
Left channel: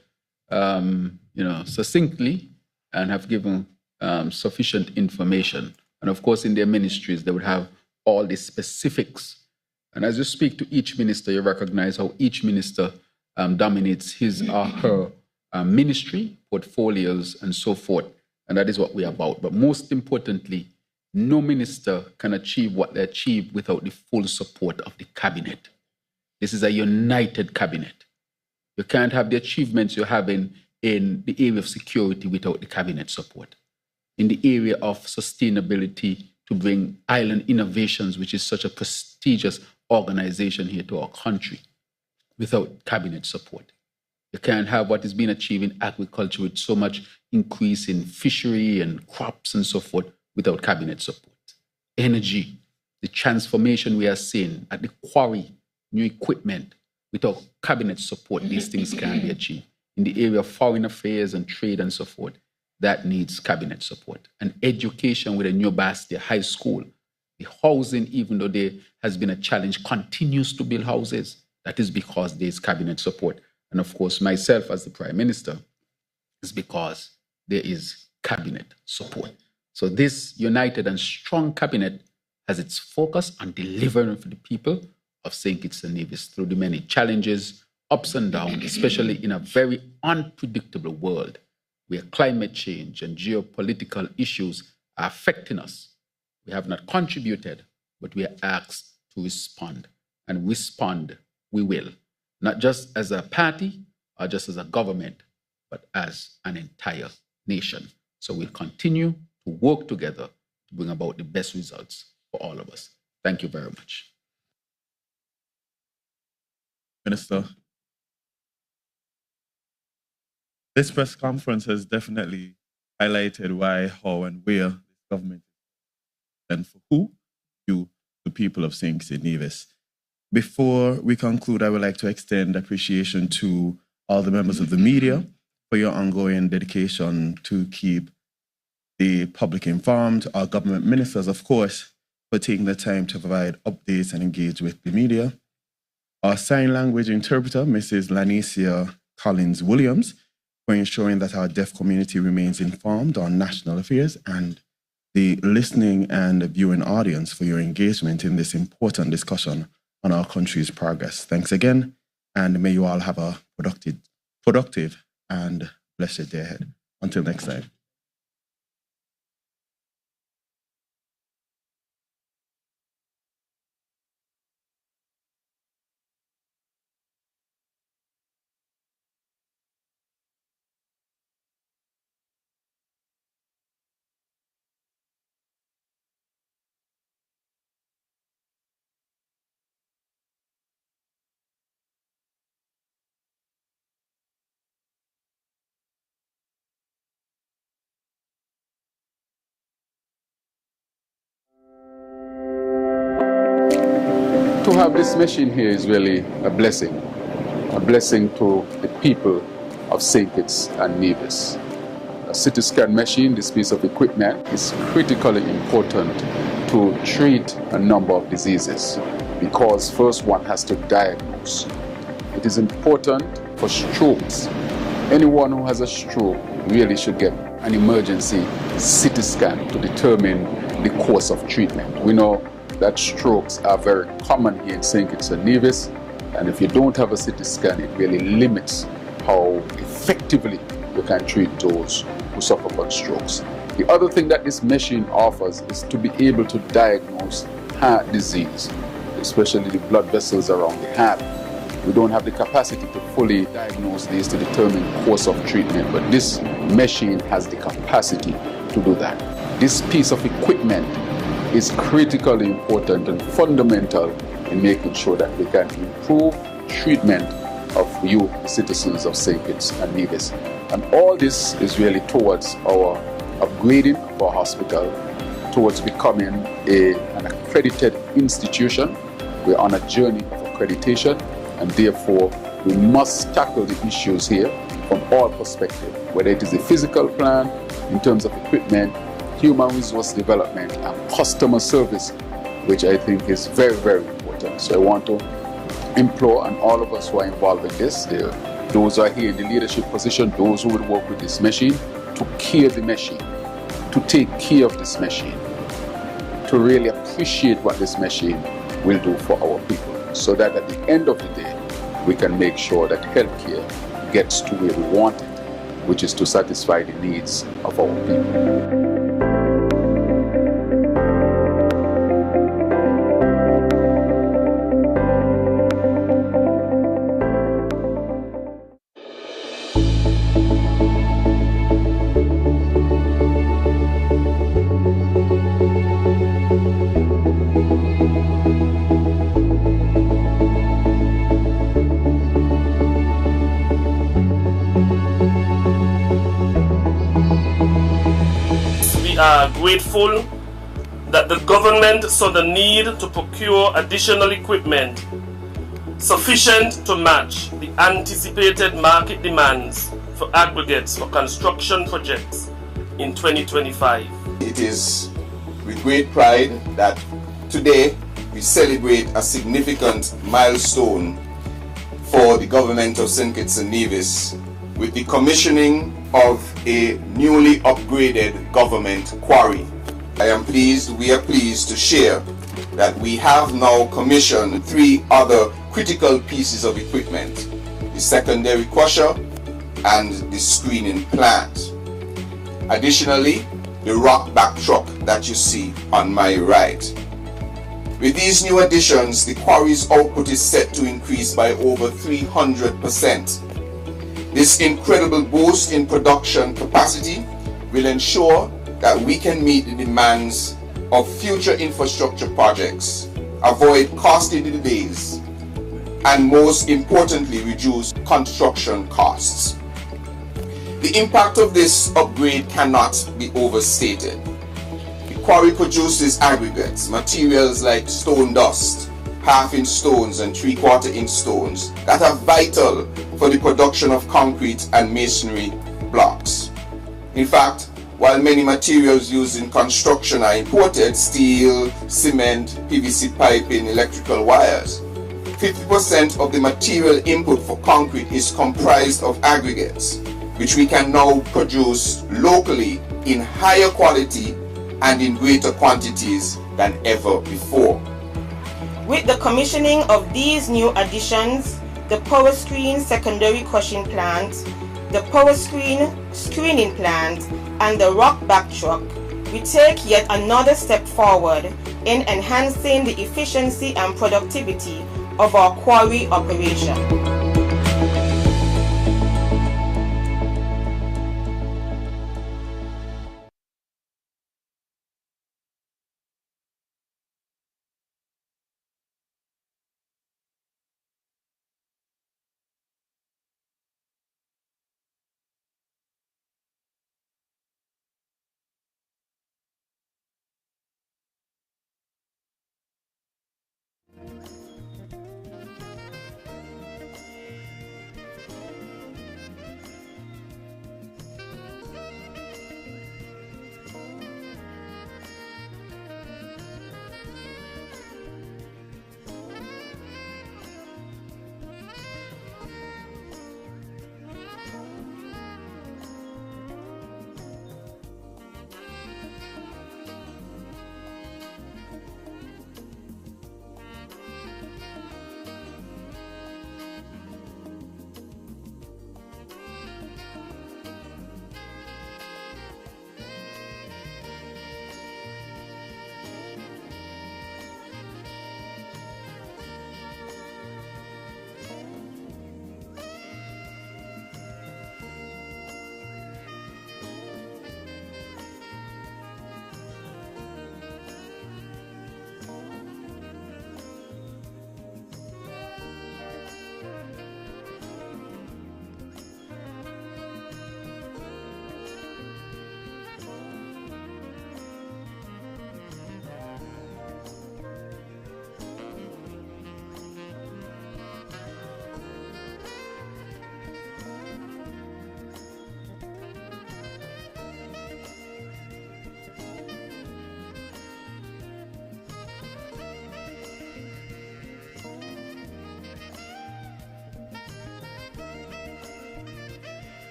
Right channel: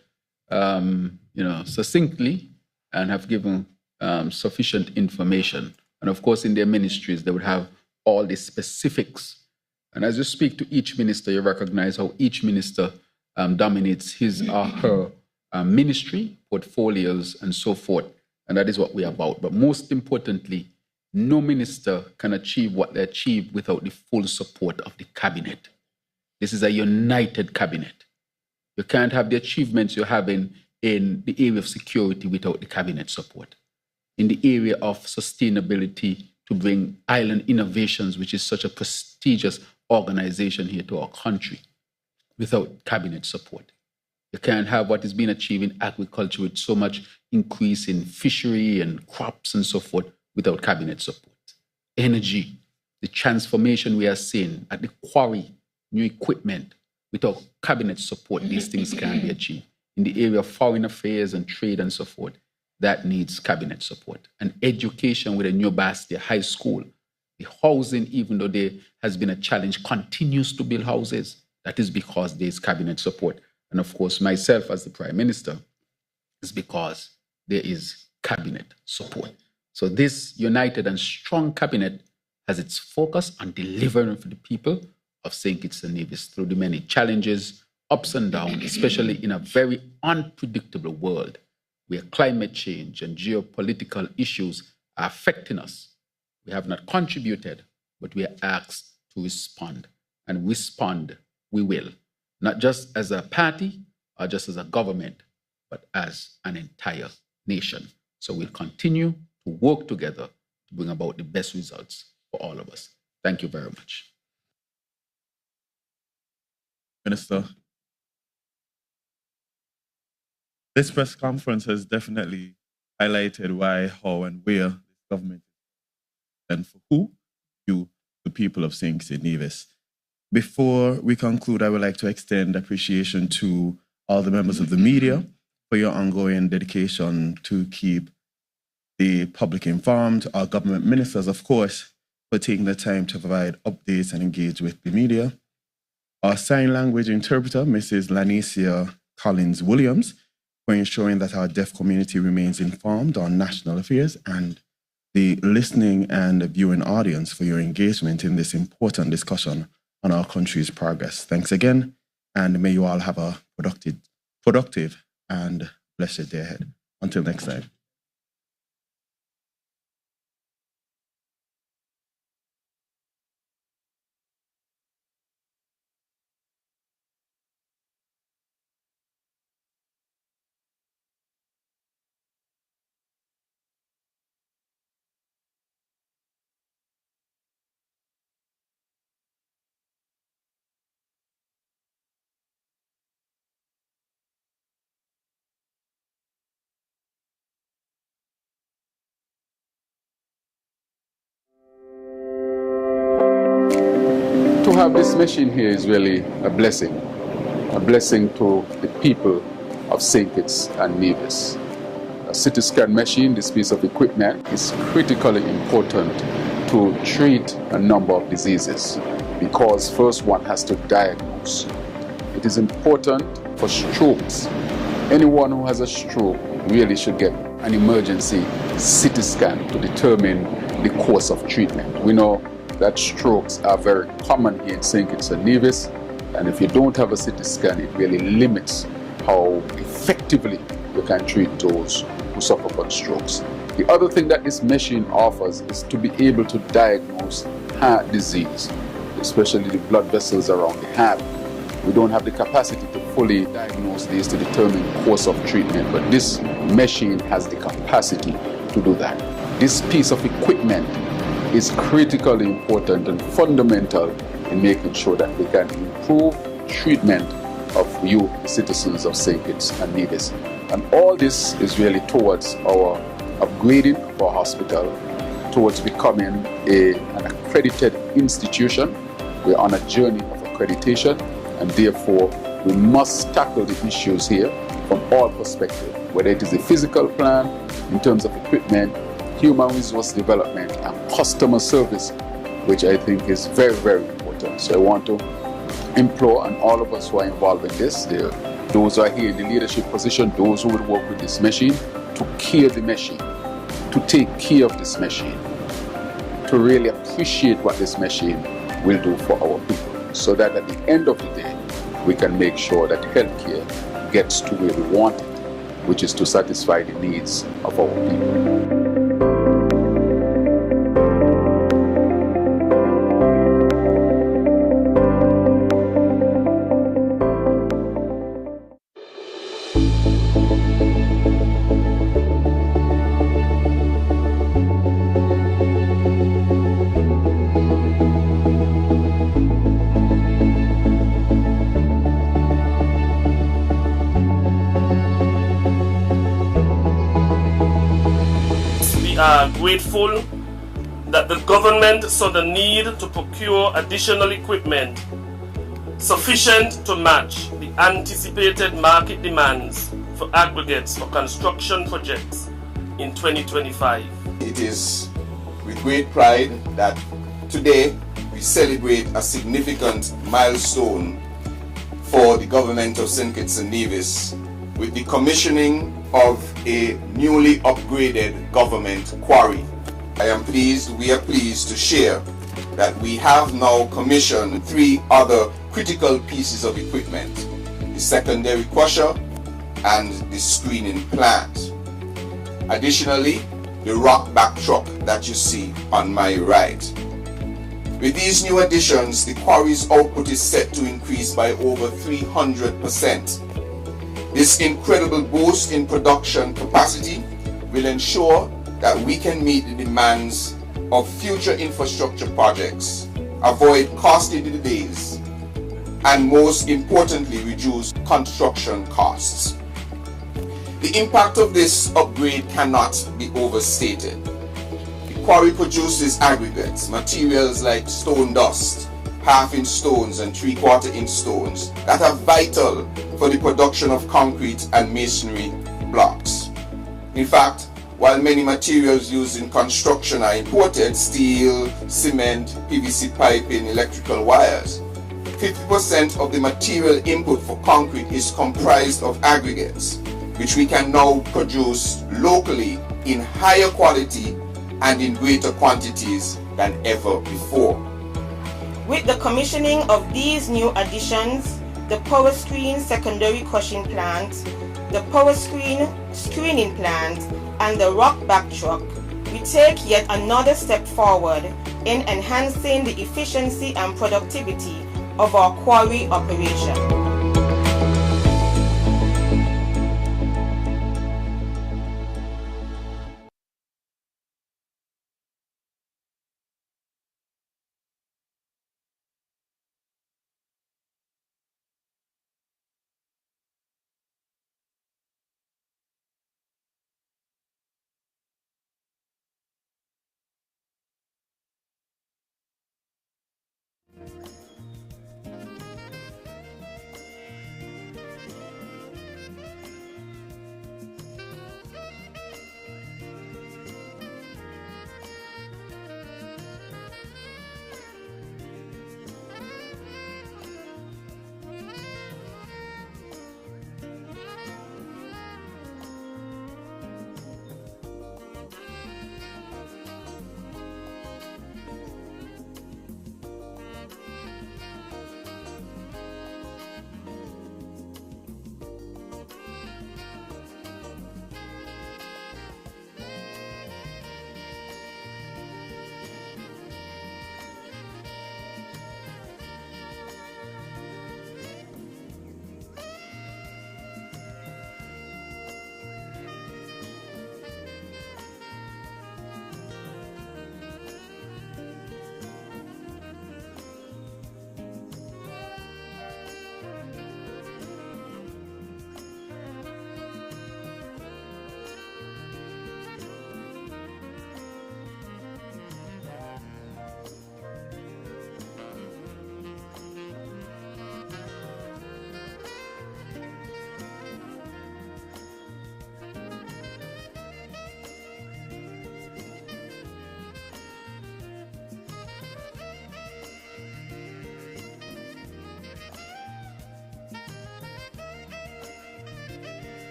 succinctly and have given sufficient information. And of course, in their ministries, they would have all the specifics. And as you speak to each minister, you recognize how each minister dominates his or her ministry, portfolios, and so forth. And that is what we're about. But most importantly, no minister can achieve what they achieve without the full support of the cabinet. This is a united cabinet. You can't have the achievements you're having in the area of security without the cabinet support. In the area of sustainability, to bring Island Innovations, which is such a prestigious organization here to our country, without cabinet support. You can't have what is being achieved in agriculture with so much increase in fishery and crops and so forth without cabinet support. Energy, the transformation we are seeing at the quarry, new equipment, without cabinet support, these things can't be achieved. In the area of foreign affairs and trade and so forth, that needs cabinet support. And education with a new Bastia High School, the housing, even though there has been a challenge, continues to build houses. That is because there is cabinet support. And of course, myself as the Prime Minister, is because there is cabinet support. So this united and strong cabinet has its focus on delivering for the people of St. Kitts and Nevis through the many challenges, ups and downs, especially in a very unpredictable world where climate change and geopolitical issues are affecting us. We have not contributed, but we are asked to respond. And respond we will, not just as a party or just as a government, but as an entire nation. So we'll continue to work together to bring about the best results for all of us. Thank you very much. Minister, this press conference has definitely highlighted why, how, and where this government is, and for who, you, the people of St. Kitts and Nevis. Before we conclude, I would like to extend appreciation to all the members of the media for your ongoing dedication to keep the public informed, our government ministers, of course, for taking the time to provide updates and engage with the media. Our sign language interpreter, Mrs. Lanicia Collins-Williams, for ensuring that our deaf community remains informed on national affairs, and the listening and viewing audience for your engagement in this important discussion on our country's progress. Thanks again, and may you all have a productive and blessed day ahead. Until next time. To have this machine here is really a blessing to the people of St. Kitts and Nevis. A CT scan machine, this piece of equipment, is critically important to treat a number of diseases because first one has to diagnose. It is important for strokes. Anyone who has a stroke really should get an emergency CT scan to determine the course of treatment. We know that strokes are very common here in St. Kitts and Nevis, and if you don't have a CT scan, it really limits how effectively you can treat those who suffer from strokes. The other thing that this machine offers is to be able to diagnose heart disease, especially the blood vessels around the heart. We don't have the capacity to fully diagnose these to determine the course of treatment, but this machine has the capacity to do that. This piece of equipment is critically important and fundamental in making sure that we can improve treatment of you citizens of St. Kitts and Nevis. And all this is really towards our upgrading of our hospital, towards becoming an accredited institution. We're on a journey of accreditation, and therefore we must tackle the issues here from all perspectives, whether it is the physical plan in terms of equipment, human resource development, and customer service, which I think is very, very important. So I want to implore on all of us who are involved in this, those who are here in the leadership position, those who will work with this machine, to care the machine, to take care of this machine, to really appreciate what this machine will do for our people, so that at the end of the day, we can make sure that healthcare gets to where we want it, which is to satisfy the needs of our people. Grateful that the government saw the need to procure additional equipment sufficient to match the anticipated market demands for aggregates for construction projects in 2025. It is with great pride that today we celebrate a significant milestone for the government of St. Kitts and Nevis with the commissioning of a newly upgraded government quarry. We are pleased to share that we have now commissioned 3 other critical pieces of equipment: the secondary crusher and the screening plant. Additionally, the rock back truck that you see on my right. With these new additions, the quarry's output is set to increase by over 300%. This incredible boost in production capacity will ensure that we can meet the demands of future infrastructure projects, avoid costly delays, and most importantly, reduce construction costs. The impact of this upgrade cannot be overstated. The quarry produces aggregates, materials like stone dust, half-inch stones and three-quarter-inch stones that are vital for the production of concrete and masonry blocks. In fact, While many materials used in construction are imported, steel, cement, PVC piping, electrical wires, 50% of the material input for concrete is comprised of aggregates, which we can now produce locally in higher quality and in greater quantities than ever before. With the commissioning of these new additions, the power screen secondary crushing plant, the power screen screening plant, and the rock back truck, we take yet another step forward in enhancing the efficiency and productivity of our quarry operation.